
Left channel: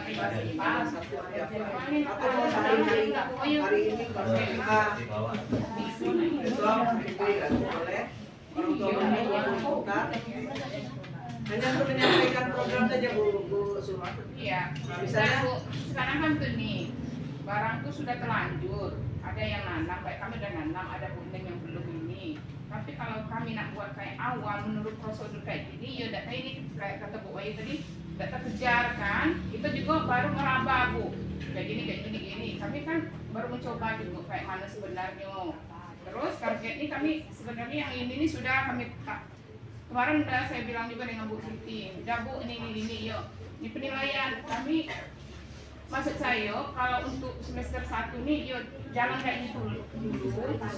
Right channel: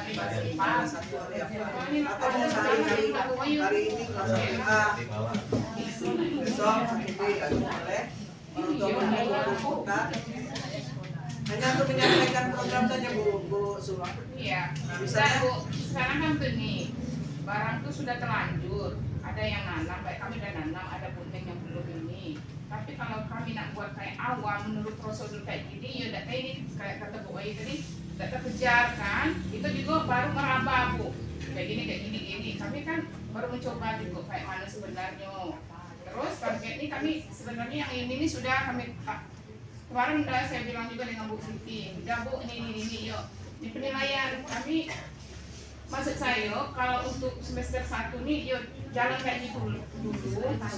kelas 1 hari apa, atau mau hari ini kelas A, besok B, dan boleh orang tua boleh kumpulkan. Hanya untuk menyampaikan program saja Bu Suma. Iya. Misalnya Bu, sekarang kan begini, barang itu sudah terlanjur. Ada yang nanam, baik kami udah nanam, ada kuning yang belum ini. Tapi kalau kami nak buat kayak awal menurut prosedur kayak gini, ya udah kayak ini kayak kata Bu Ayu tadi, tidak terkejar kan? Itu juga baru meraba Bu, kayak gini. Kami kan baru mencoba juga kayak mana sebenarnya. Terus target ini kami sebenarnya yang ini sudah kami kemarin udah saya bilang juga dengan Bu Siti, udah Bu ini yuk di penilaian kami. Maksud saya kalau untuk semester 1 nih yuk jalan kayak gitu dulu.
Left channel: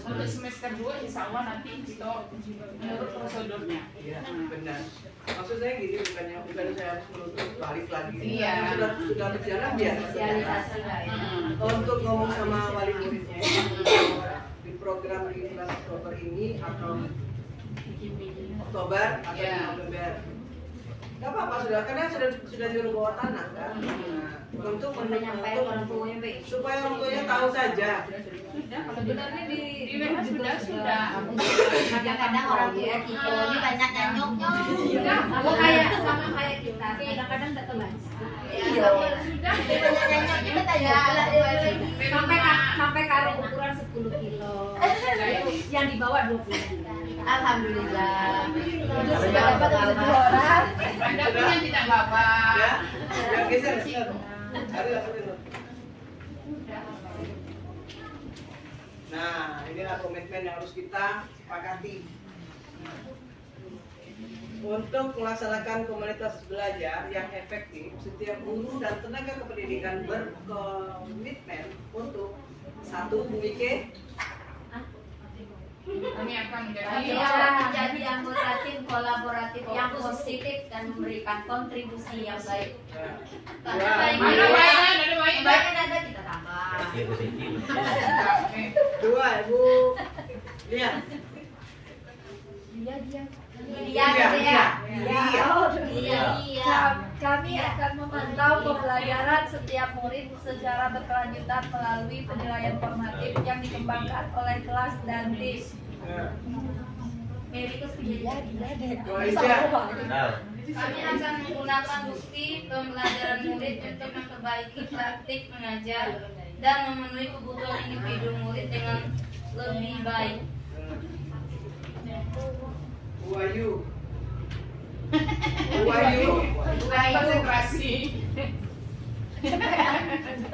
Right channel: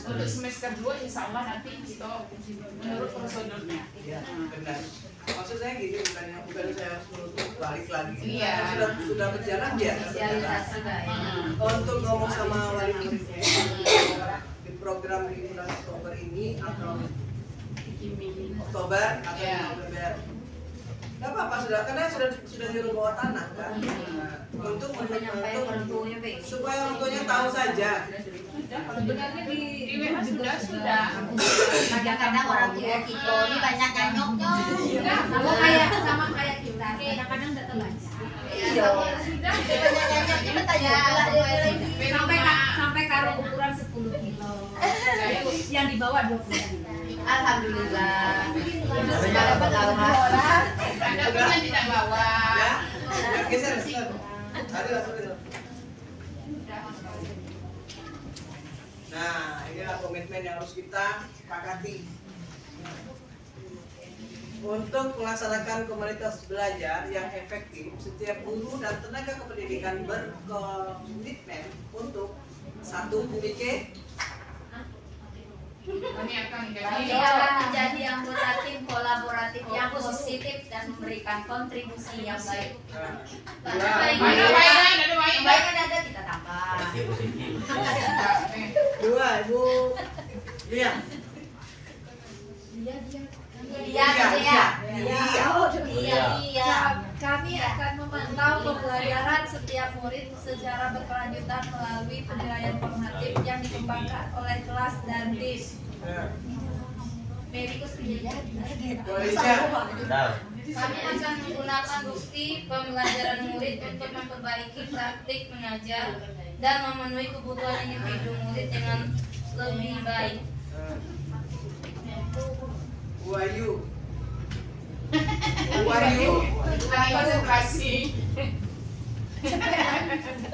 Untuk semester 2 insya Allah nanti kita menurut prosedurnya. Iya, benar. Maksud saya gini, bukan saya harus menutup balik lagi. Iya. Sudah berjalan biar. Sosialisasi lah ya. Untuk ngomong sama wali muridnya di program di bulan Oktober ini atau Oktober atau November. Gak apa-apa karena sudah nyuruh bawa tanah kan. Untuk Menyampaikan orang tuanya baik. supaya orang tuanya tahu saja. Sebenarnya di WA sudah. Kadang-kadang orang tua kita ini banyak yang nyok-nyok. Sama kayak kita. Kadang-kadang tidak terbaca. Iya. Sudah. Nyok-nyoknya kita ya. Sampai karo ukuran 10 kilo. Yang dibawa 20 kilo. Alhamdulillah. Itu sudah dapat 2 orang. Ada pun yang tidak bawa. Ya, geser. Ada langsung itu. Nah, inilah komitmen yang harus kita sepakati. Untuk melaksanakan komunitas belajar yang efektif, setiap guru dan tenaga kependidikan berkomitmen untuk 1 memiliki Kami akan menjadi anggota tim kolaboratif yang positif dan memberikan kontribusi yang baik. ada baik. Baik kan ada kita tambah. 2, Ibu. Lihat. Dia. Kami akan memantau pembelajaran setiap murid secara berkelanjutan melalui penilaian formatif yang dikembangkan oleh kelas dan tim. Kami akan menggunakan bukti pembelajaran murid untuk memperbaiki praktik mengajar dan memenuhi kebutuhan individu murid dengan lebih baik. Wahyu. Wahyu. Konsentrasi.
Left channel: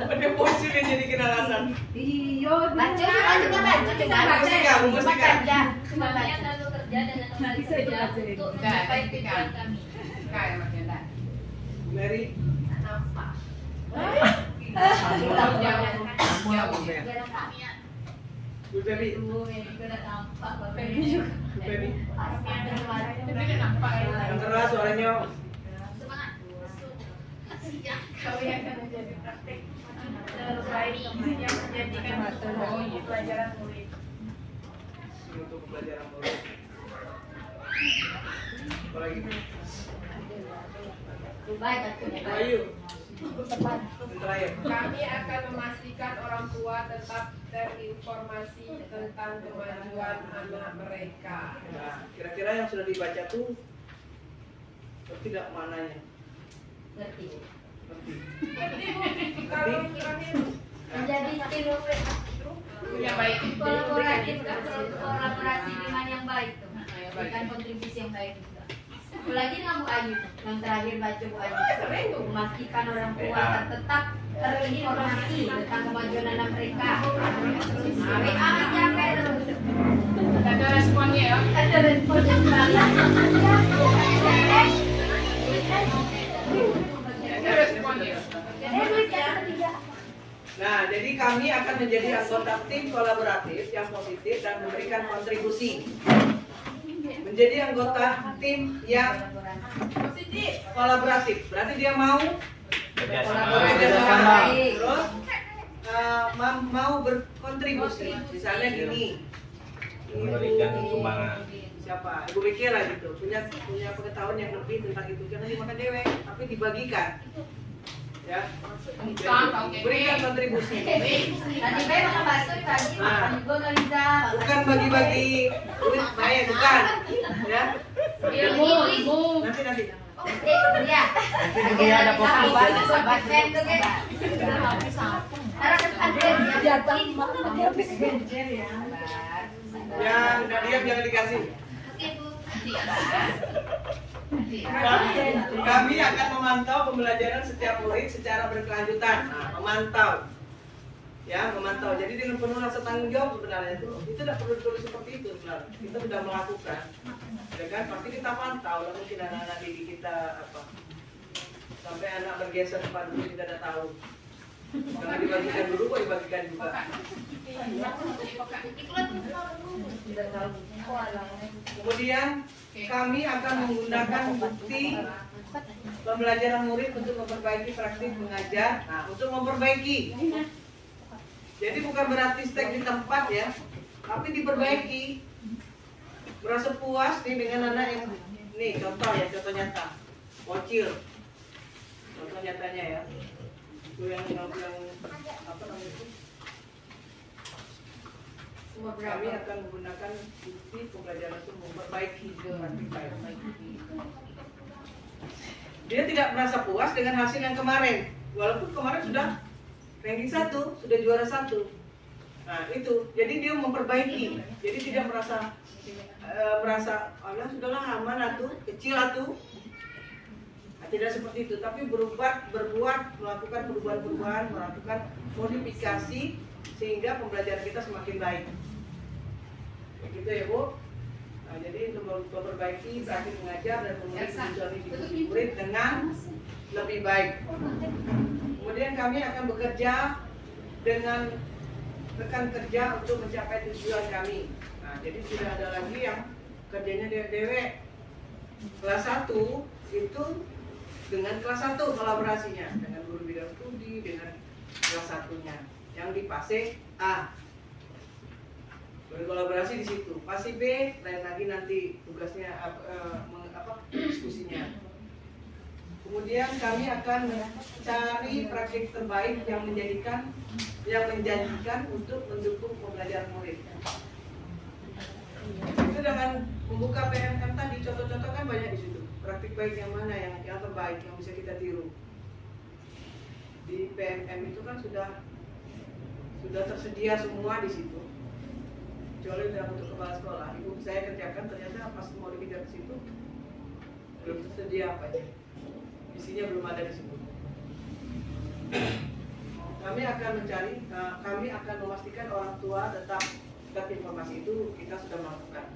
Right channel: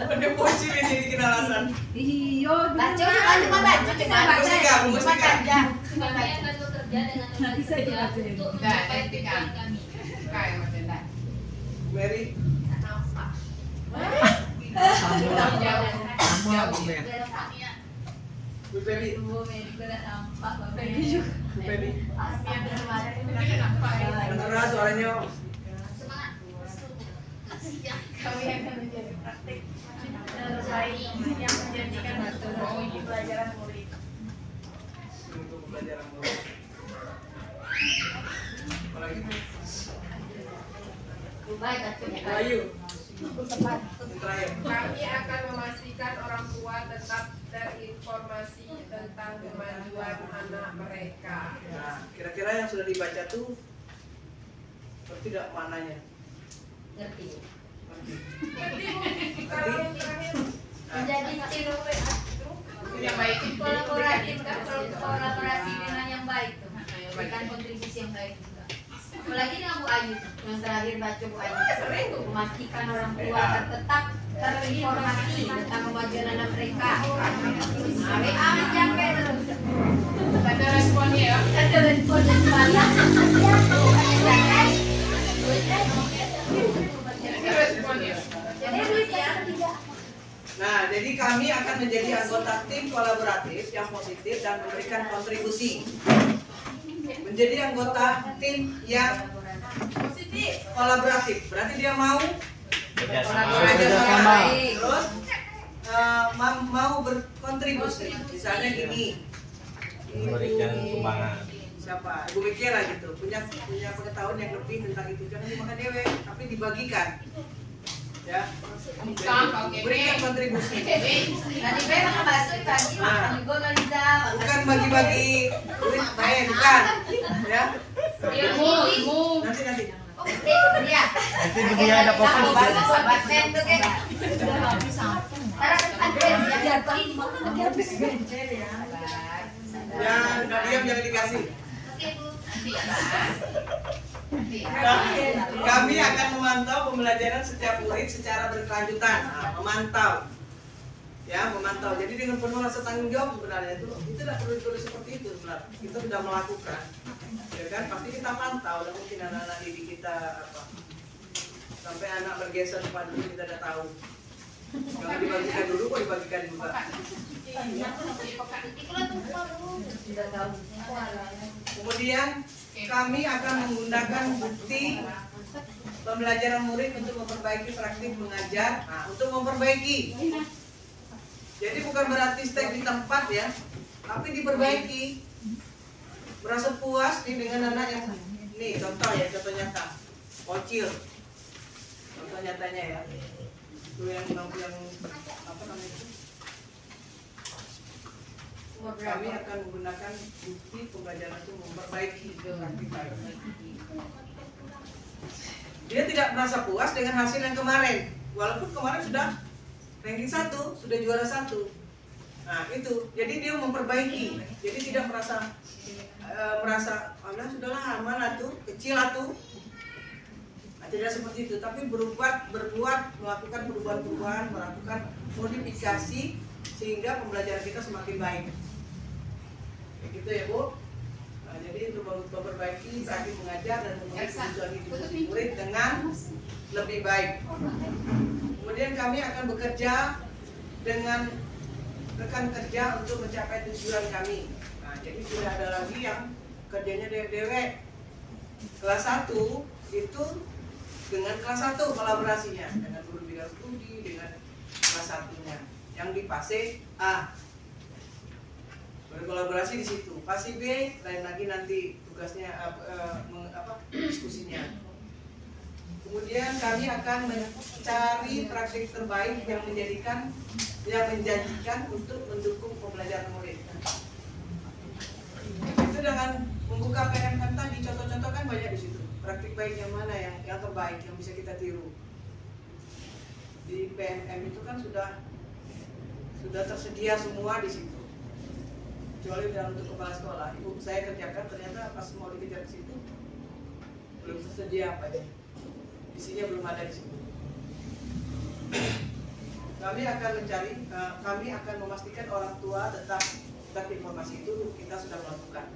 Udah bocil ini jadi kenalasan. Iyo, Baca, cuma baca, kita baca. Musika. Kami akan bekerja dengan kembali kerja untuk mencapai tujuan kami. Kayak macam dah. Mary. Nampak. Jauh. Bu Feby. Bu Mary gue udah nampak, Pak Feby juga. Bu Feby. Tapi nampak ya. Yang keras suaranya. Semangat. Kami akan menjadi praktik terbaik yang menjadikan pelajaran murid. Untuk pembelajaran murid. Apa lagi? Baik, cukup. Wahyu. Terakhir. Kami akan memastikan orang tua tetap terinformasi tentang kemajuan anak mereka. Nah, kira-kira yang sudah dibaca tuh ngerti tidak mananya? Ngerti. Ngerti. Kalau yang terakhir Menjadi tim Yang baik. kolaboratif kan, kolaborasi dengan yang baik tuh. Berikan kontribusi yang baik juga. Apalagi dengan Bu Ayu tuh, yang terakhir baca Bu Ayu. sering tuh. Memastikan orang tua tetap terinformasi tentang kemajuan anak mereka. WA capek terus. Ada responnya ya. Ada respon yang banyak. Ada responnya. Nah, jadi kami akan menjadi anggota tim kolaboratif yang positif dan memberikan kontribusi. Menjadi anggota tim yang Positif. kolaboratif, berarti dia mau Kolaborasi sama baik. terus mau berkontribusi. Misalnya gini, Memberikan sumbangan. siapa? Ibu Becky lah gitu, punya pengetahuan yang lebih tentang itu, jangan dimakan dewek, tapi dibagikan. Ya, berikan kontribusi. Tadi Bay makan bakso pagi, makan juga Galiza. Bukan bagi-bagi duit, baik, bukan. Ya, Ilmu. nanti. Oke, iya. Nanti dia ada kopi. Sobat Ben tuh kan. Karena kan ada yang habis benjer ya. Yang diam jangan dikasih. Kami akan memantau pembelajaran setiap murid secara berkelanjutan. Nah, memantau. Ya, memantau. Jadi dengan penuh rasa tanggung jawab sebenarnya itu tidak perlu ditulis seperti itu sebenarnya. Kita sudah melakukan. Ya kan? Pasti kita pantau. Lah mungkin anak-anak didik kita apa? Sampai anak bergeser pada dulu kita udah tahu. Kalau dibagikan dulu kok dibagikan juga. Kemudian kami akan menggunakan bukti pembelajaran murid untuk memperbaiki praktik mengajar. Nah, untuk memperbaiki. Jadi bukan berarti stay di tempat ya, tapi diperbaiki. Merasa puas nih dengan anak yang nih contoh ya, contoh nyata. Bocil. Contoh nyatanya ya. Itu yang apa namanya itu? Kami akan menggunakan bukti pembelajaran itu memperbaiki praktik baik. Dia tidak merasa puas dengan hasil yang kemarin, walaupun kemarin sudah ranking 1, sudah juara 1. Nah itu, jadi dia memperbaiki, jadi tidak merasa Allah sudahlah aman atuh, kecil atuh. Nah, tidak seperti itu, tapi berbuat, melakukan perubahan-perubahan, melakukan modifikasi sehingga pembelajaran kita semakin baik. Kayak gitu ya Bu. Nah, jadi untuk memperbaiki praktik mengajar dan memenuhi kebutuhan individu murid dengan lebih baik. Kemudian kami akan bekerja dengan rekan kerja untuk mencapai tujuan kami. Nah, jadi tidak ada lagi yang kerjanya dewek. Kelas 1 itu dengan kelas 1 kolaborasinya dengan guru bidang studi dengan kelas 1-nya. Yang di fase A berkolaborasi di situ. Fase B lain lagi nanti tugasnya diskusinya. Kemudian kami akan mencari praktik terbaik yang menjanjikan untuk mendukung pembelajaran murid. Itu dengan membuka PMM tadi, contoh-contoh kan banyak di situ. Praktik baik yang mana yang terbaik yang bisa kita tiru. Di PMM itu kan sudah tersedia semua di situ. Kecuali dalam untuk kepala sekolah, ibu saya kerjakan ternyata pas mau dikejar ke situ belum tersedia apa ya. Isinya belum ada di situ. Kami akan memastikan orang tua tetap informasi itu kita sudah melakukan,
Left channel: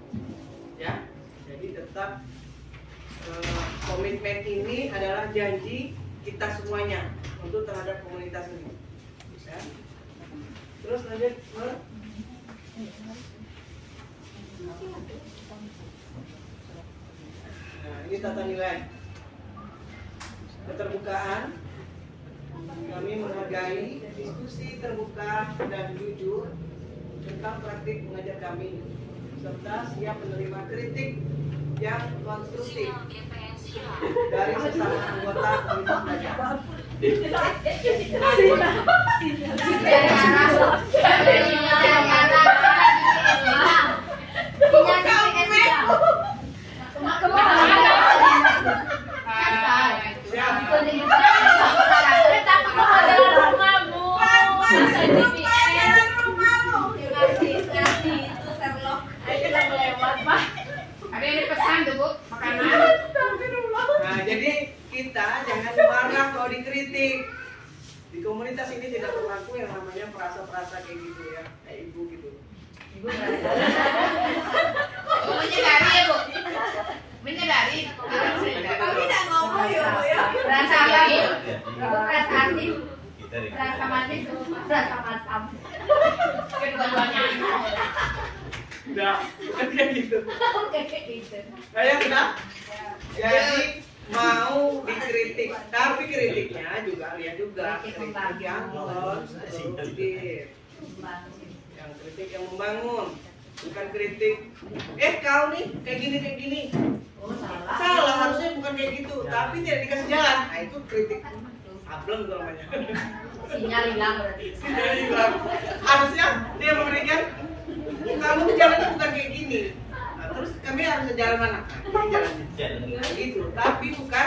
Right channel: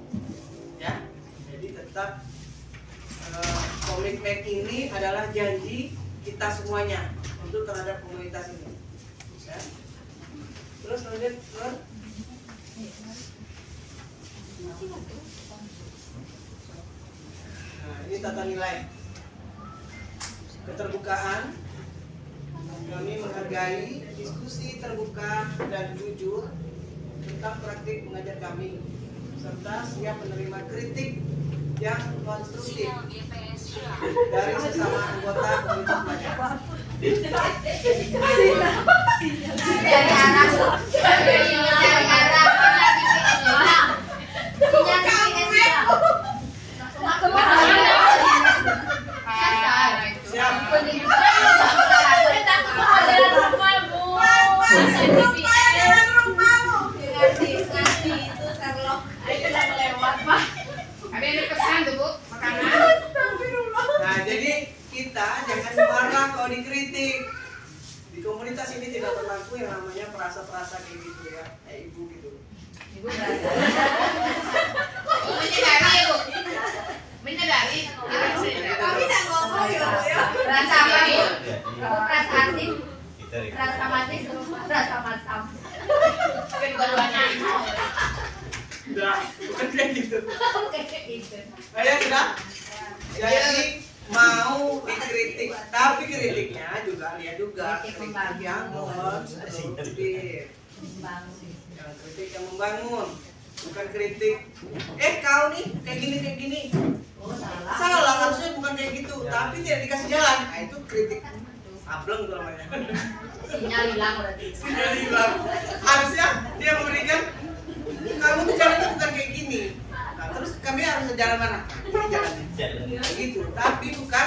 ya. Jadi tetap komitmen ini adalah janji kita semuanya untuk terhadap komunitas ini. Ya. Terus lanjut, nah, ini tata nilai. Keterbukaan, kami menghargai diskusi terbuka dan jujur tentang praktik mengajar kami, serta siap menerima kritik yang konstruktif dari sesama anggota komunitas belajar. Nah, jadi kita jangan marah kalau dikritik. Di komunitas ini tidak berlaku yang namanya perasa-perasa kayak gitu ya, kayak ibu gitu. Ibu merasa. Oh, menyadari ya Bu? Menyadari? Kami tidak ngomong ya. Rasa apa Bu? Rasa asin, Kita rasa manis, rasa masam. Kedua-duanya. Udah, bukan kayak gitu. Kayak gitu. Saya sudah. Jadi mau dikritik, tapi kritiknya juga lihat juga kritik yang konstruktif, yang kritik yang membangun, bukan kritik. Kau nih kayak gini. Oh, Salah harusnya bukan kayak gitu, tapi tidak dikasih jalan. Nah itu kritik. Ableng tuh namanya. Sinyal hilang berarti. Sinyal hilang. Harusnya dia memberikan kamu tuh jalannya bukan kayak gini. Nah, terus kami harus jalan mana? Ini jalannya. Gitu. Tapi bukan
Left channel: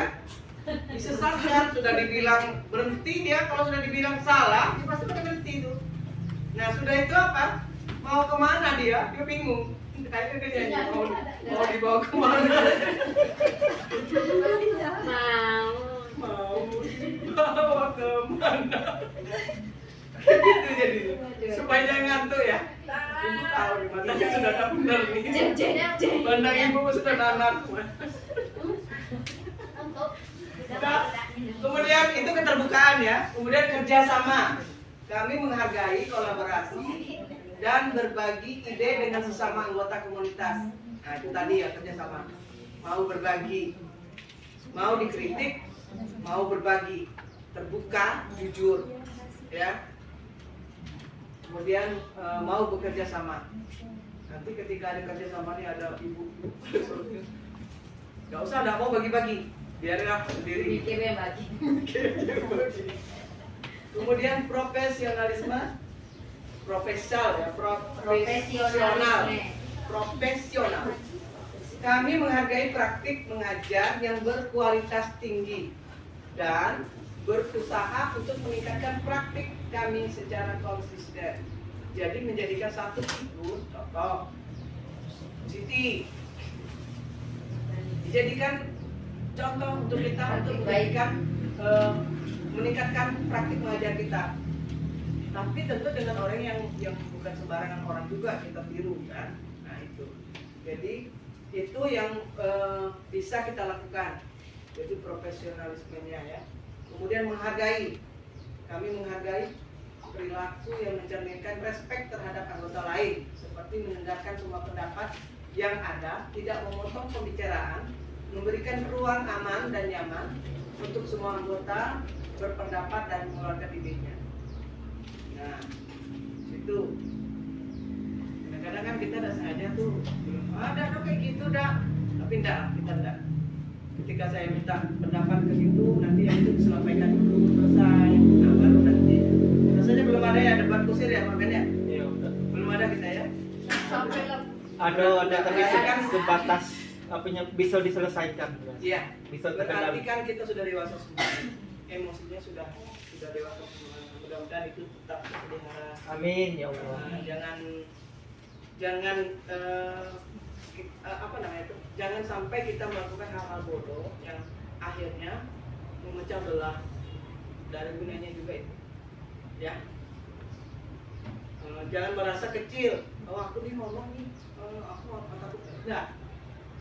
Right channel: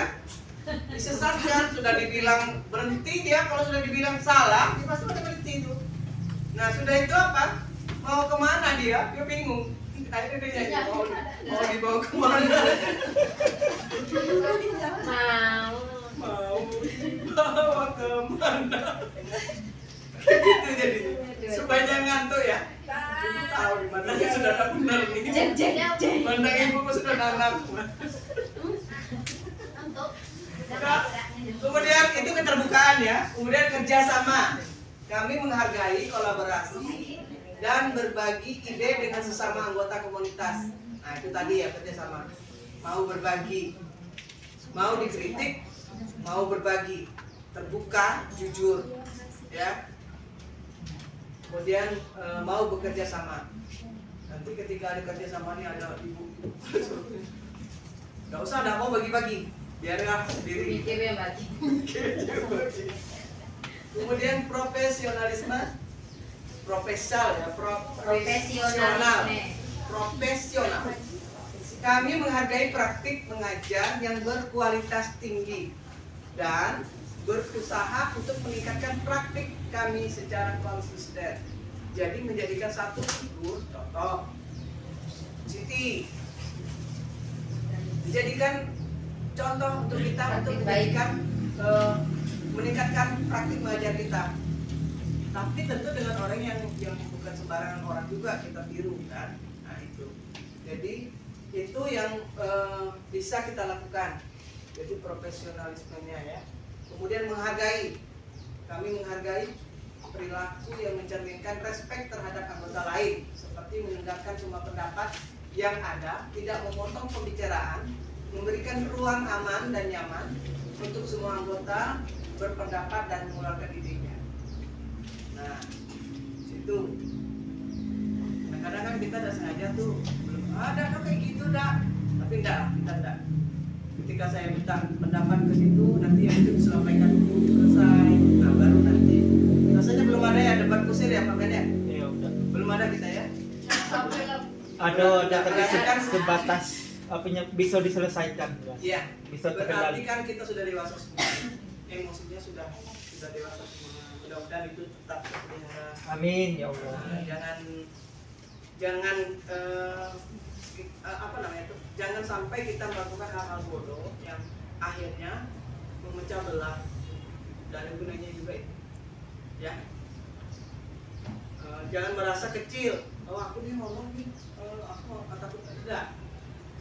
disesatkan. Sudah dibilang berhenti dia, kalau sudah dibilang salah, dia pasti pada berhenti itu. Nah sudah itu apa? Mau kemana dia? Dia bingung. Akhirnya dia nyanyi, mau dibawa kemana? Mau dibawa kemana? Gitu jadinya. Supaya jangan ngantuk ya. Ibu tahu di mana dia sudah ada benar nih. Bandang ibu sudah nanak. Nah, kemudian itu keterbukaan ya. Kemudian kerjasama. Kami menghargai kolaborasi dan berbagi ide dengan sesama anggota komunitas. Nah itu tadi ya kerjasama. Mau berbagi, mau dikritik, mau berbagi, terbuka, jujur, ya. Kemudian mau bekerja sama. Nanti ketika ada kerja sama nih ada ibu, nggak usah, nggak mau bagi-bagi, biarlah sendiri. Kemudian profesionalisme, profesional. Kami menghargai praktik mengajar yang berkualitas tinggi dan berusaha untuk meningkatkan praktik kami secara konsisten. Jadi menjadikan satu figur, contoh Siti, dijadikan contoh untuk kita untuk meningkatkan praktik mengajar kita. Tapi tentu dengan orang yang bukan sembarangan orang juga kita tiru kan. Nah itu. Jadi itu yang bisa kita lakukan. Jadi profesionalismenya ya. Kemudian menghargai. Kami menghargai perilaku yang mencerminkan respek terhadap anggota lain, seperti mendengarkan semua pendapat yang ada, tidak memotong pembicaraan, memberikan ruang aman dan nyaman untuk semua anggota berpendapat dan mengeluarkan idenya. Nah, situ. Kadang-kadang kan kita udah sengaja tuh, belum ada kayak gitu dah, tapi enggak, kita enggak. Ketika saya minta pendapat ke situ, nanti yang itu disampaikan dulu selesai. Nah baru nanti. Rasanya belum ada ya debat kusir ya makanya. Ya udah. Belum ada kita ya. Ada tapi sebatas apanya bisa diselesaikan. Iya. Bisa Berarti terkendali. kan kita sudah dewasa semua. Emosinya sudah dewasa semua. Mudah-mudahan itu tetap terpelihara. Amin ya Allah. Jangan apa namanya itu? Jangan sampai kita melakukan hal-hal bodoh yang akhirnya memecah belah. Dan gunanya juga itu. Ya. Jangan merasa kecil. Oh aku nih ngomong nih, aku takut. Enggak.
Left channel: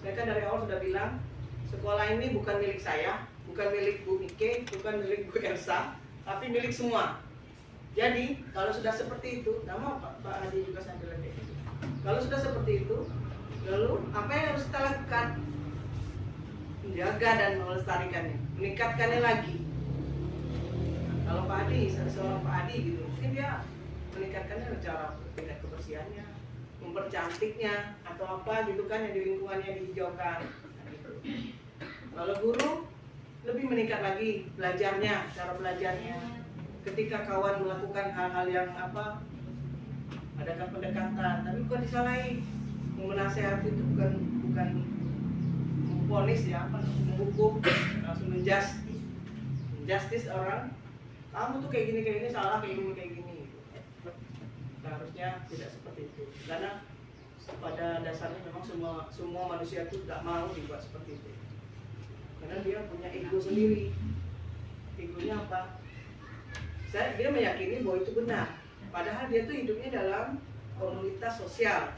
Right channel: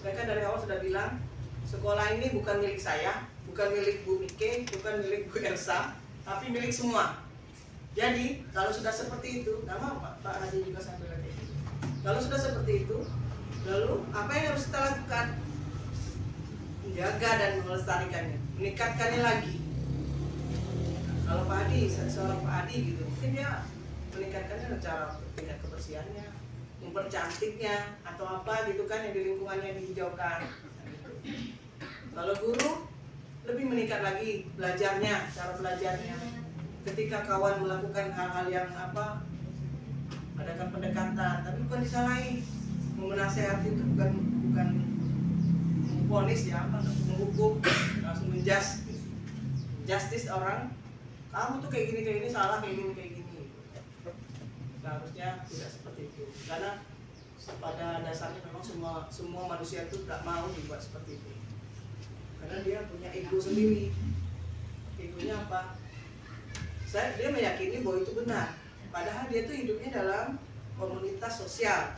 Saya kan dari awal sudah bilang, sekolah ini bukan milik saya, bukan milik Bu Mike, bukan milik Bu Elsa, tapi milik semua. Jadi kalau sudah seperti itu, nama Pak Haji juga sambil lagi. Kalau sudah seperti itu, lalu apa yang harus kita lakukan? Menjaga dan melestarikannya, meningkatkannya lagi. Kalau Pak Hadi, seorang Pak Hadi gitu, mungkin dia meningkatkannya secara tingkat kebersihannya, mempercantiknya atau apa gitu kan yang di lingkungannya dihijaukan. Nah, gitu. Kalau guru lebih meningkat lagi belajarnya, cara belajarnya. Ketika kawan melakukan hal-hal yang apa, adakan pendekatan, tapi bukan disalahi. Menasehati itu bukan memvonis ya, apa, menghukum, langsung menjustice orang. Kamu tuh kayak gini salah, kayak gini. Seharusnya tidak seperti itu, karena pada dasarnya memang semua manusia itu tak mau dibuat seperti itu, karena dia punya ego sendiri. Egonya apa? Dia meyakini bahwa itu benar, padahal dia tuh hidupnya dalam komunitas sosial.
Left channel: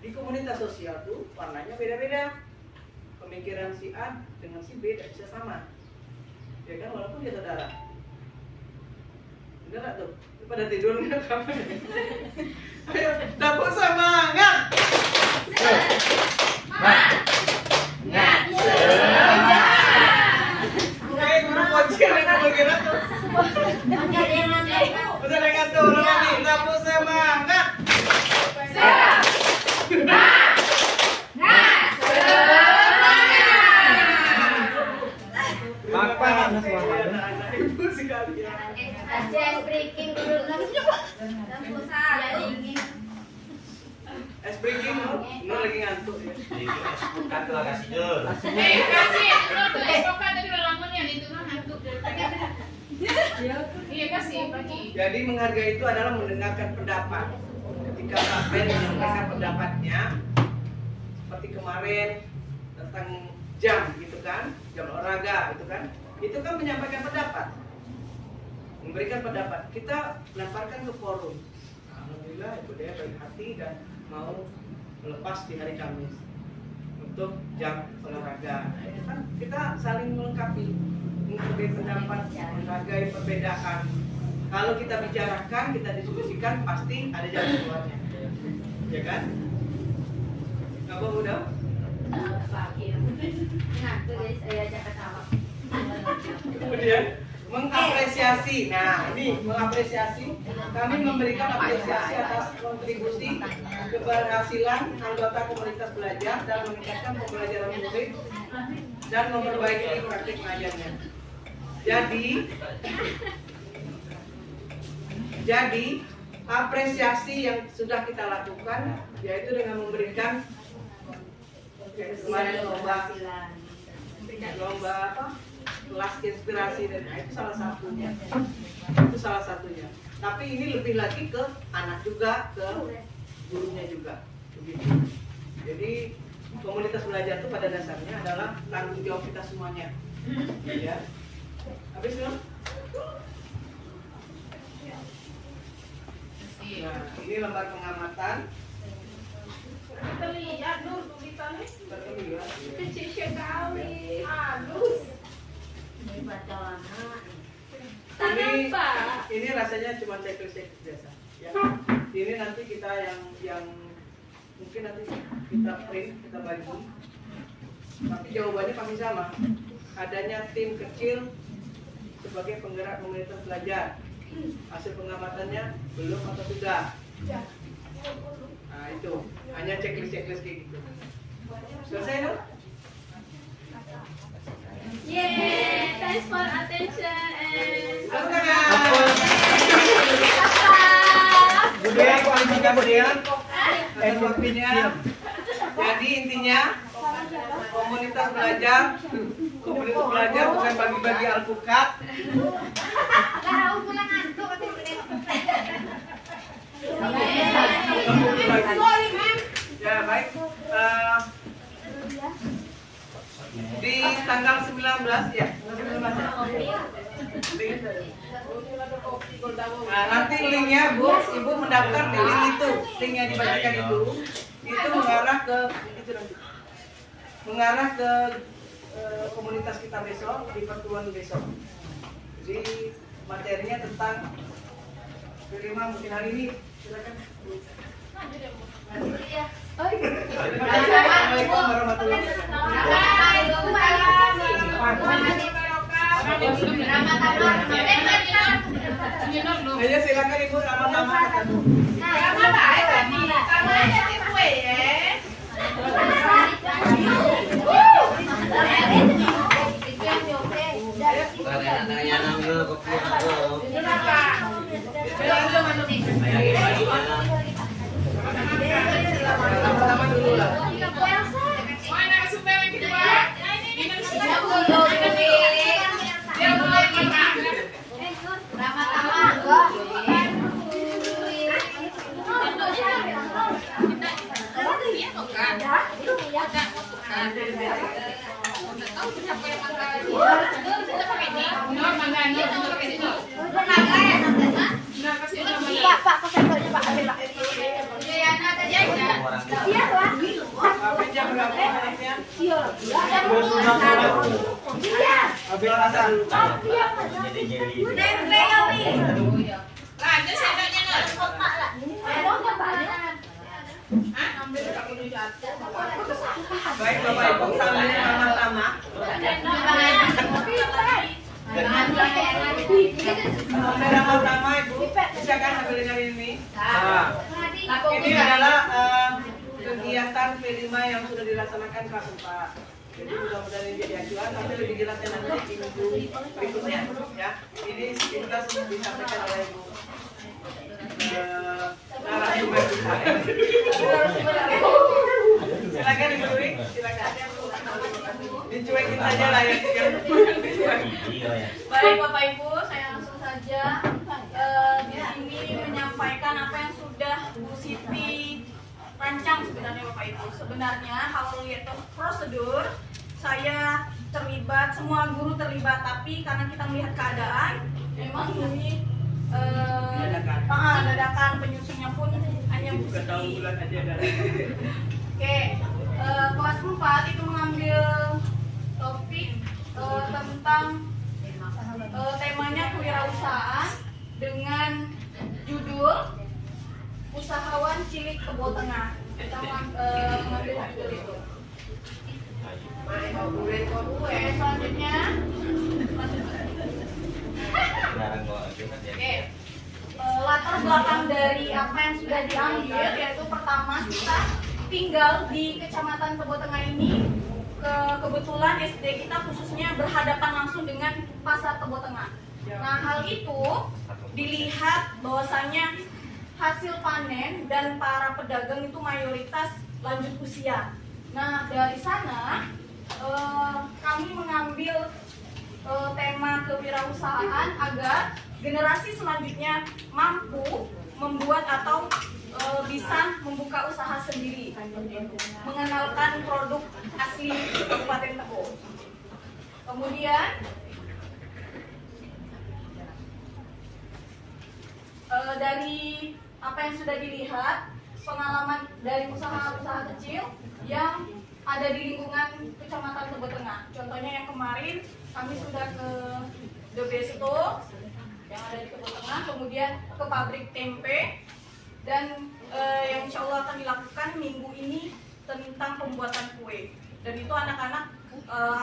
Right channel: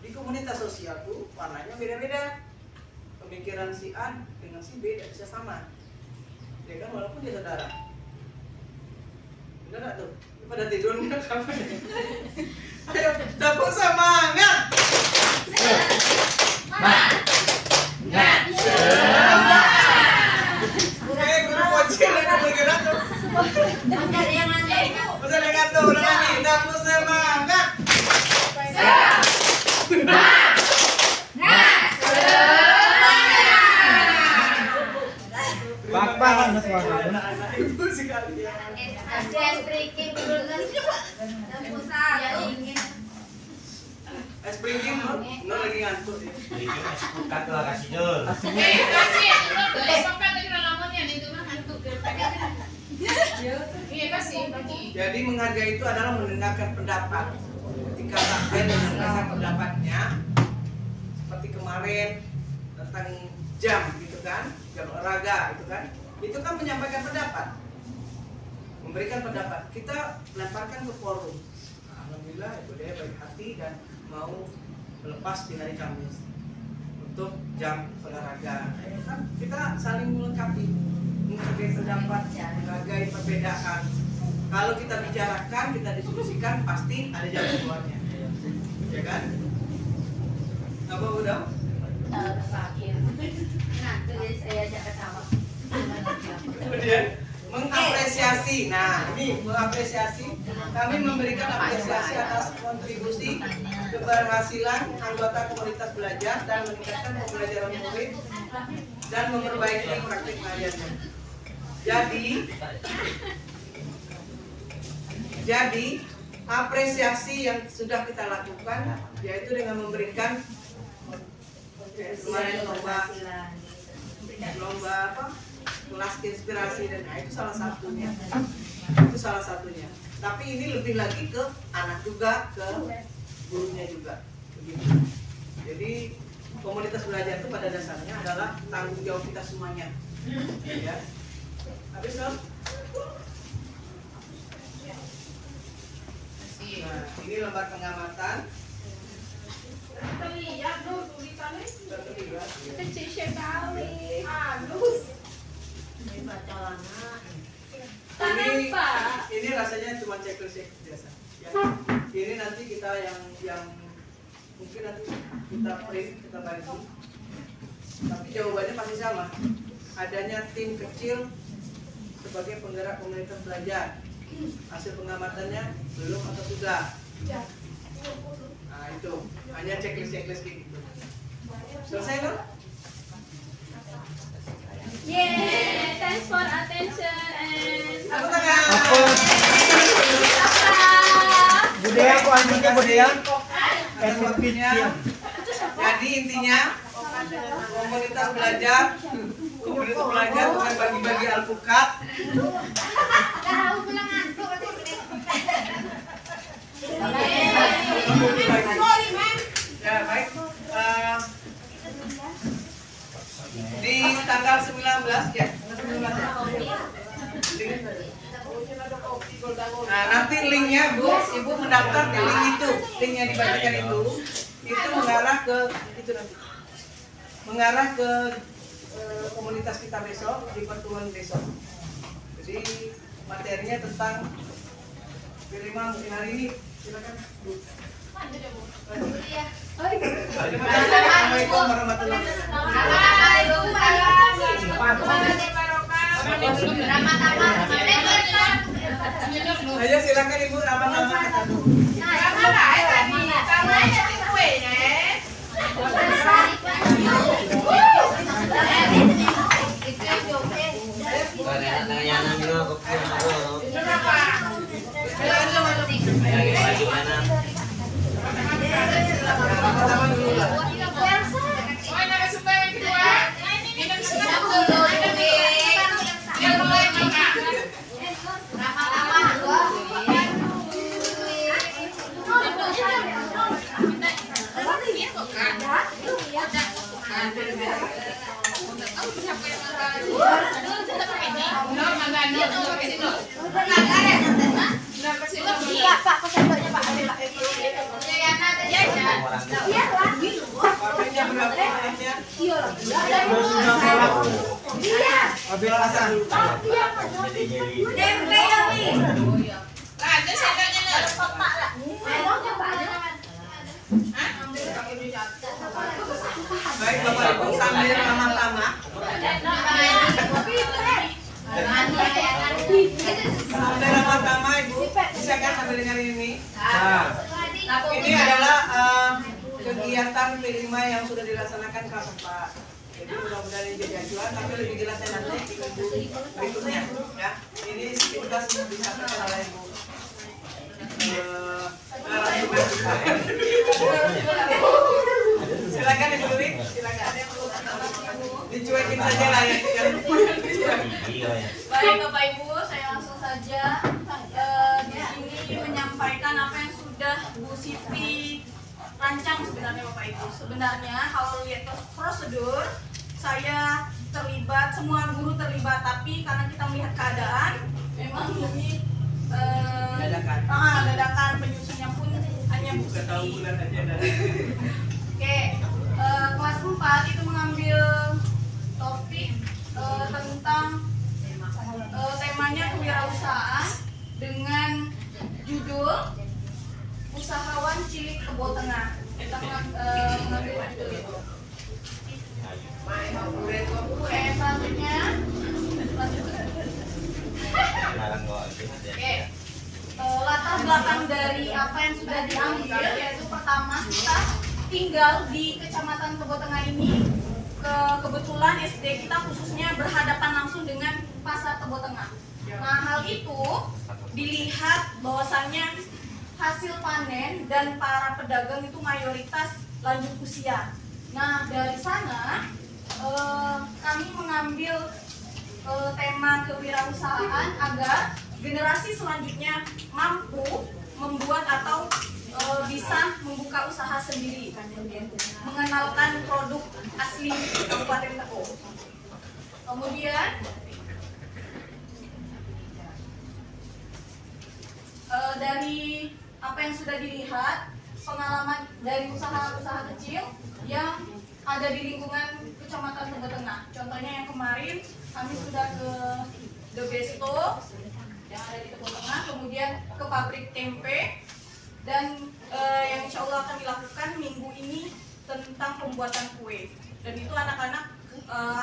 Di komunitas sosial tuh warnanya beda-beda, pemikiran si A dengan si B tidak bisa sama, ya kan, walaupun dia saudara. Benar nggak tuh? Pada tidur nggak apa? Ayo, dapur semangat. Kayak guru pojok yang bergerak tuh. Masih ada yang ngatur lagi. Dapur semangat. Bapak mana suaranya? Ibu sekali ya. Kasih breaking dulu dan pusat. Es breaking no lagi ngantuk ya. Jadi espukat tuh kasih Jul. Kasih, lo tuh esokan tadi lamun ya itu nah ngantuk. Iya kasih bagi. Jadi menghargai itu adalah mendengarkan pendapat. Ketika kalian mendengarkan pendapatnya, seperti kemarin tentang jam gitu kan, jam olahraga gitu kan, itu kan menyampaikan pendapat, memberikan pendapat. Kita lemparkan ke forum. Alhamdulillah Ibu Dea baik hati dan mau melepas di hari Kamis untuk jam olahraga. Itu kan kita saling melengkapi, menghargai pendapat, menghargai perbedaan. Kalau kita bicarakan, kita diskusikan, pasti ada jalan keluarnya, ya kan? Apa udah? Kemudian mengapresiasi. Nah, ini mengapresiasi. Kami memberikan apresiasi atas kontribusi keberhasilan anggota komunitas belajar dan meningkatkan pembelajaran murid dan memperbaiki praktik belajarnya. Jadi apresiasi yang sudah kita lakukan yaitu dengan memberikan kemarin lomba apa, kelas inspirasi, dan itu salah satunya. Tapi ini lebih lagi ke anak juga, ke gurunya juga begitu. Jadi komunitas belajar itu pada dasarnya adalah tanggung jawab kita semuanya, ya. Habis dong. Nah, ini lembar pengamatan. Terlihat Nur tulisannya. Terlihat. Kecil sekali. Halus. Ini rasanya cuma checklist biasa. Ya. Ini nanti kita yang mungkin nanti kita print, kita bagi. Tapi jawabannya pasti sama. Adanya tim kecil sebagai penggerak komunitas belajar. Hasil pengamatannya belum atau sudah? Nah itu hanya checklist kayak gitu. Selesai dong? Yeay. for attention and Budaya, aku anjingnya budaya. Atas waktunya. Jadi intinya komunitas belajar bukan bagi-bagi alpukat. Ya baik. Di tanggal 19 ya. Nah, nanti linknya Bu, Ibu mendaftar di link itu, linknya dibagikan itu mengarah ke komunitas kita besok di pertemuan besok. Jadi materinya tentang Prima mungkin hari ini silakan Bu. Assalamualaikum warahmatullahi wabarakatuh. Ayo silakan Ibu nama-nama kata Bu. Iya Pak, koseknya Pak ambil Pak. Iya lah. Iya. Ambil alasan. Baik Bapak Ibu sambil ramah-ramah. Sambil ramah-ramah Ibu, bisa kan sambil dengerin ini? Ini adalah kegiatan P5 yang sudah dilaksanakan kelas 4. Jadi mudah-mudahan ini jadi acuan, tapi lebih jelasnya nanti di minggu berikutnya. Ya, ini kita sudah disampaikan oleh Ibu. Narasumber kita. Silakan Ibu Dwi, silakan. Dicuekin saja lah ya. Baik Bapak Ibu, saya langsung saja di sini menyampaikan apa yang sudah Bu Siti rancang sebenarnya Bapak Ibu. Sebenarnya kalau lihat prosedur, saya terlibat, semua guru terlibat, tapi karena kita melihat keadaan, memang ini dadakan penyusunnya pun hanya Bu Siti. Oke, kelas 4 itu mengambil topik tentang temanya kewirausahaan dengan judul Usahawan Cilik Kebo Tengah. Kita mengambil judul itu. Oke, selanjutnya. Oke, latar belakang dari apa yang sudah diambil yaitu pertama kita tinggal di Kecamatan Kebo Tengah ini. Kebetulan SD kita khususnya berhadapan langsung dengan pasar Kebo Tengah. Nah, hal itu dilihat bahwasannya hasil panen dan para pedagang itu mayoritas lanjut usia. Nah, dari sana kami mengambil tema kewirausahaan agar generasi selanjutnya mampu membuat atau bisa membuka usaha sendiri, mengenalkan produk asli Kabupaten Tebo. Kemudian dari apa yang sudah dilihat, pengalaman dari usaha-usaha kecil yang ada di lingkungan Kecamatan Kebo Tengah. Contohnya yang kemarin kami sudah ke The Besto yang ada di Kebo Tengah, kemudian ke pabrik tempe, dan yang insya Allah akan dilakukan minggu ini tentang pembuatan kue. Dan itu anak-anak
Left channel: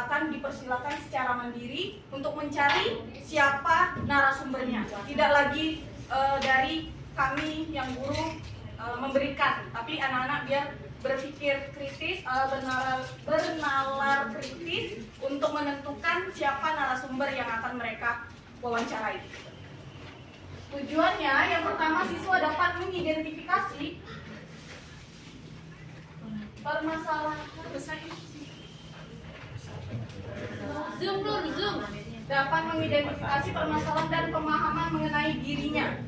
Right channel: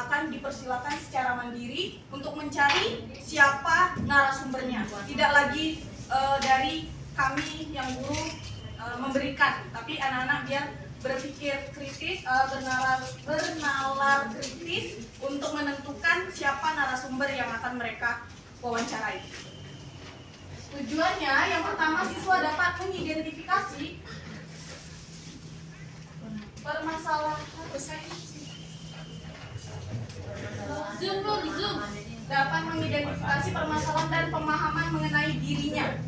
akan dipersilakan secara mandiri untuk mencari siapa narasumbernya. Tidak lagi dari kami yang guru memberikan, tapi anak-anak biar berpikir kritis, bernalar kritis untuk menentukan siapa narasumber yang akan mereka wawancarai. Tujuannya yang pertama, siswa dapat mengidentifikasi permasalahan dapat mengidentifikasi permasalahan dan pemahaman mengenai dirinya.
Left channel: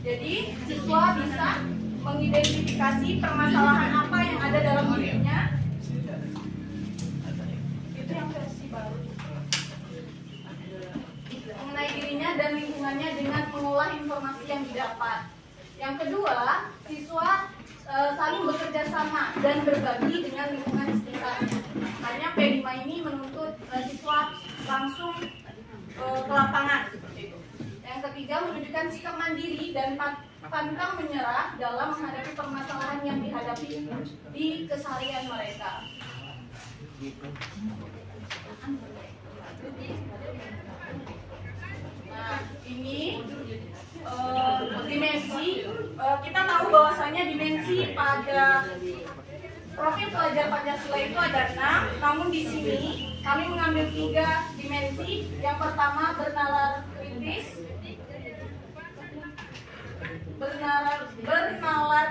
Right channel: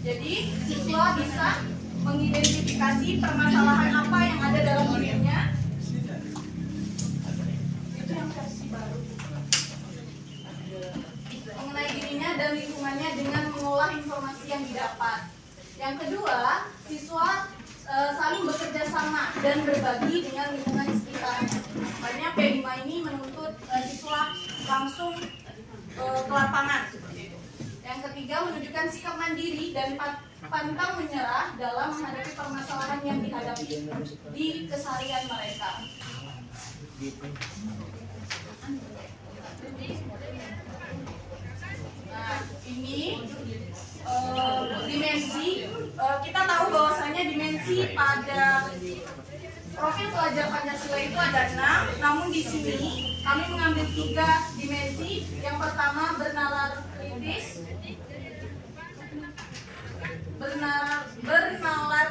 Jadi siswa bisa mengidentifikasi permasalahan apa yang ada dalam dirinya. Itu yang versi baru. Mengenai dirinya dan lingkungannya dengan mengolah informasi yang didapat. Yang kedua, siswa saling bekerja sama dan berbagi dengan lingkungan sekitarnya. Makanya P5 ini menuntut siswa langsung ke lapangan seperti itu. Yang ketiga, menunjukkan sikap mandiri dan pantang menyerah dalam menghadapi permasalahan yang dihadapi di keseharian mereka. Nah, ini dimensi. Kita tahu bahwasanya dimensi pada profil pelajar Pancasila itu ada 6, namun di sini kami mengambil 3 dimensi. Yang pertama bernalar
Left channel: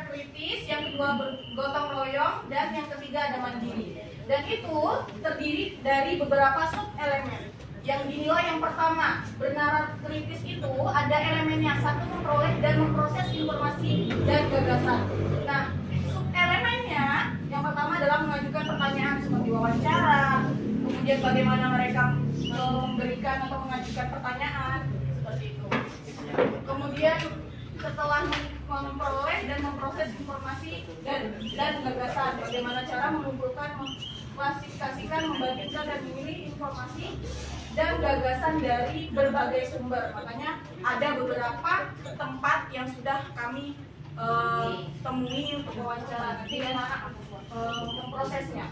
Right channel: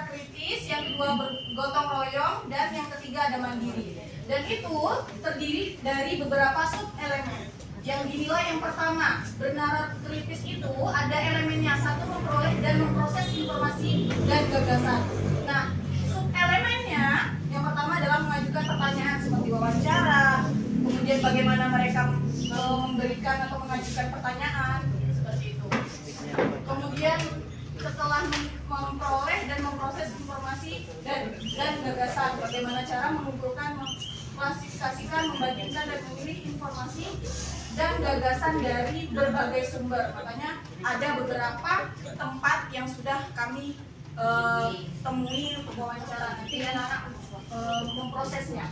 kritis, yang kedua bergotong royong, dan yang ketiga ada mandiri. Dan itu terdiri dari beberapa sub elemen. Yang dinilai yang pertama, bernalar kritis itu ada elemennya, satu, memperoleh dan memproses informasi dan gagasan. Nah, sub elemennya yang pertama adalah mengajukan pertanyaan seperti wawancara, kemudian bagaimana mereka memberikan atau mengajukan pertanyaan seperti itu. Kemudian setelah memperoleh dan memproses informasi dan gagasan, bagaimana cara mengumpulkan, mengklasifikasikan, membandingkan dan memilih informasi dan gagasan dari berbagai sumber. Makanya ada beberapa tempat yang sudah kami temui untuk wawancara. Nanti anak-anak memprosesnya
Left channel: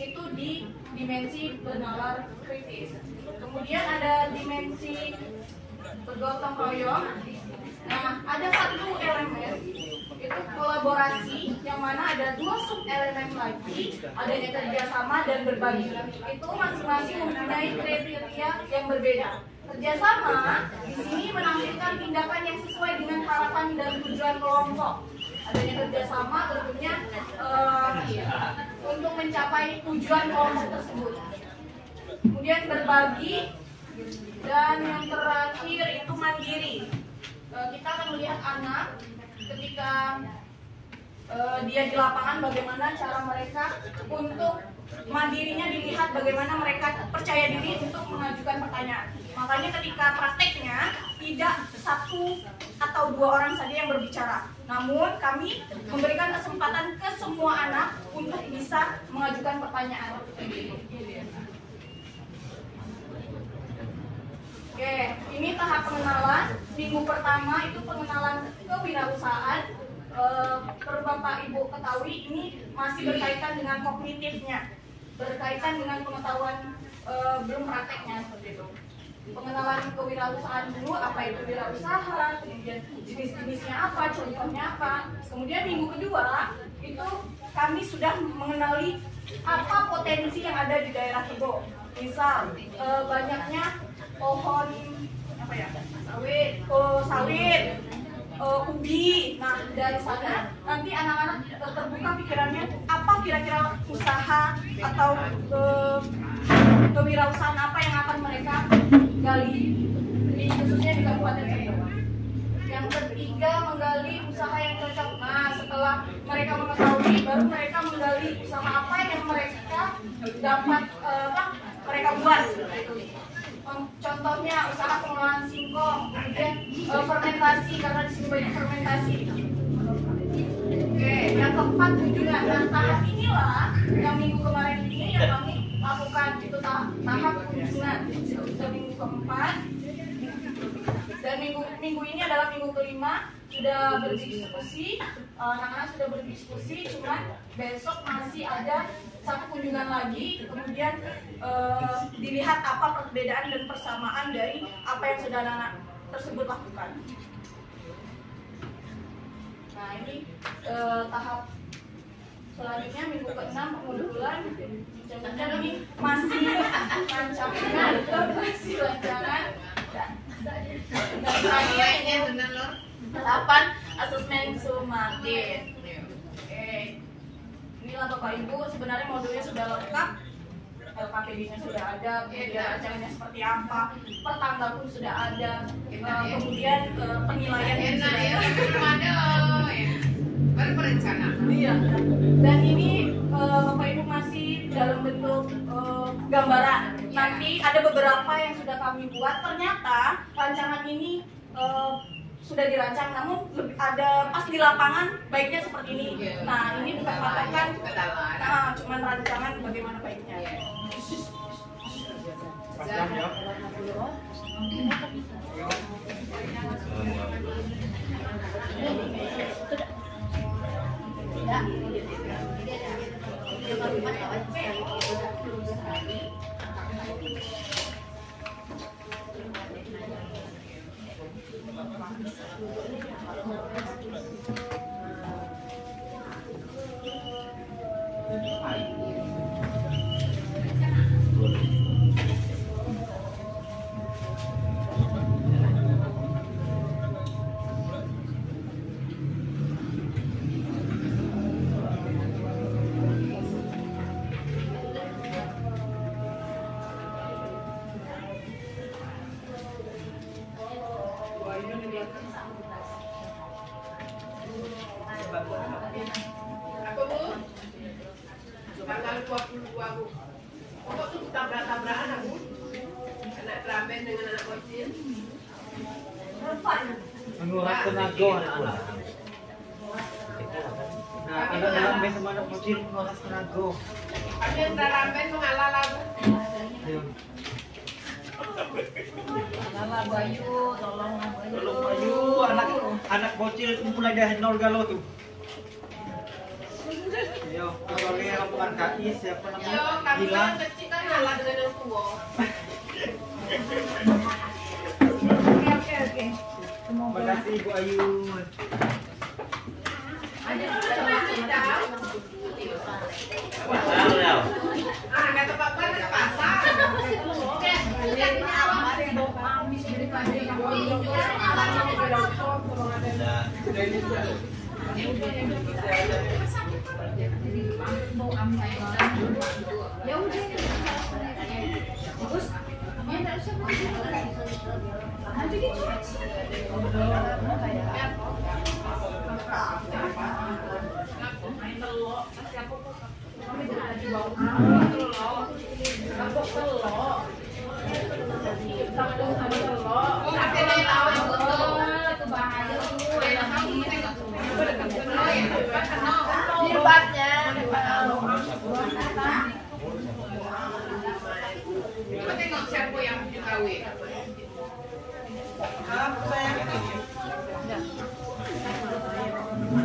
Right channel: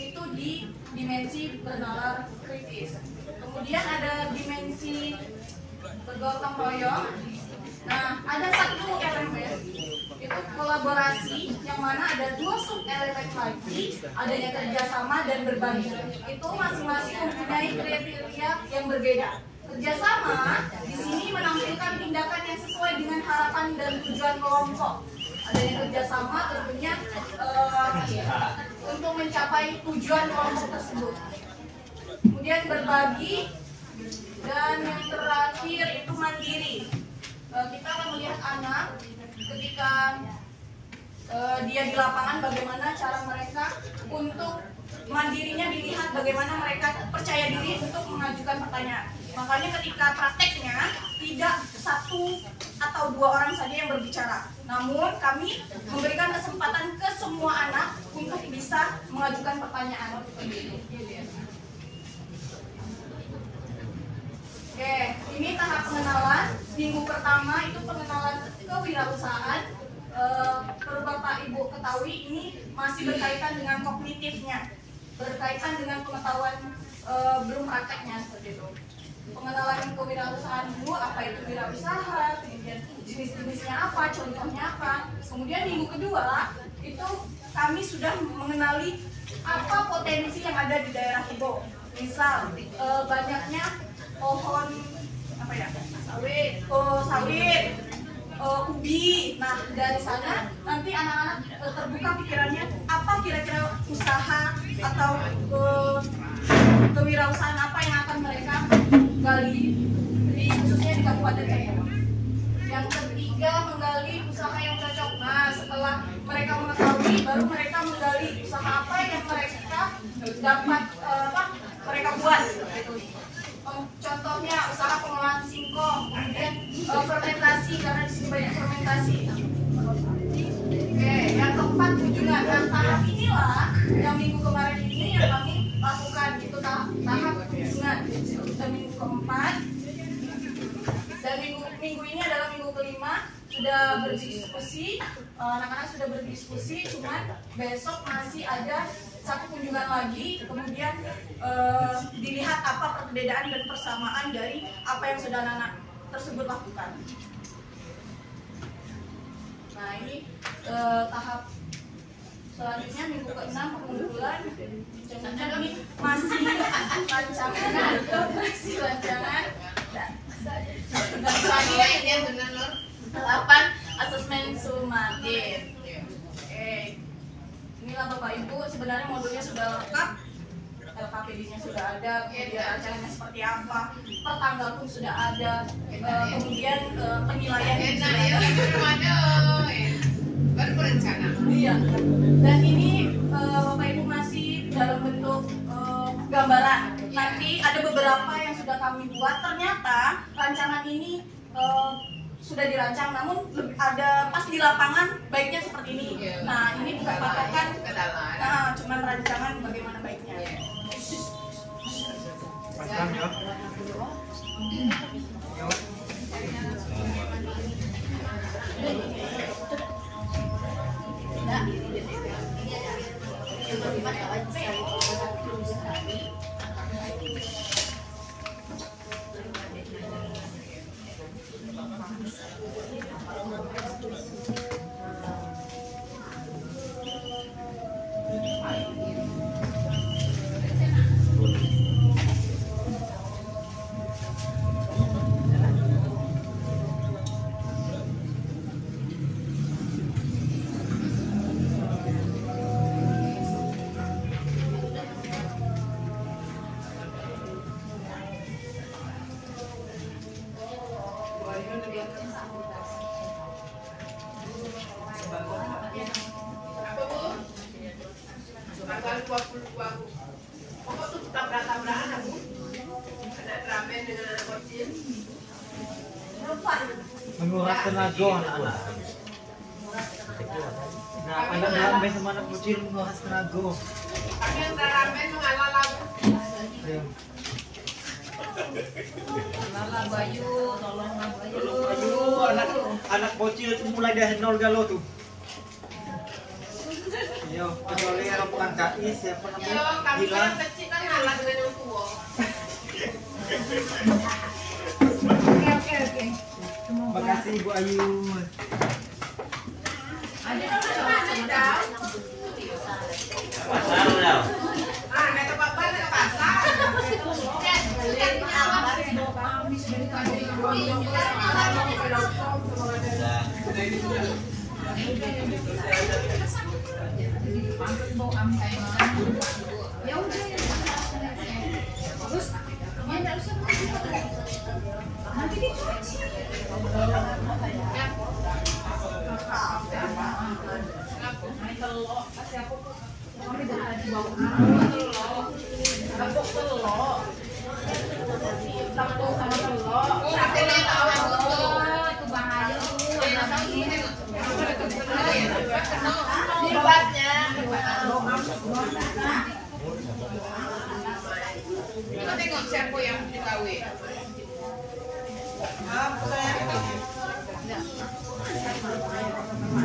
itu di dimensi bernalar kritis. Kemudian ada dimensi bergotong royong. Nah, ada satu elemen itu kolaborasi, yang mana ada 2 sub elemen lagi, adanya kerjasama dan berbagi. Itu masing-masing mempunyai kriteria yang berbeda. Kerjasama di sini menampilkan tindakan yang sesuai dengan harapan dan tujuan kelompok. Adanya kerjasama tentunya untuk mencapai tujuan kelompok tersebut. Kemudian berbagi, dan yang terakhir itu mandiri. Kita akan melihat anak ketika dia di lapangan, bagaimana cara mereka untuk mandirinya, dilihat bagaimana mereka percaya diri untuk mengajukan pertanyaan. Makanya ketika prakteknya tidak 1 atau 2 orang saja yang berbicara, namun kami memberikan kesempatan ke semua anak untuk bisa mengajukan pertanyaan. Oke, ini tahap pengenalan. Minggu pertama itu pengenalan kewirausahaan. Perlu Bapak Ibu ketahui, ini masih berkaitan dengan kognitifnya, berkaitan dengan pengetahuan belum prakteknya seperti itu. Pengenalan kewirausahaan dulu, apa itu wirausaha, kemudian jenis-jenisnya apa, contohnya apa. Kemudian minggu kedua itu kami sudah mengenali apa potensi yang ada di daerah Tebo. Misal banyaknya pohon apa ya, sawit, ubi. Nah, dari sana nanti anak-anak terbuka pikirannya, apa kira-kira usaha atau kewirausahaan apa yang akan mereka gali khususnya di Kabupaten Tebo. Yang ketiga, menggali usaha yang cocok. Nah, setelah mereka mengetahui, baru mereka menggali usaha apa yang mereka dapat mereka buat seperti itu. Contohnya usaha pengolahan singkong, kemudian fermentasi, karena di sini banyak fermentasi. Oke, yang keempat kunjungan. Nah, tahap inilah yang minggu kemarin ini yang kami lakukan, itu tahap kunjungan. Sudah minggu keempat, dan minggu ini adalah minggu kelima. Sudah berdiskusi, anak-anak sudah berdiskusi, cuman besok masih ada 1 kunjungan lagi, kemudian dilihat apa perbedaan dan persamaan dari apa yang sudah anak-anak tersebut lakukan. Nah, ini tahap selanjutnya minggu ke-6 pengumpulan. Ini masih rancangan koordinasi rancangan dan 8 asesmen sumatif. Oke. Inilah Bapak Ibu, sebenarnya modulnya sudah lengkap. LKPD-nya sudah ada, kemudian rancangannya seperti apa, per tanggal pun sudah ada, kemudian penilaiannya sudah ada. Baru berencana. Iya. Dan ini Bapak Ibu masih dalam bentuk gambaran. Nanti ada beberapa yang sudah kami buat. Ternyata rancangan ini sudah dirancang, namun ada pas di lapangan baiknya seperti ini. Nah, ini bukan patokan, nah, cuman rancangan bagaimana baiknya. Panjangnya. Apa Bu? Tanggal 22 Bu. Pokok tuh tabrak-tabrakan aku. Anak ramen dengan anak bocil. Menguras tenaga anak-anak. Nah, anak dalam sama anak bocil menguras tenaga. Kami yang ramen mengalah lagu. Ya. Tolonglah Bayu, tolonglah Bayu. Anak bocil itu mulai dari nol galau tuh. Yo, kecuali rombongan KI siapa Yo, namanya? kami Gilang. kan kecil kan ngalah dengan yang tua. Oke. Makasih Ibu Ayu. Ada mana tahu? Pasal ya. Ah, nggak tempat mana ke pasar. Kita tengok siapa yang dikawin.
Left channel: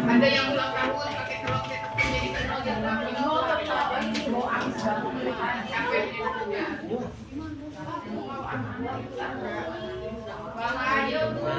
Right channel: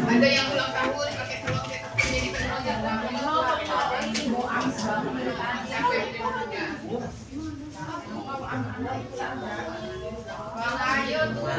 Ada yang ulang tahun pakai telur cetak jadi telur cetak. Ini bau amis banget. Siapa yang jadi punya? Bang Ayo tuh.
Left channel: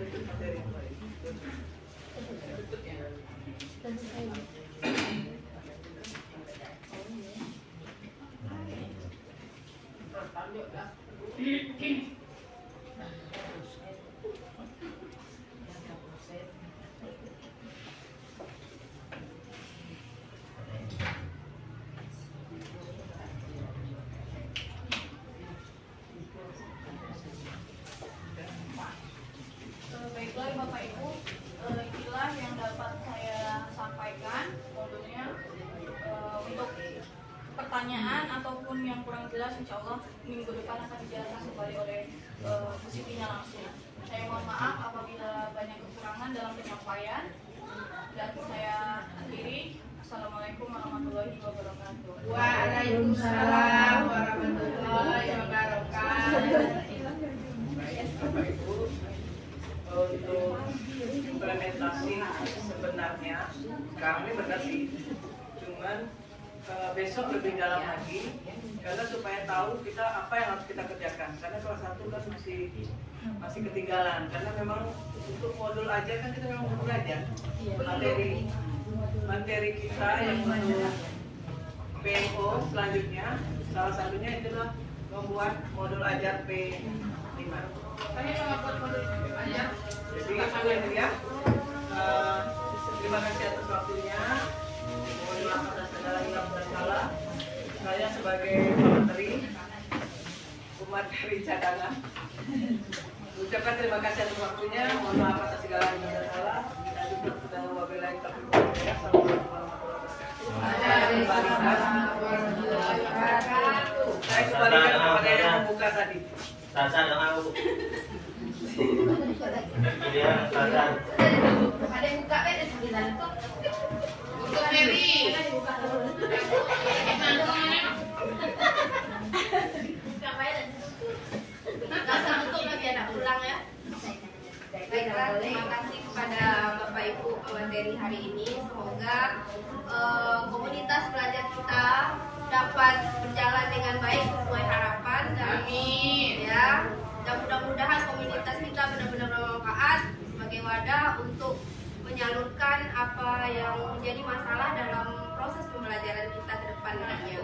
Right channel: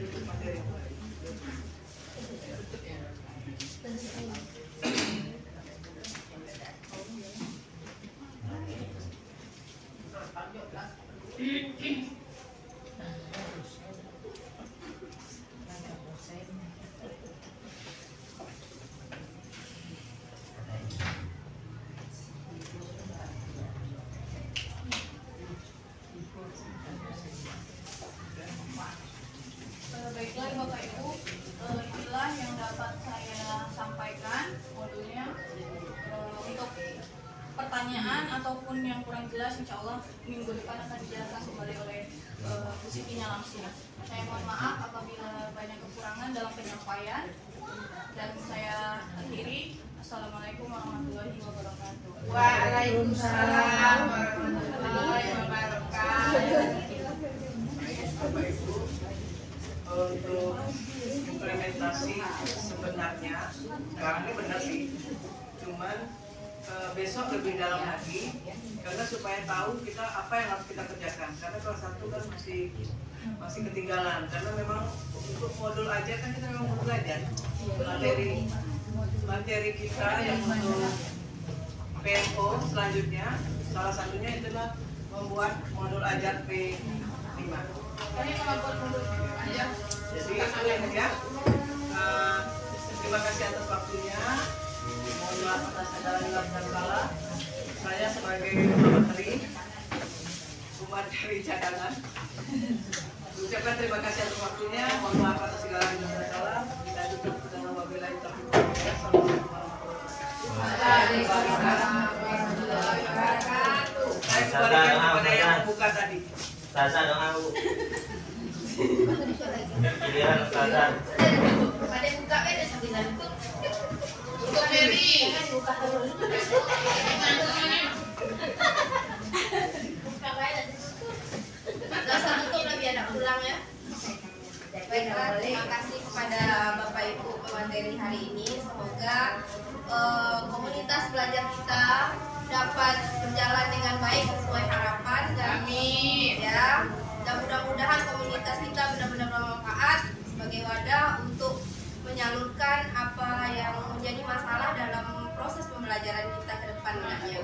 tutup materi. Baiklah Bapak Ibu, inilah yang dapat saya sampaikan modulnya. Untuk pertanyaan ataupun yang kurang jelas, insya Allah minggu depan akan dijelaskan kembali oleh Bu Siti-nya langsung. Saya mohon maaf apabila banyak kekurangan dalam penyampaian, dan saya akhiri. Assalamualaikum warahmatullahi wabarakatuh. Waalaikumsalam warahmatullahi wabarakatuh. Bapak Ibu, untuk implementasi sebenarnya sekarang ini benar sih, cuman besok lebih dalam lagi karena supaya tahu kita apa yang harus kita kerjakan, karena kelas 1 kan masih ketinggalan, karena memang untuk modul aja kan kita memang butuh belajar materi kita yang untuk PMO selanjutnya, salah satunya itulah membuat modul ajar P5. Kami mau buat modul aja. Jadi itu yang ya. Terima kasih atas waktunya. Mohon maaf atas segala hilang dan salah. Saya sebagai materi cadangan ucapkan terima kasih atas waktunya. Mohon maaf atas segala hilang dan salah. Kita tutup dengan wabillahi taufiq wal hidayah. Assalamualaikum warahmatullahi wabarakatuh. Saya kembalikan kepada yang membuka tadi. Sasa dong aku. Iya, Sasa. Ada yang buka ada 9 tuh. Untuk Mary. Buka terus. Buka baik dan ditutup. Enggak usah tutup lah biar pulang ya. Baiklah, terima kasih kepada Bapak Ibu pemateri hari ini. Semoga komunitas belajar kita dapat berjalan dengan baik sesuai harapan dan ya, dan mudah-mudahan komunitas kita benar-benar bermanfaat sebagai wadah untuk menyalurkan apa yang menjadi masalah dalam proses pembelajaran kita ke depan nantinya.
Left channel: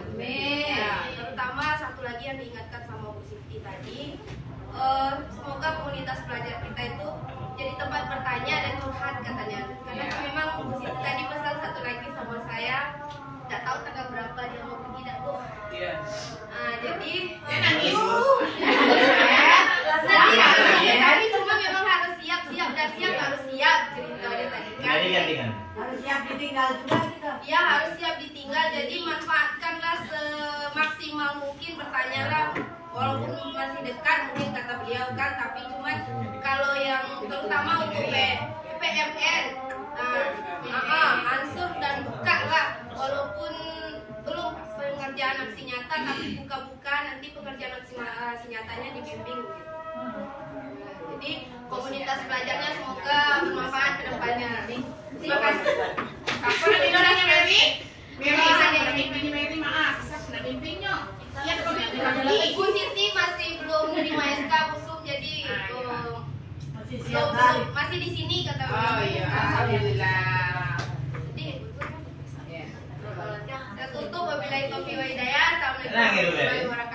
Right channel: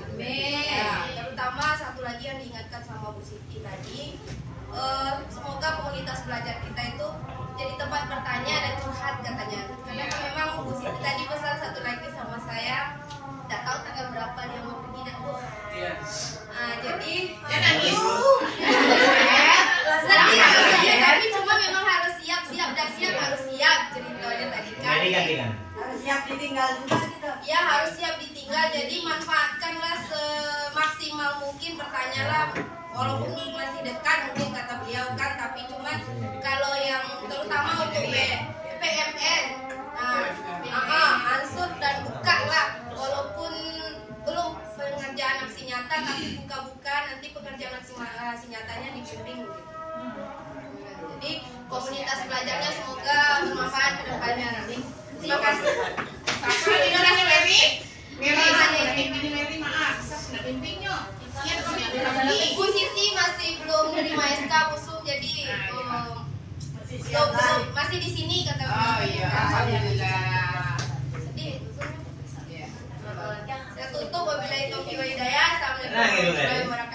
Ya, terutama satu lagi yang diingatkan sama Bu Siti tadi, semoga komunitas belajar kita itu jadi tempat bertanya dan curhat katanya. Karena memang Bu Siti tadi pesan satu lagi sama saya, tidak tahu tanggal berapa dia mau pergi dah Bu. Iya. Jadi Ya nangis. tapi cuma memang harus siap harus siap ceritanya tadi kan. Mary gantikan. Harus siap ditinggal juga gitu. Ya harus siap ditinggal, jadi manfaatkanlah semaksimal mungkin, bertanyalah walaupun masih dekat mungkin kata beliau kan, tapi cuman kalau yang terutama untuk PMN, ansur dan buka lah, walaupun belum pengerjaan aksi nyata tapi buka-buka nanti pengerjaan aksi nyatanya dibimbing gitu. Jadi komunitas belajarnya semoga bermanfaat ke depannya. Terima kasih. Apa lagi orangnya Mary? Mary maaf, saya sudah bimbingnya. Iya, kami Bu Siti masih belum menerima SK busuk, jadi belum masih di sini kata. Oh iya, alhamdulillah. Sedih. Ya. Saya tutup wabillahi taufiq wal hidayah. Assalamualaikum Nah, gitu deh. warahmatullahi wabarakatuh.